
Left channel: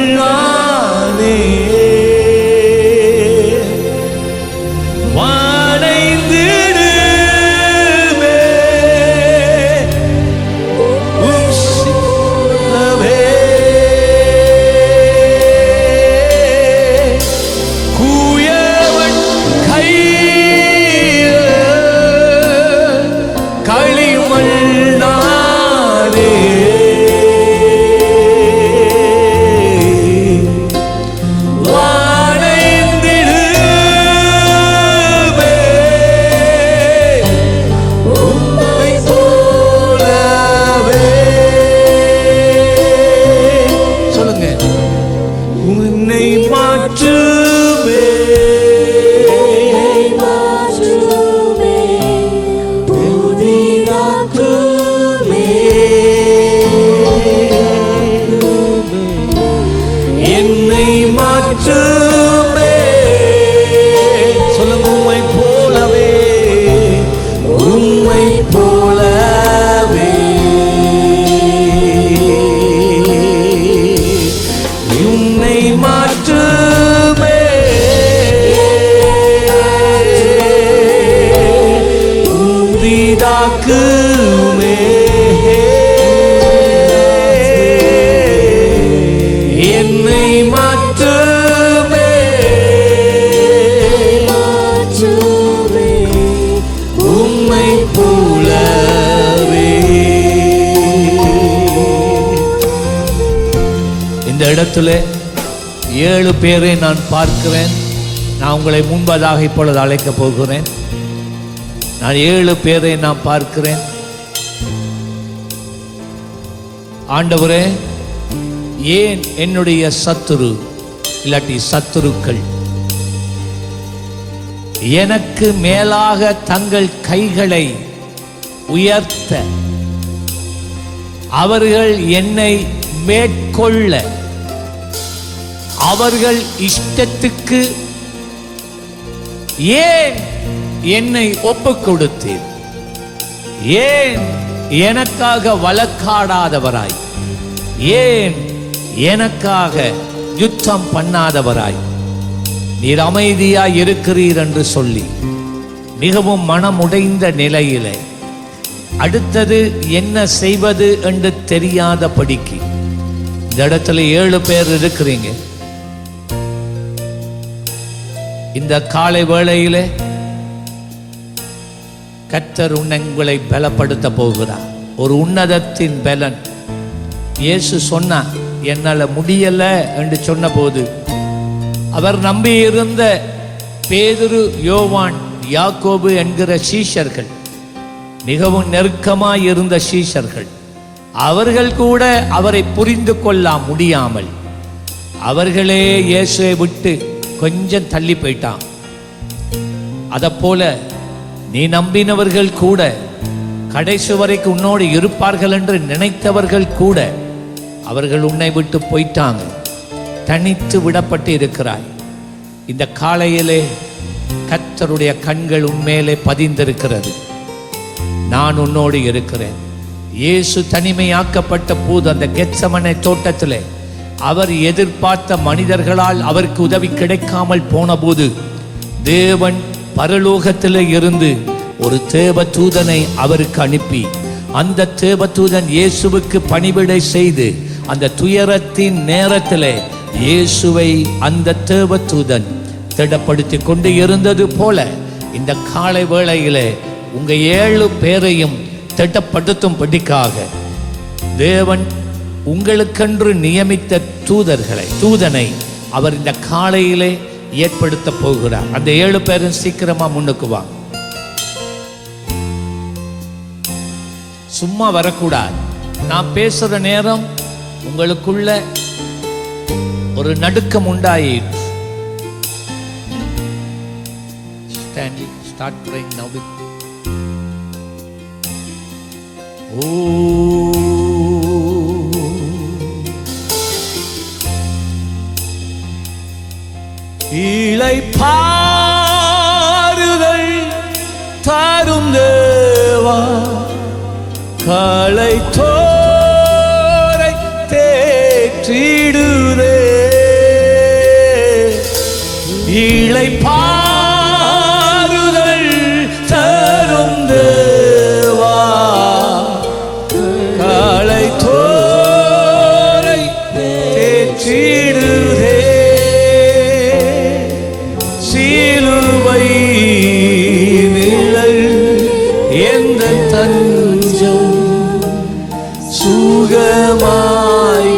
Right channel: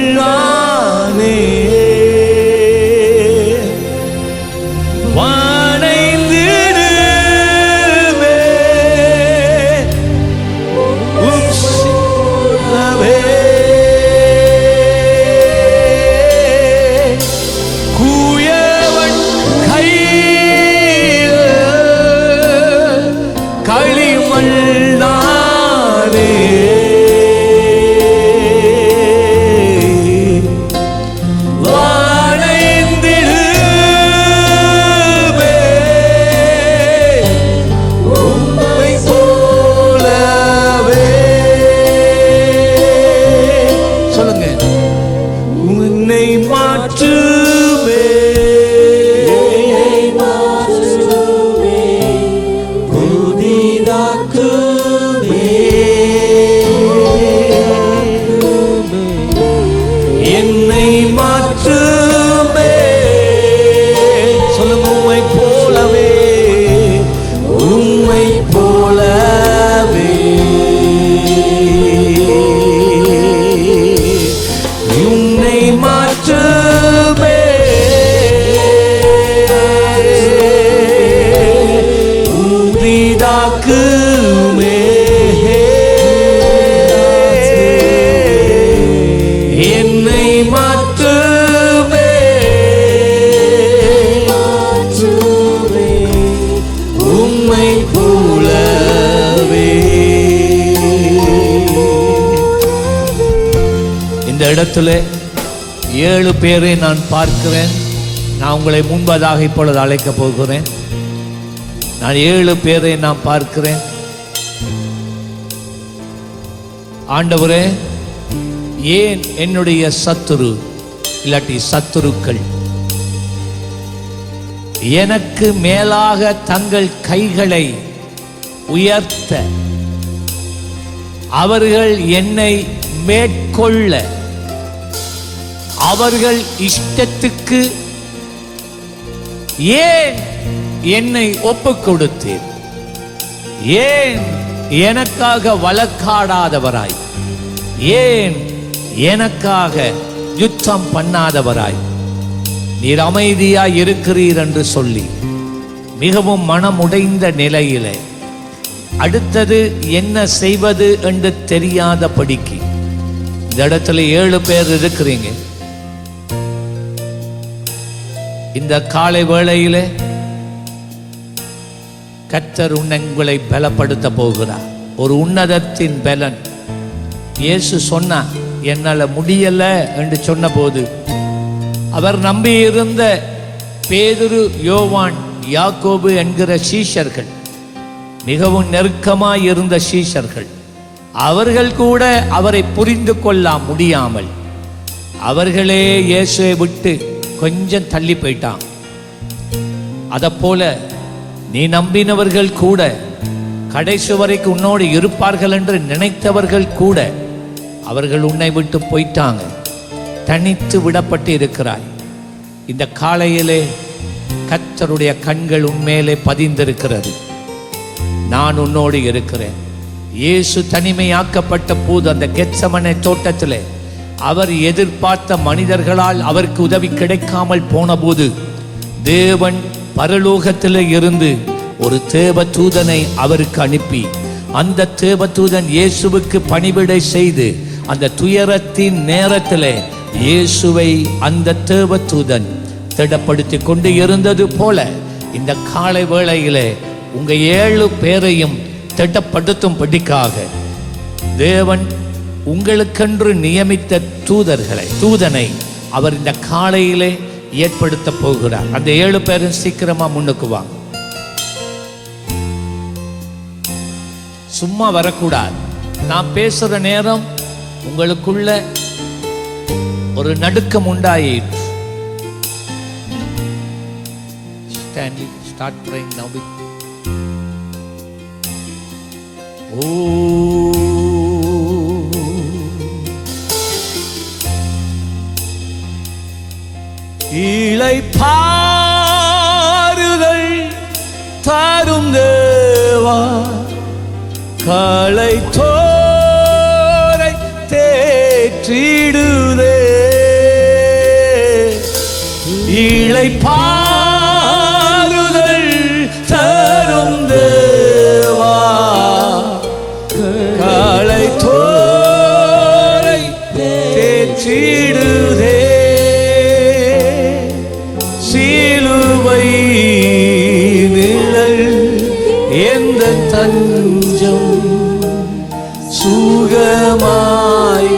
வானைந்திடுமே உம் சிலவே. கூயவன் கையில் களிமண்ணானே உன்னை மாற்றுமே என்னை மாற்றுமே என்னை மாற்றுமே. சொல்லுங்க, உம்மை போலவே உம்மை போலவே உன்னை மாற்றுமே. உதிதாக்குமே என்னை மாற்றுமே. உம்மை போலவே. இந்த இடத்துல 7 பேரை நான் பார்க்கிறேன். நான் உங்களை முன்பதாக இப்பொழுது அழைக்கப் போகிறேன். நான் 7 பேரை நான் பார்க்கிறேன். ஆண்டவரே, ஏன் என்னுடைய சத்துரு இல்லாட்டி சத்துருக்கள் எனக்கு மேலாக தங்கள் கைகளை உயர்த்த அவர்கள் என்னை மேற்கொள்ள அவர்கள் இஷ்டத்துக்கு ஏன் என்னை ஒப்புக் கொடுத்தீர்? ஏன் எனக்காக வழக்காடாதவராய், ஏன் எனக்காக யுத்தம் பண்ணாதவராய் நீர் அமைதியாய் இருக்கிறீர் என்று சொல்லி மிகவும் மனமுடைந்த நிலையிலே அடுத்தது என்ன செய்வது என்று தெரியாதபடிக்கு இந்த இடத்துல 7 பேர் இருக்கிறீங்க. இந்த காலை வேளையிலே கர்த்தர் உங்களை பலப்படுத்த போகிறார். ஒரு உன்னதத்தின் பலன். இயேசு சொன்னா என்னால முடியல என்று சொன்ன போது அவர் நம்பியிருந்த பேதுரு, யோவான், யாக்கோபு என்கிற சீஷர்கள், மிகவும் நெருக்கமாய் இருந்த சீஷர்கள், அவர்கள் கூட அவரை புரிந்து கொள்ள முடியாமல் அவர்களே இயேசுவை விட்டு கொஞ்சம் தள்ளி போயிட்டான். அதை போல நீ நம்பினவர்கள் கூட, கடைசி வரைக்கும் உன்னோடு இருப்பார்கள் என்று நினைத்தவர்கள் கூட அவர்கள் உன்னை விட்டு போயிட்டாங்க. தனித்து விடப்பட்டு இருக்கிறாய். இந்த காலையிலே கர்த்தருடைய கண்கள் உன்மேலே பதிந்திருக்கிறது. நான் உன்னோடு இருக்கிறேன். இயேசு தனிமையாக்கப்பட்ட போது அந்த கெத்சமனே தோட்டத்திலே அவர் எதிர்பார்த்த மனிதர்களால் அவருக்கு உதவி கிடைக்காமல் போன போது தேவன் பரலோகத்திலே இருந்து ஒரு தேவதூதனை அவருக்கு அனுப்பி, அந்த தேவதூதன் இயேசுவுக்கு பணிவிடை செய்து அந்த துயரத்தின் நேரத்திலே இயேசுவை அந்த தேவதூதன் திடப்படுத்தி கொண்டு இருந்தது போல இந்த காலை வேளையிலே உங்க 7 பேரையும் திடப்படுத்தும்படிக்காக தேவன் உங்களுக்கென்று நியமித்த தூதனை அவர் இந்த காலையிலே ஏற்படுத்த போகிறார். அந்த 7 பேரும் சீக்கிரமா முன்னுக்கு வாங்க. சும்மா வரக்கூடாது. நான் பேசுற நேரம் உங்களுக்குள்ள ஒரு நடுக்கம் உண்டாயிற்று. Stanley, start praying now with இளைப்பாறுதல் தரும் தேவா, களை தோரை தேற்றிடுதே. இளைப்பாறுதல் தரும் தேவா, களை தோரை தேற்றிடுதே. சிலுவை நிழல் எந்த தஞ்சம், சுகமாய்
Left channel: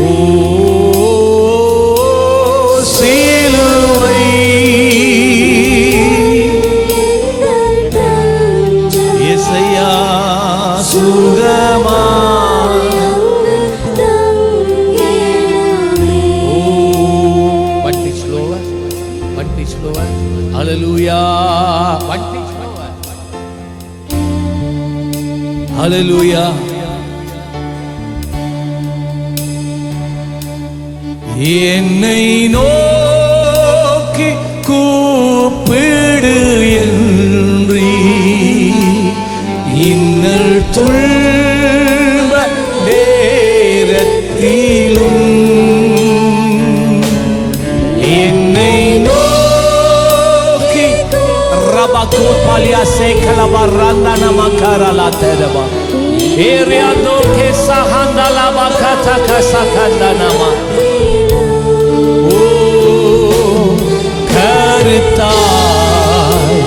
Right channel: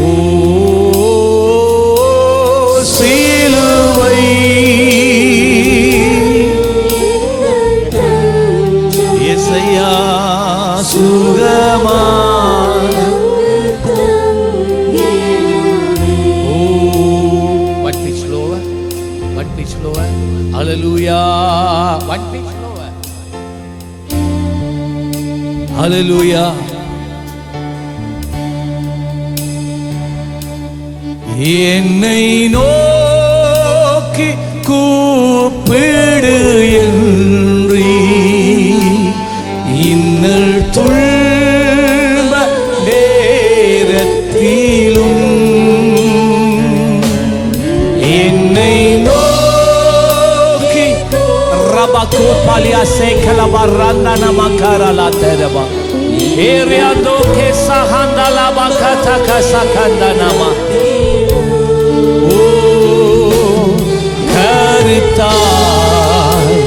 ஓ சிலுவை இயேசையா சுகமாய். ஓ one pitch lower, one pitch lower. Hallelujah. One pitch lower. Hallelujah. என்னை நோக்கி கூப்பிடு என்று இன்னல் துன்ப நேரத்திலும் என்னை நோக்கி ரபகோட் பாலியா சேகலபரந்தா நமகரலா தெரபா ஏரியாந்தோ கே சஹந்தலா பகதா கசகந்தனமா. ஓ கருத்தாய்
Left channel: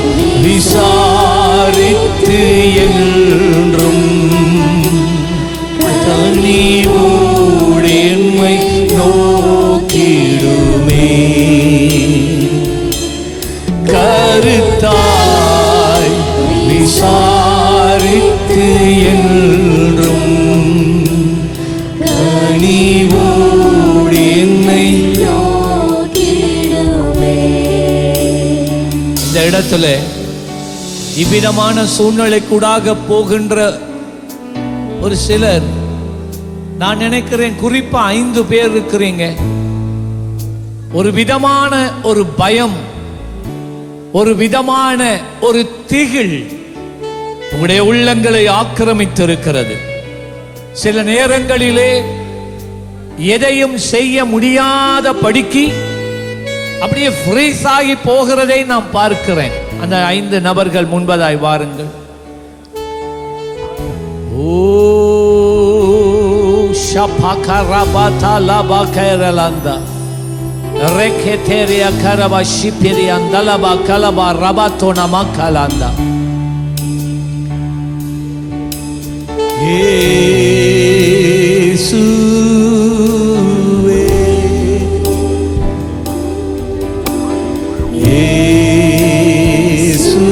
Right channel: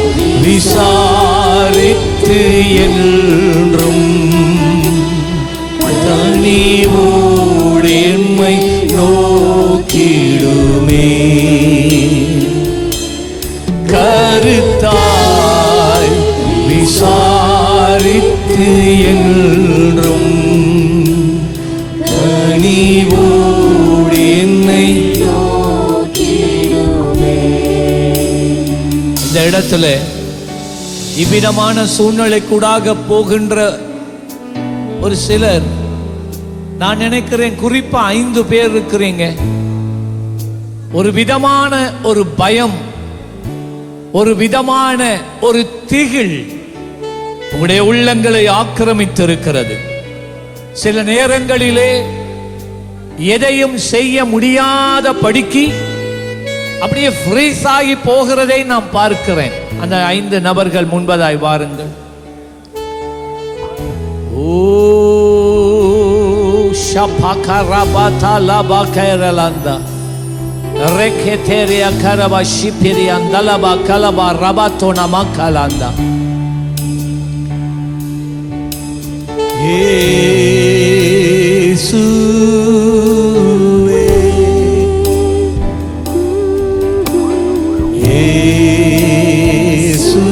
விசாரித்து என்றும் தனிவோடு என்மை நோக்கிடுமே. கருத்தாய் விசாரித்து என்றும் தனிவோடு என்னை. இந்த இடத்துல இவ்விதமான சூழ்நிலைக்கூடாக போகின்ற ஒரு சிலர், நான் நினைக்கிறேன் குறிப்பா 5 பேர் இருக்கிறீங்க. ஒரு விதமான ஒரு பயம், ஒரு விதமான ஒரு திகில் உங்களுடைய உள்ளங்களை ஆக்கிரமித்திருக்கிறது. சில நேரங்களிலே எதையும் செய்ய முடியாத படிக்கு அப்படியே ஃப்ரீஸ் ஆகி போகிறதை நான் பார்க்கிறேன். அந்த 5 நபர்கள் முன்பதாய் வாருங்கள். ஓ ஷபகரபதா லபகரலந்தா ரெகெதெரியா கரபா ஷிபிரியாந்தலபா கலபா ரபதோனா மக்கலந்தா. இயேசுவே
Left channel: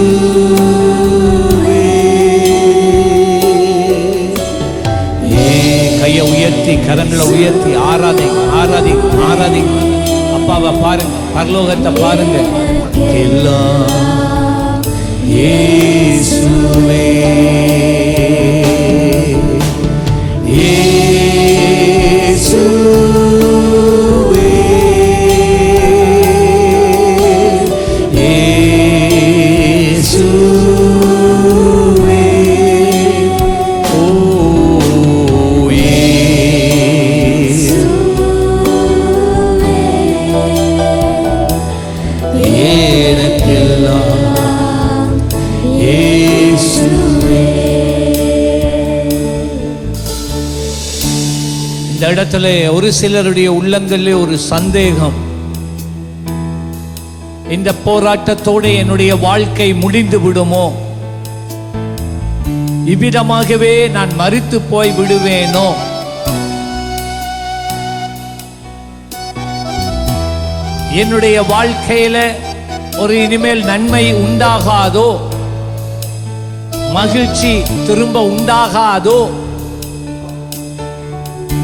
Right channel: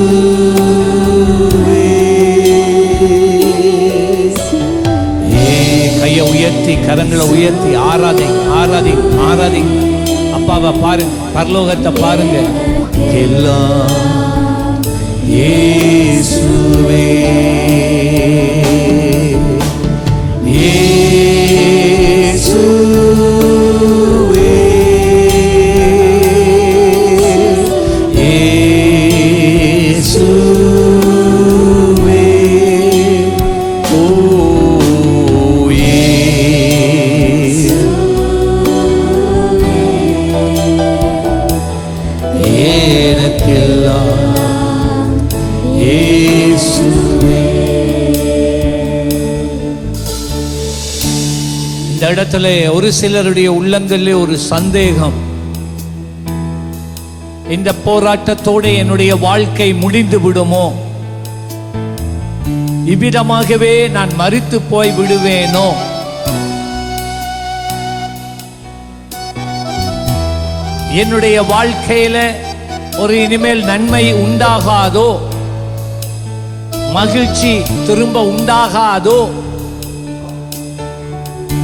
இயேசுவே. கையை உயர்த்தி கரங்களை உயர்த்தி ஆராதிங்க ஆராதிங்க ஆராதிங்க. அப்பாவை பாருங்க, பரலோகத்தை பாருங்க. எல்லாம் இயேசுவே இயேசுவே இயேசுவே. ஓ எனக்கெல்லாம் இயேசுவே. இந்த இடத்துல ஒரு சிலருடைய உள்ளங்களிலே ஒரு சந்தேகம், இந்த போராட்டத்தோடு என்னுடைய வாழ்க்கை முடிந்து விடுமோ, இவ்விதமாகவே நான் மரித்து போய் விடுவேனோ, என்னுடைய வாழ்க்கையில ஒரு இனிமேல் நன்மை உண்டாகாதோ, மகிழ்ச்சி திரும்ப உண்டாகாதோ,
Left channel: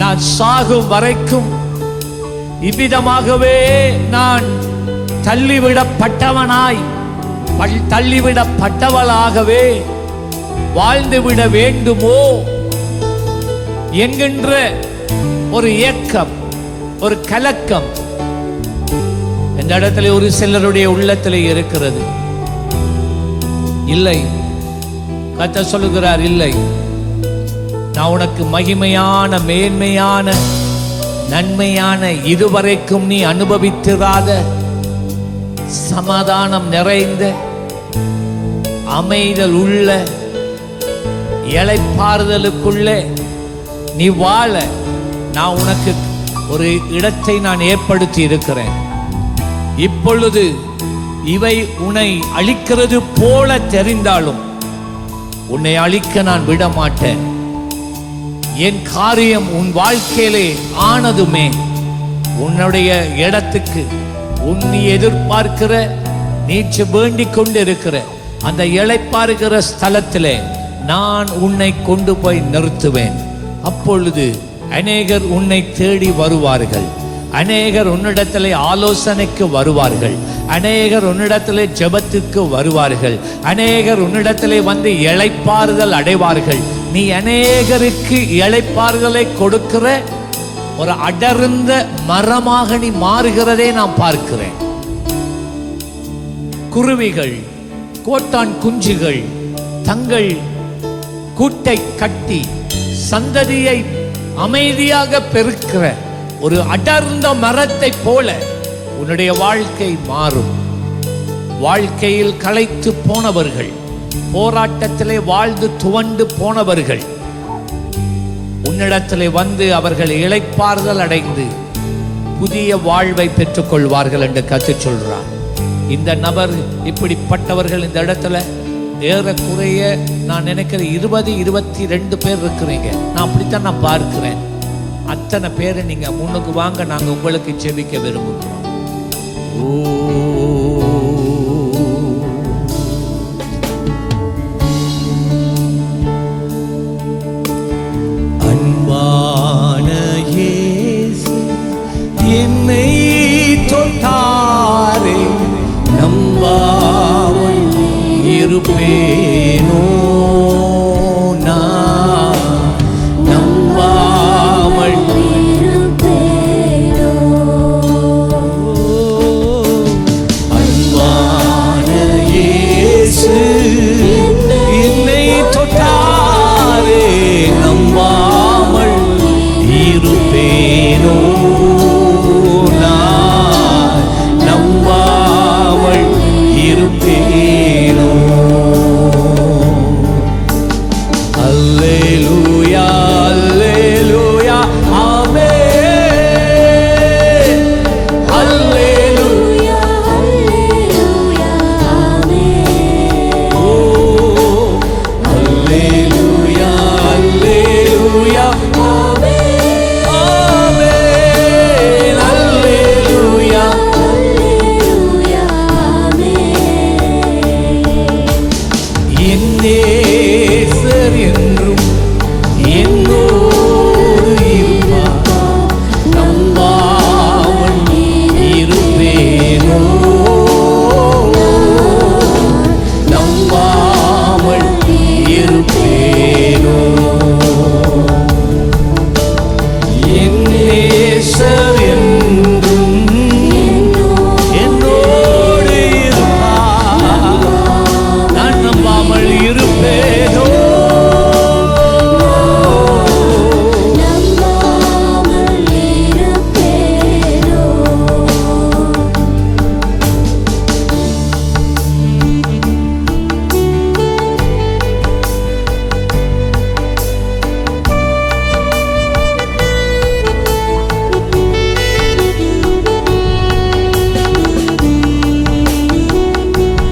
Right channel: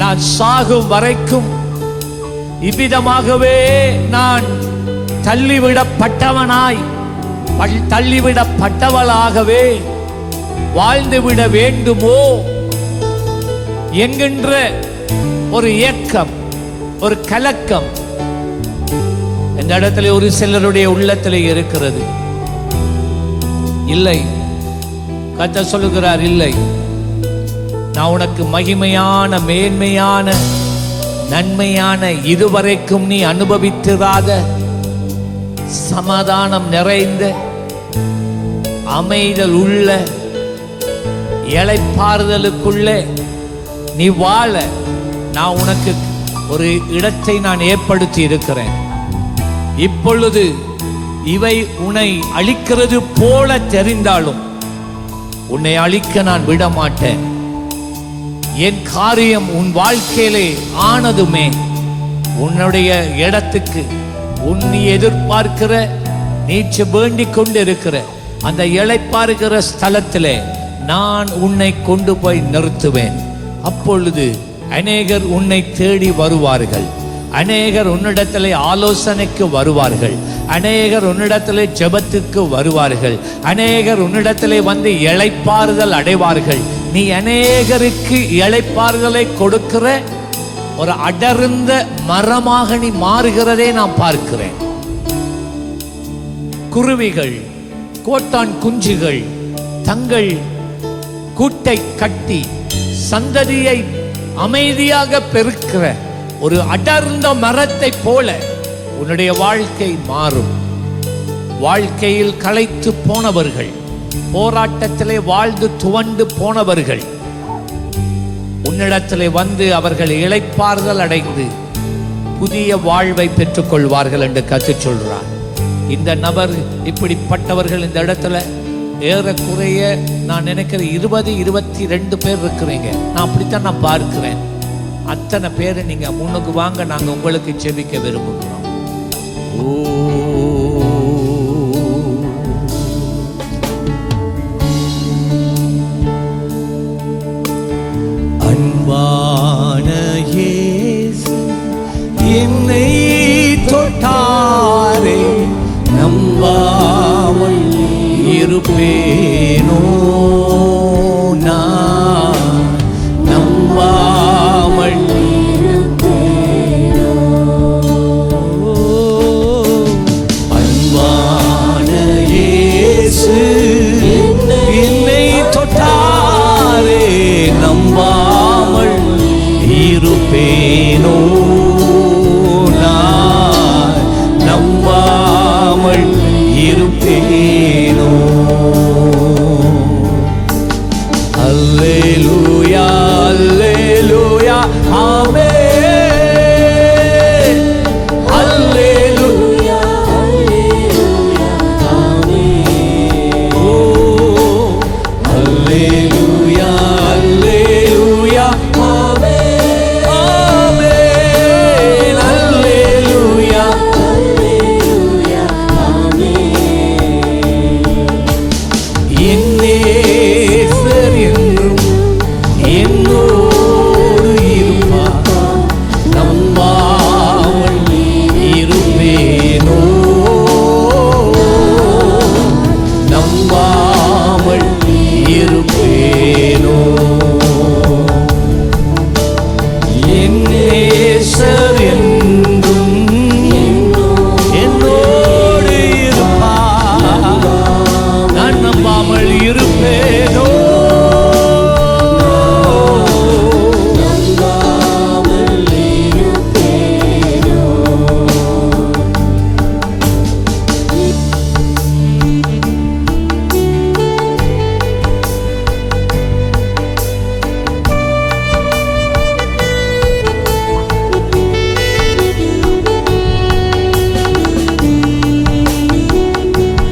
நான் சாகும் வரைக்கும் இவ்விதமாகவே நான் தள்ளிவிடப்பட்டவனாய் தள்ளிவிடப்பட்டவளாகவே வாழ்ந்துவிட வேண்டுமோ என்கின்ற ஒரு ஏக்கம், ஒரு கலக்கம் இந்த இடத்துல ஒரு சிலருடைய உள்ளத்தில் இருக்கிறது. இல்லை, கர்த்தர் சொல்லுகிறார், இல்லை, நான் உனக்கு மகிமையான மேன்மையான நன்மையான இதுவரைக்கும் நீ அனுபவித்திராத சமாதானம் நிறைந்த அமைதல் உள்ள இளைப்பாறுதலுக்குள்ள நீ வாழ நான் உனக்கு ஒரு இடத்தை நான் ஏற்படுத்தி இருக்கிறேன். இப்பொழுது இவை உன்னை அழிக்கிறது போல தெரிந்தாலும் உன்னை அழிக்க நான் விட மாட்டேன். என் காரியம் உன் வாழ்க்கையிலே ஆனதுமே உன்னுடைய இடத்துக்கு நீ எதிர்பார்க்கிற நீச்சு வேண்டிக் கொண்டு இருக்கிற அந்த இளைப்பாறுகிற ஸ்தலத்திலே நான் உன்னை கொண்டு போய் நிறுத்துவேன். அப்பொழுது அநேகர் உன்னை தேடி வருவார்கள், அநேகர் உன்னிடத்திலே ஆலோசனைக்கு வருவார்கள், அநேகர் உன்னிடத்திலே ஜெபத்துக்கு வருவார்கள், அநேகர் உன்னிடத்திலே வந்து இளைப்பாறுதல் அடைவார்கள். நீ அநேகருக்கு இளைப்பாறுதலை கொடுக்கிற ஒரு அடர்ந்த மரமாக நீ மாறுகிறதே நான் பார்க்கிறேன். குருவிகள், கோட்டான் குஞ்சுகள் தங்கள் கூட்டை கட்டி சந்ததியை அமைதியாக பெருக்கிற ஒரு அடர்ந்த மரத்தை போல உன்னுடைய வாழ்க்கை மாறும். வாழ்க்கையில் களைத்து போனவர்கள், போராட்டத்திலே வாழ்ந்து துவண்டு போனவர்கள் உன்னிடத்திலே வந்து அவர்கள் இளைப்பாறுதல் அடைந்து புதிய வாழ்வை பெற்றுக் கொள்வார்கள் என்று கற்றுச் சொல்றார். இந்த நபர் இப்படிப்பட்டவர்கள் இந்த இடத்துல ஏறக்குறைய நான் நினைக்கிறேன் 20-22 பேர் இருக்கிறீங்க. நான் அப்படித்தான் நான் பார்க்கிறேன். அத்தனை பேரை நீங்க முன்னுக்கு வாங்க, நாங்க உங்களுக்கு ஜெபிக்க விரும்புகிறோம். ஓ அன்பான இயேசு என்னை தொட்டாரே, நம்பாமல் இருப்பேனோ நான் நம்பாமல் அன்பான இயேசு என்னை தொட்டாரே நம்பாமல் இருப்பேனோ நான் நம்பாமல் இருப்பேனோ. அல்லேலூயா அல்லேலூயா ஆமென். அல்லேலூயா ஓ அல்லேலூயா அல்லேலூயா ஆமென். அல்லேலூயா என் நேசர் என்றும் என்னோடு இருப்பார் நம்பாமல் இருப்பேனோ நம்பாமல் இருப்பேனோ. என் நேசர் என்றும் என்னோடு இருப்பார் நான் நம்பாமல் இருப்பேனோ.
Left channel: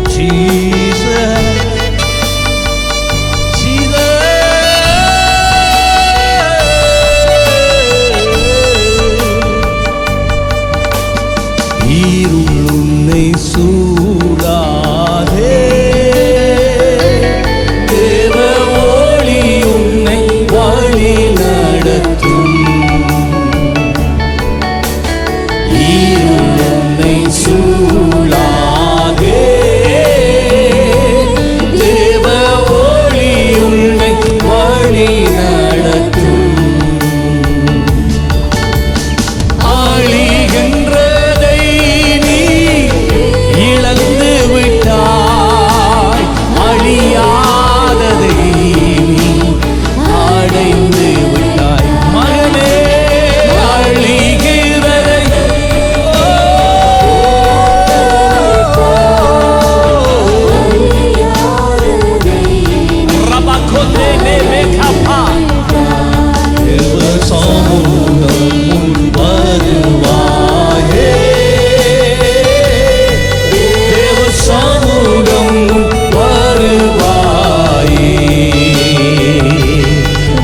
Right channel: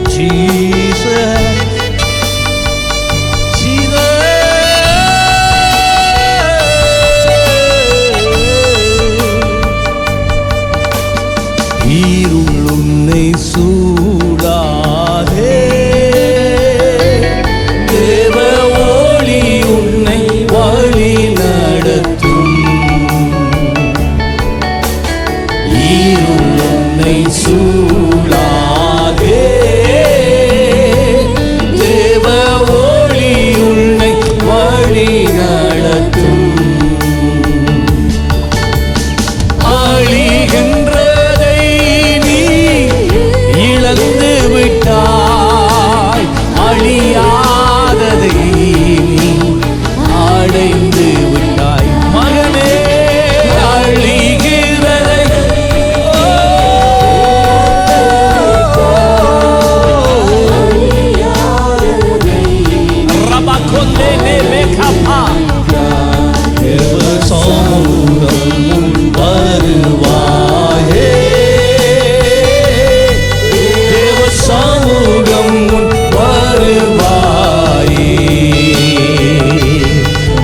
Jesus, இருள் உன்னை சூழாதே தேவ ஒளி உன்னை வழி நடத்தும். இருள் உன்னை சூழாதே தேவ ஒளி உன்னை வழி நடத்தும். அழிகின்றதை நீ இழந்து விட்டாய் அழியாததை நீ அடைந்து விட்டாய் மகனே. அழிகிறதை ரபகொண்டே நேமேகபா தேவ சமூகம் முன் வருவாயே தேவ சமூகம் முன் வருவாயே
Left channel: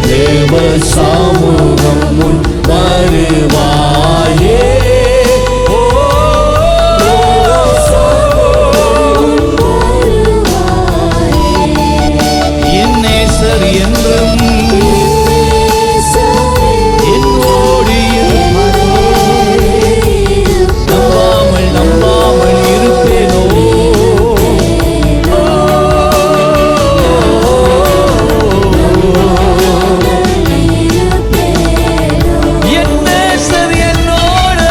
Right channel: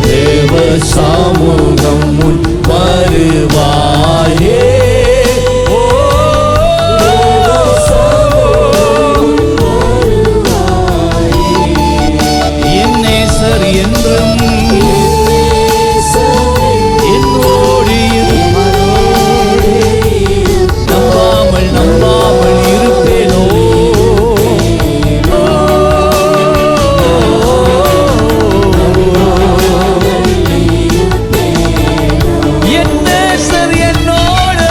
தேவ சமூகம் முன் வருவாயே. ஓ என் நேசர் என்றும் என்னோடு இருப்பாரே நம்பாமல் நம்பாமல் இருப்பேனோ. என் நேசர் என்னோடு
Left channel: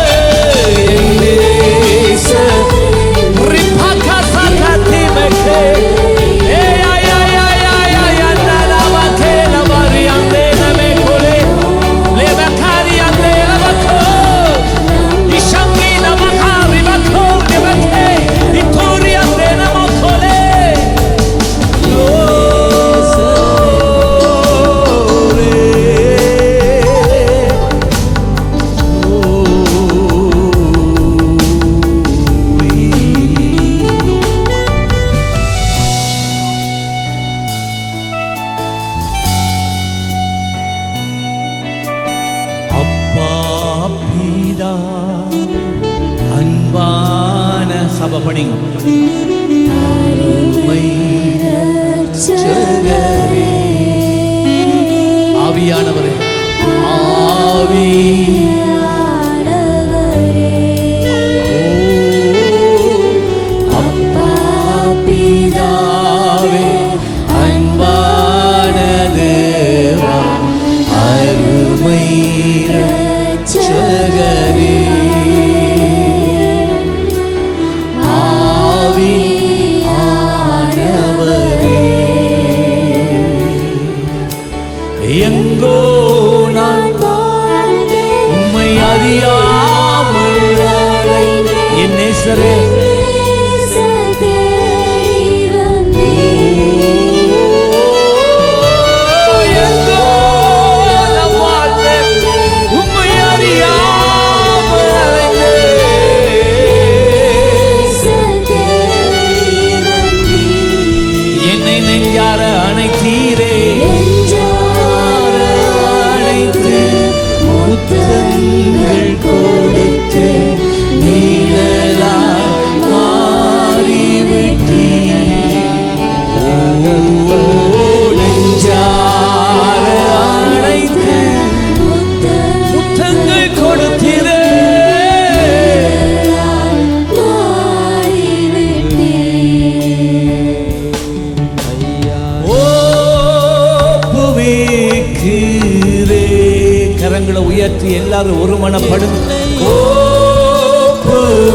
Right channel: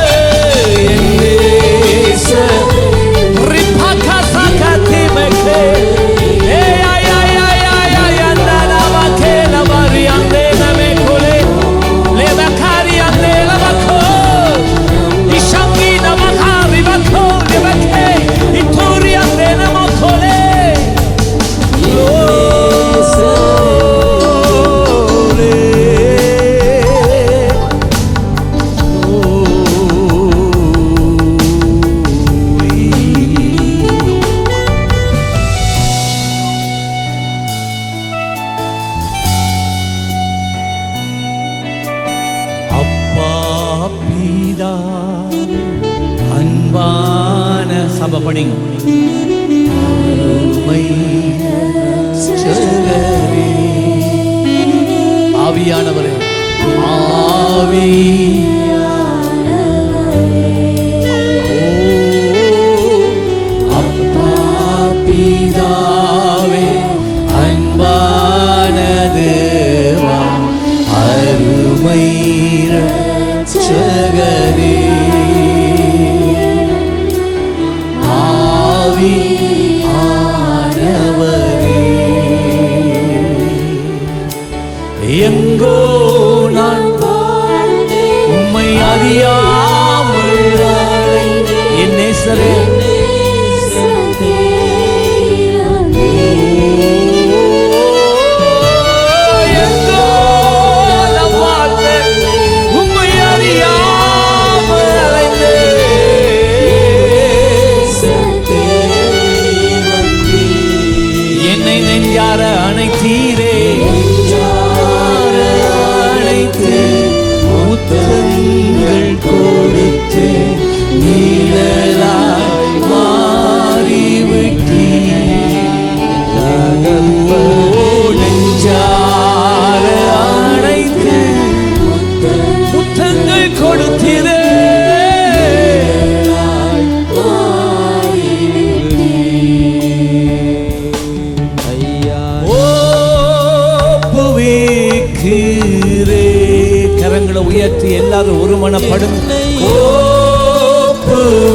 என் நேசர் ரிபகா சகதிமகே Ande name kole le bakari ande la bako ishangi na bakari bako le bake ituri ande na makole glory அப்பா பிதாவே அன்பான சபை படிங்க அருமை ரட்சகரே ஆவியானவரே ஆவி ஓ அப்பா பிதாவே பிதாவே அன்பானதுவா அருமை இரட்சகரே ஆவி ஆனவரே எங்கோ நான் உம்மை அறியாமல் என் நேசரே எங்கோ நான் வாழ்ந்தேன் உம்மை அறியாமல் அலைந்தேன் என்னை நெஞ்சார அணைத்தீரே அணைத்து முத்தங்கள் கொடுத்து நீழலாய் மாறிவிட்டீ ஓ நெஞ்சார அணைத்து முத்தங்கள் கொடுத்தீரே ஒப்புவிக்கிறே கரங்களை உயர்த்தி எல்லாரும் ஒருமனப்படுங்க ஒப்புவிக்கிறே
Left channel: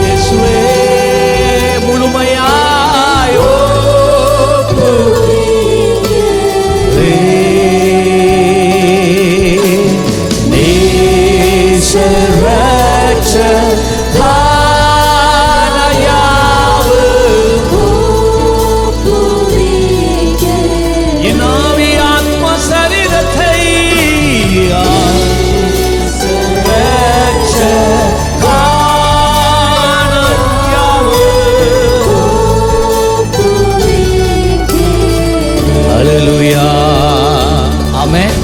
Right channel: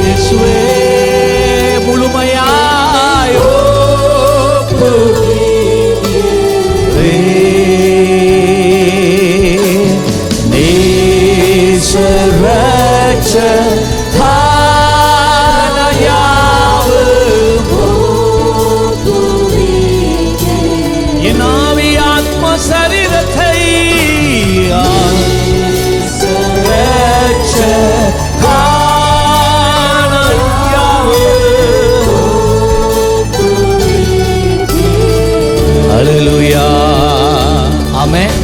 இயேசுவே முழுமையாய் நேசரட்ச என் ஆவி ஆத்ம சரீரத்தை ஹல்லேலூயா ஆமென்.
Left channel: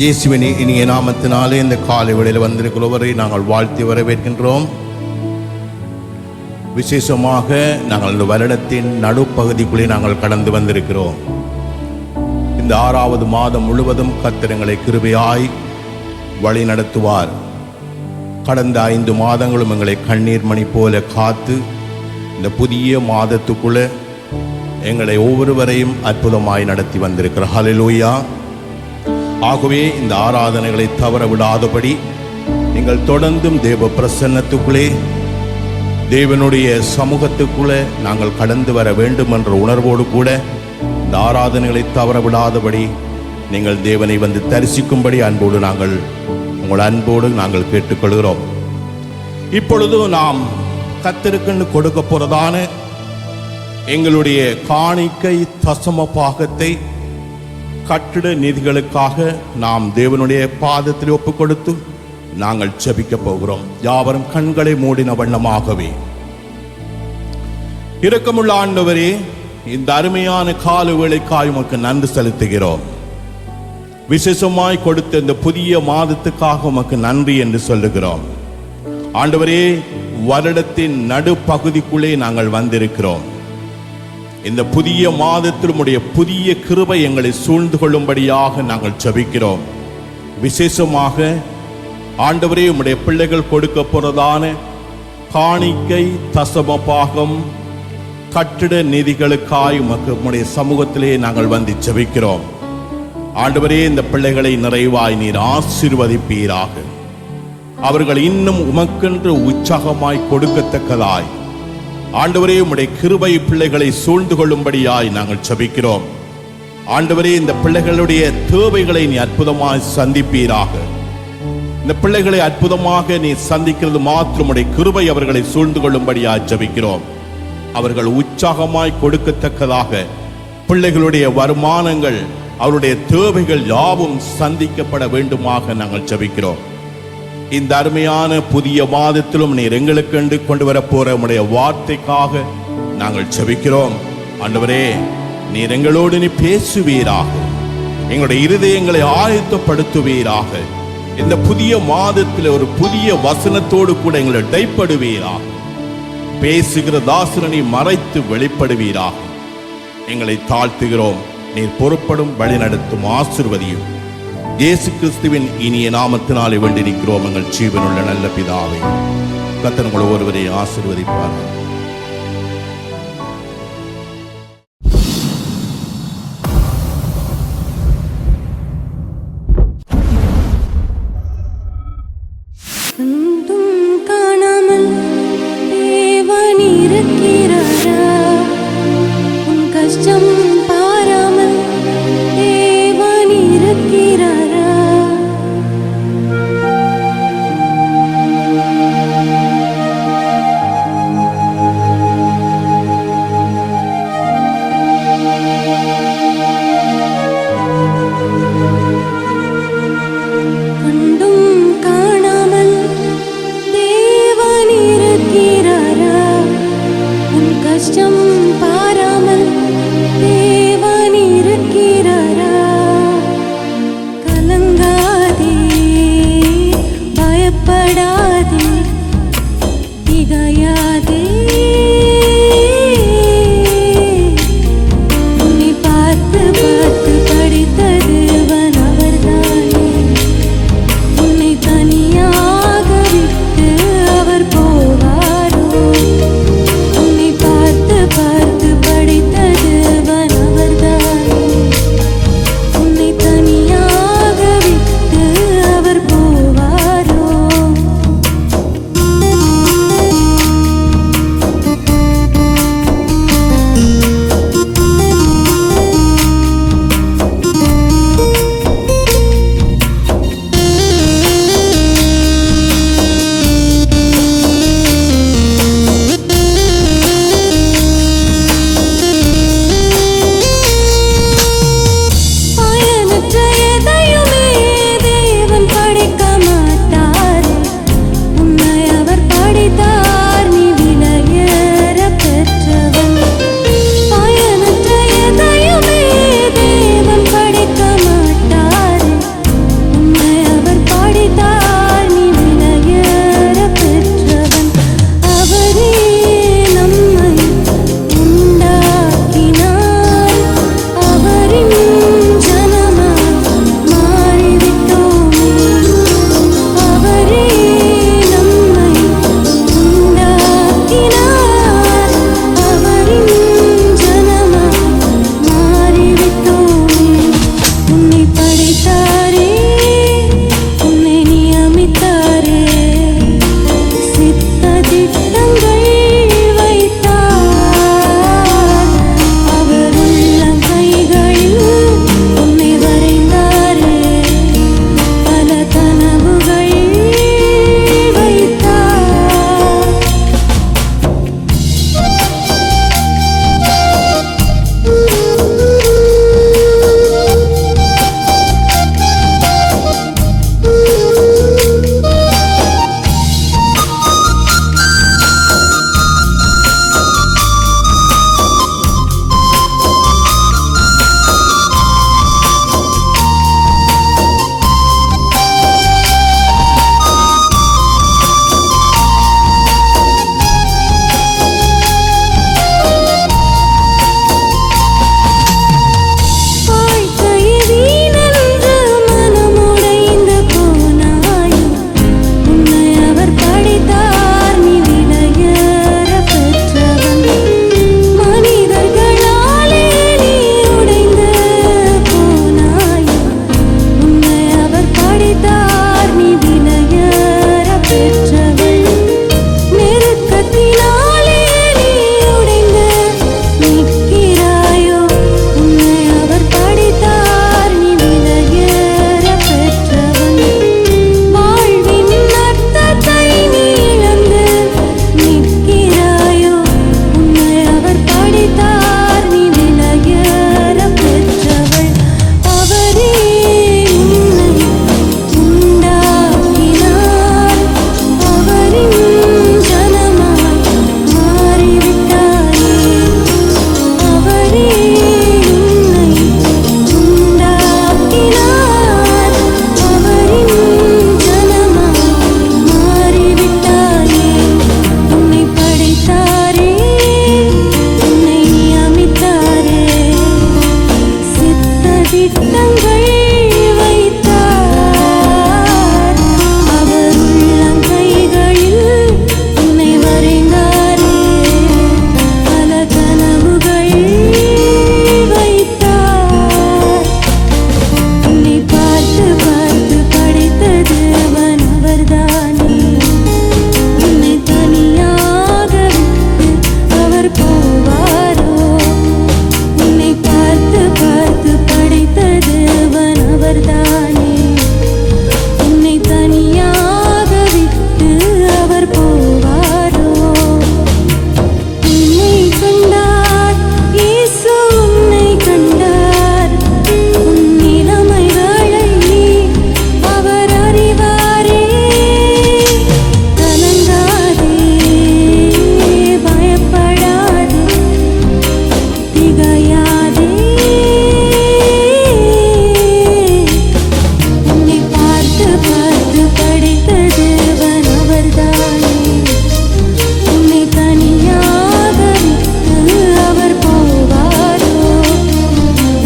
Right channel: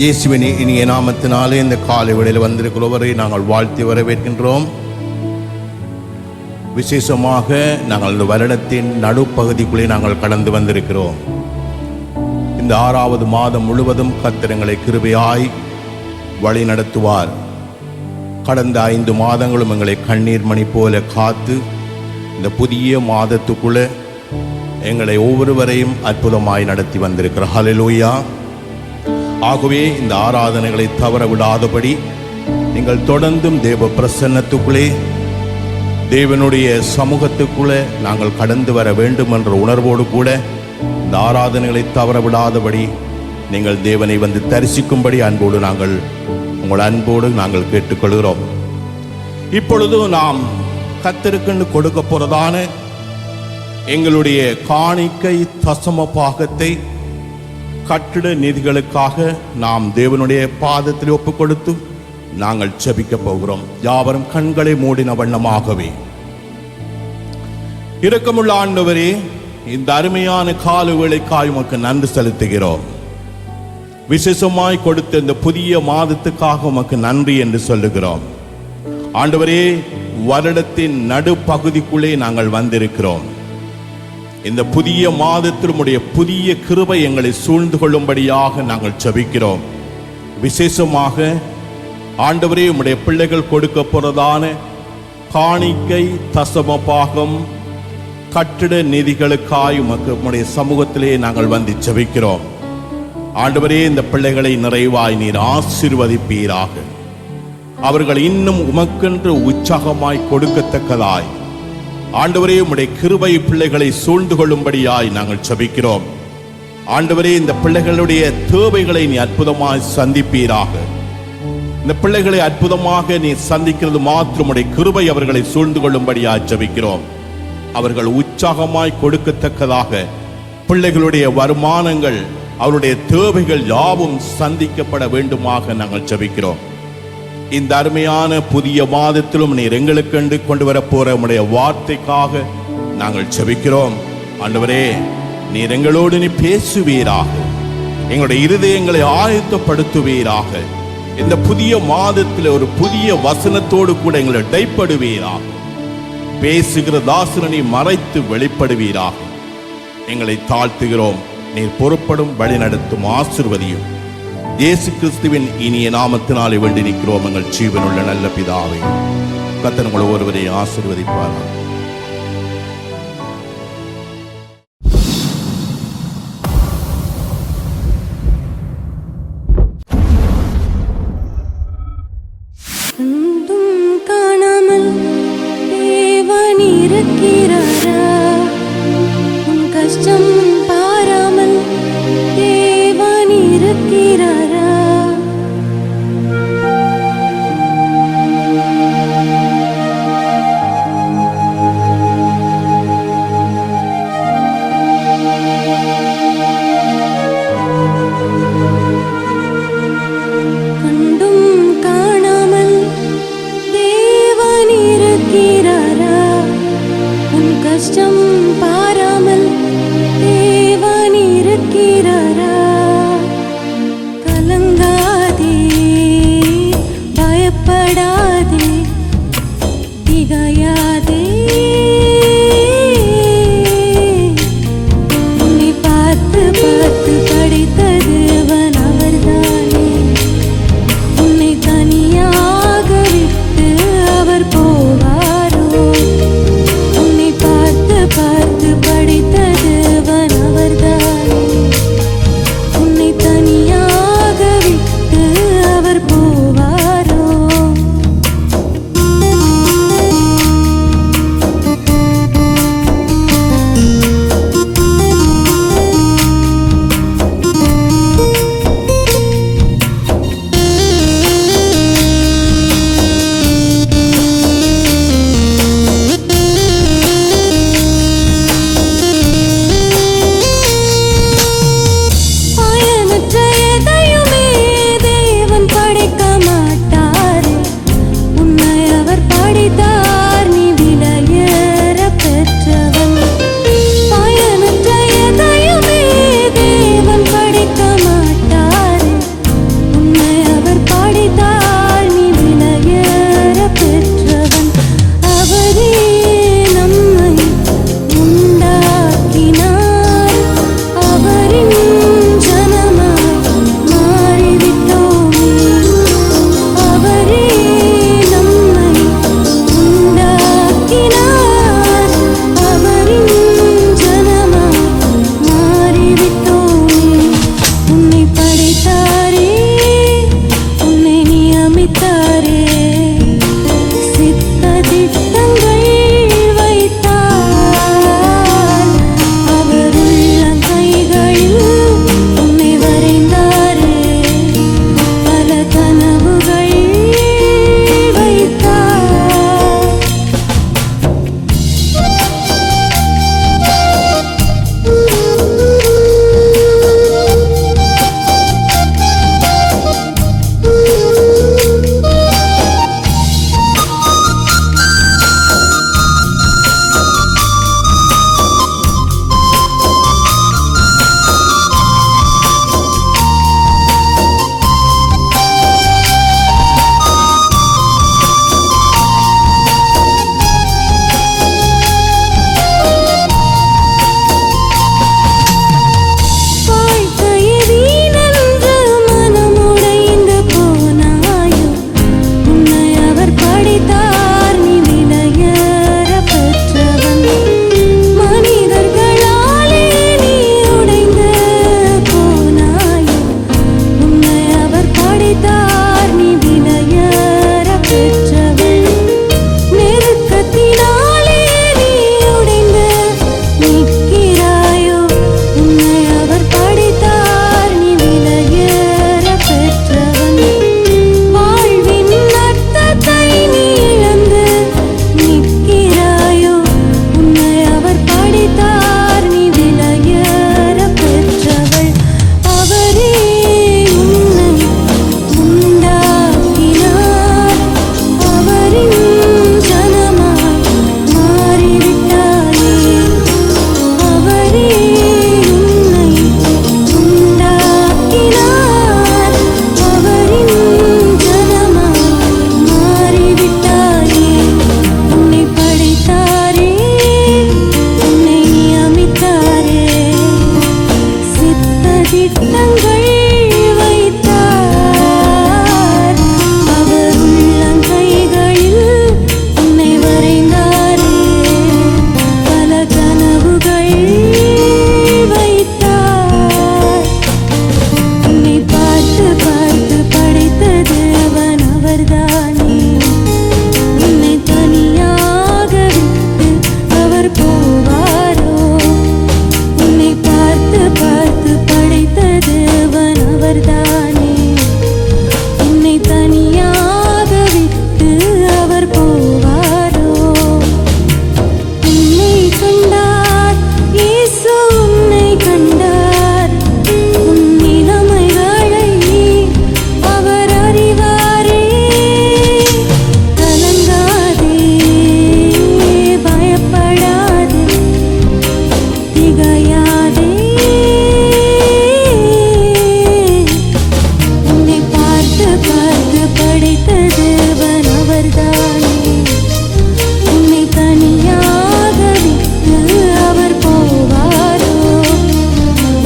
இயேசுவின் இனிய நாமத்தினாலே இந்த காலை வேளையில் வந்திருக்கிறவரை நாங்கள் வாழ்த்தி வரவேற்கின்றோம். விசேஷமாக நாங்கள் இந்த வருடத்தின் நடுப்பகுதிக்குள்ளே நாங்கள் கடந்து வந்திருக்கிறோம். இந்த 6வது மாதம் முழுவதும் கர்த்தர் எங்களை கிருபையாய் வழி நடத்துவார். கடந்த 5 மாதங்களும் எங்களை கண்ணீர் மணி போல காத்து இந்த புதிய மாதத்துக்குள்ளே எங்களை ஒவ்வொருவரையும் அற்புதமாய் நடத்தி வந்திருக்கிறார். ஹல்லேலூயா. ஆகவே இந்த ஆராதனைகளை தவற விடாதபடி நீங்கள் தொடர்ந்தும் தேவ பிரசன்னத்துக்குள்ளே தேவனுடைய சமூகத்துக்குள்ளே நாங்கள் கடந்து வர வேண்டும் என்ற உணர்வோடு கூட இந்த ஆராதனைகளை தவற விடாதபடி நீங்கள் தேவனை வந்து தரிசிக்கும்படி அன்போடு நாங்கள் கேட்டுக்கொள்கிறோம். இப்பொழுது நாம் கர்த்தருக்குன்னு கொடுக்க போறதான எங்களுடைய காணிக்கை தசம பாகத்தை கட்டிட நிதிகளுக்காக நாம் தேவனுடைய பாதத்தில் ஒப்பு கொடுத்து நாங்கள் ஜெபிக்க போகிறோம். யாவரும் கண்களை மூடின வண்ணமாகவே. இரக்கமுள்ள ஆண்டவரே, இந்த அருமையான கால வேளைக்காய் உமக்கு நன்றி செலுத்துகிறோம். விசேஷமாய் கொடுத்த இந்த புதிய மாதத்துக்காக உமக்கு நன்றி என்று சொல்லுகிறோம். ஆண்டவரே, வருடத்தின் நடுப்பகுதிக்குள்ளே நாங்கள் வந்திருக்கிறோம். இந்த புதிய மாதத்தில் உம்முடைய புதிய கிருபை எங்களை சூழ்ந்து கொள்ளும்படியாக நாங்கள் ஜெபிக்கிறோம். விசேஷமாக ஆண்டவரே, உம்முடைய பிள்ளைகள் கொடுக்க போறதான காணிக்கை தசம பாகம் கட்டிட நிதிகளுக்காய் உம்முடைய சமூகத்திலே நாங்கள் வந்து ஜெபிக்கிறோம். ஆண்டவரே, இந்த பிள்ளைகளை நிறைவாய் நீர் ஆசீர்வதிப்பீராக. அவர்கள் இன்னும் உமக்கென்று உற்சாகமாய் கொடுக்கத்தக்கதாய் ஆண்டவரே, உம்முடைய கிருபை பிள்ளைகளை சூழ்ந்து கொள்ளும்படியாய் நாங்கள் ஜெபிக்கிறோம். ஆண்டவரே, இந்த பிள்ளைகளுடைய தேவைகளை நீ அற்புதமாய் சந்திப்பீராக. இந்த பிள்ளைகளை அற்புதமாக நீ சந்திக்கிறது மாத்திரம் உம்முடைய கிருபை அவர்களை சூழ்ந்து கொள்ளும்படியாய் ஜெபிக்கிறோம். அவர்கள் உற்சாகமாய் கொடுக்கத்தக்கதாக பிள்ளைகளுடைய வருமானங்கள் அவருடைய தேவைகள் யாவும் சந்திக்கப்பட வேண்டுமாக நாங்கள் ஜெபிக்கிறோம். இந்த அருமையான புதிய மாதத்திலும் நீர் எங்களுக்கென்று கொண்டு வரப்போற உம்முடைய வார்த்தைக்காக நாங்கள் ஜெபிக்கிறோம். ஆண்டவரே, நீர் எங்களோடு நீ பேசுவீராக. எங்களுடைய இருதயங்களை ஆயத்தப்படுத்துவீராக. இந்த புதிய மாதத்தில் ஒரு புதிய வசனத்தோடு கூட எங்களை இடைப்படுவீராக. பேசுகிற தாசனை மறைத்து வெளிப்படுவீராக. எங்களை தாழ்த்துகிறோம். நீர் பொறுப்படும் வழி நடத்தும் ஆசீர்வதியும். இயேசு கிறிஸ்துவின் இனிய நாமத்தினாலே வேண்டி நிற்கிறோம் எங்கள் ஜீவனுள்ள நல்ல பிதாவே. கர்த்தர் உங்கள் ஒருவரை ஆசீர்வதிப்பாராக. கண்டும் காணாமல் தேவன் இருக்கிறாரா? உன் கஷ்டம் பாராமல் தேவன் இருக்கிறாரா? கண்டும் காணாமல் தேவன் இருக்கிறாரா? உன் கஷ்டம் பாராமல் தேவன் இருக்கிறாரா? கலங்காதே, பயப்படாதே, திகையாதே. உன்னை பார்த்து பார்த்து படைத்த தேவன் அவர்தானே. உன்னை தனியாக விட்டு அவர் போவாரோ? உன்னை பார்த்து பார்த்து படைத்த தேவன் அவர்தானே. உன்னை தனியாக விட்டு அவர் போவாரோ? பயனற்ற எதையுமே தேவன் படைக்க மாட்டாரே. உன்னை அவர் படைத்தார், நீ விலையேற பெற்றவன். பயனற்ற எதையுமே தேவன் படைக்க மாட்டாரே. உன்னை அவர் படைத்தார், நீ விலையேற பெற்றவன். அவரே நம்மை உண்டாக்கினார், அவரின் ஜனமாய் மாறிவிட்டோமே. அவரே நம்மை உண்டாக்கினார், அவரின் ஜனமாய் மாறிவிட்டோமே. உன்னை படைத்தாரே, உன்னை நியமித்தாரே, சித்த திட்டங்கள் வைத்தார். அவர் உள்ளங்கைகளில் உன்னை வரைந்தாரே, பல கனவுகள் வைத்தார். வாழ்க்கையை வீணென்று மனமுடைந்து போனாயோ? உன்னை அவர் படைத்தார், நீ விலையேற பெற்றவன். மனிதர்களாலே நீ உடைந்து போனாயோ? உன்னை அவர் படைத்தார், நீ விலையேற பெற்றவள். நெருக்கத்தினாலே நீ உடைந்து நிற்கிறாயோ? உன்னை அவர் படைத்தார், நீ விலையேற பெற்றவன். வாழ்வின் அர்த்தத்தை நீ இழந்து நிற்கிறாயோ? உன்னை அவர் படைத்தார், நீ விலையேற பெற்றவள். அவரே உன்னை உண்டாக்கினார், அவரின் ஜனமாய் மாறிவிட்டாயே. அவரே உன்னை உண்டாக்கினார், அவரின் ஜனமாய் மாறிவிட்டாயே. உன்னை படைத்தார், திட்டங்கள் வைத்தார். அவர் உள்ளங்கைகளில் உன்னை வரைந்தாரே. பல கனவுகள் வைத்தார். உன்னை பார்த்து பார்த்து படைத்த தேவன் அவர்தானே. உன்னை தனியாக விட்டு அவர் போவாரோ? உன்னை பார்த்து பார்த்து படைத்த தேவன் அவர்தானே. உன்னை தனியாக விட்டு அவர் போவாரோ? உன்னை கண்டார் இயேசு, உன்னை கண்டார். உன் நிலைமைகளை அவர் அறிவாரே. கலங்காதே, பயப்படாதே, திகையாதே. உன்னை பார்த்து பார்த்து படைத்த தேவன் அவர்தானே. உன்னை தனியாக விட்டு அவர் போவாரோ?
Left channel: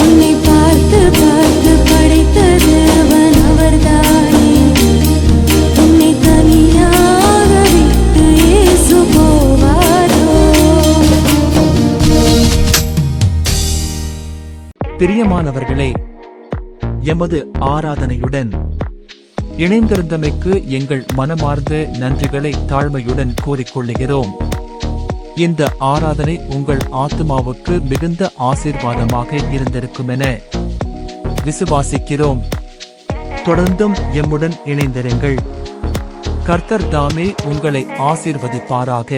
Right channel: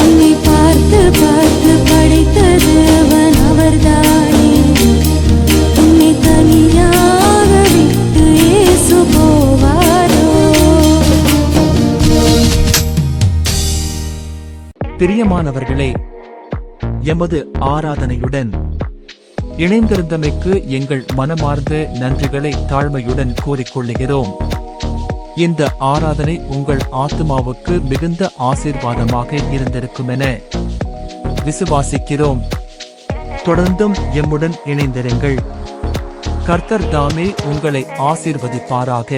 உன்னை பார்த்து பார்த்து படைத்த தேவன் அவர்தானே. உன்னை தனியாக விட்டு இயேசு போவாரோ? பிரியமானவர்களே, எமது ஆராதனையுடன் இணைந்திருந்தமைக்கு எங்கள் மனமார்ந்த நன்றிகளை தாழ்மையுடன் கூறிக்கொள்ளுகிறோம். இந்த ஆராதனை உங்கள் ஆத்துமாவுக்கு மிகுந்த ஆசீர்வாதமாக இருந்திருக்கும் என விசுவாசிக்கிறோம். தொடர்ந்தும் எம்முடன் இணைந்திருங்கள். கர்த்தர் தாமே உங்களை ஆசீர்வதிப்பாராக.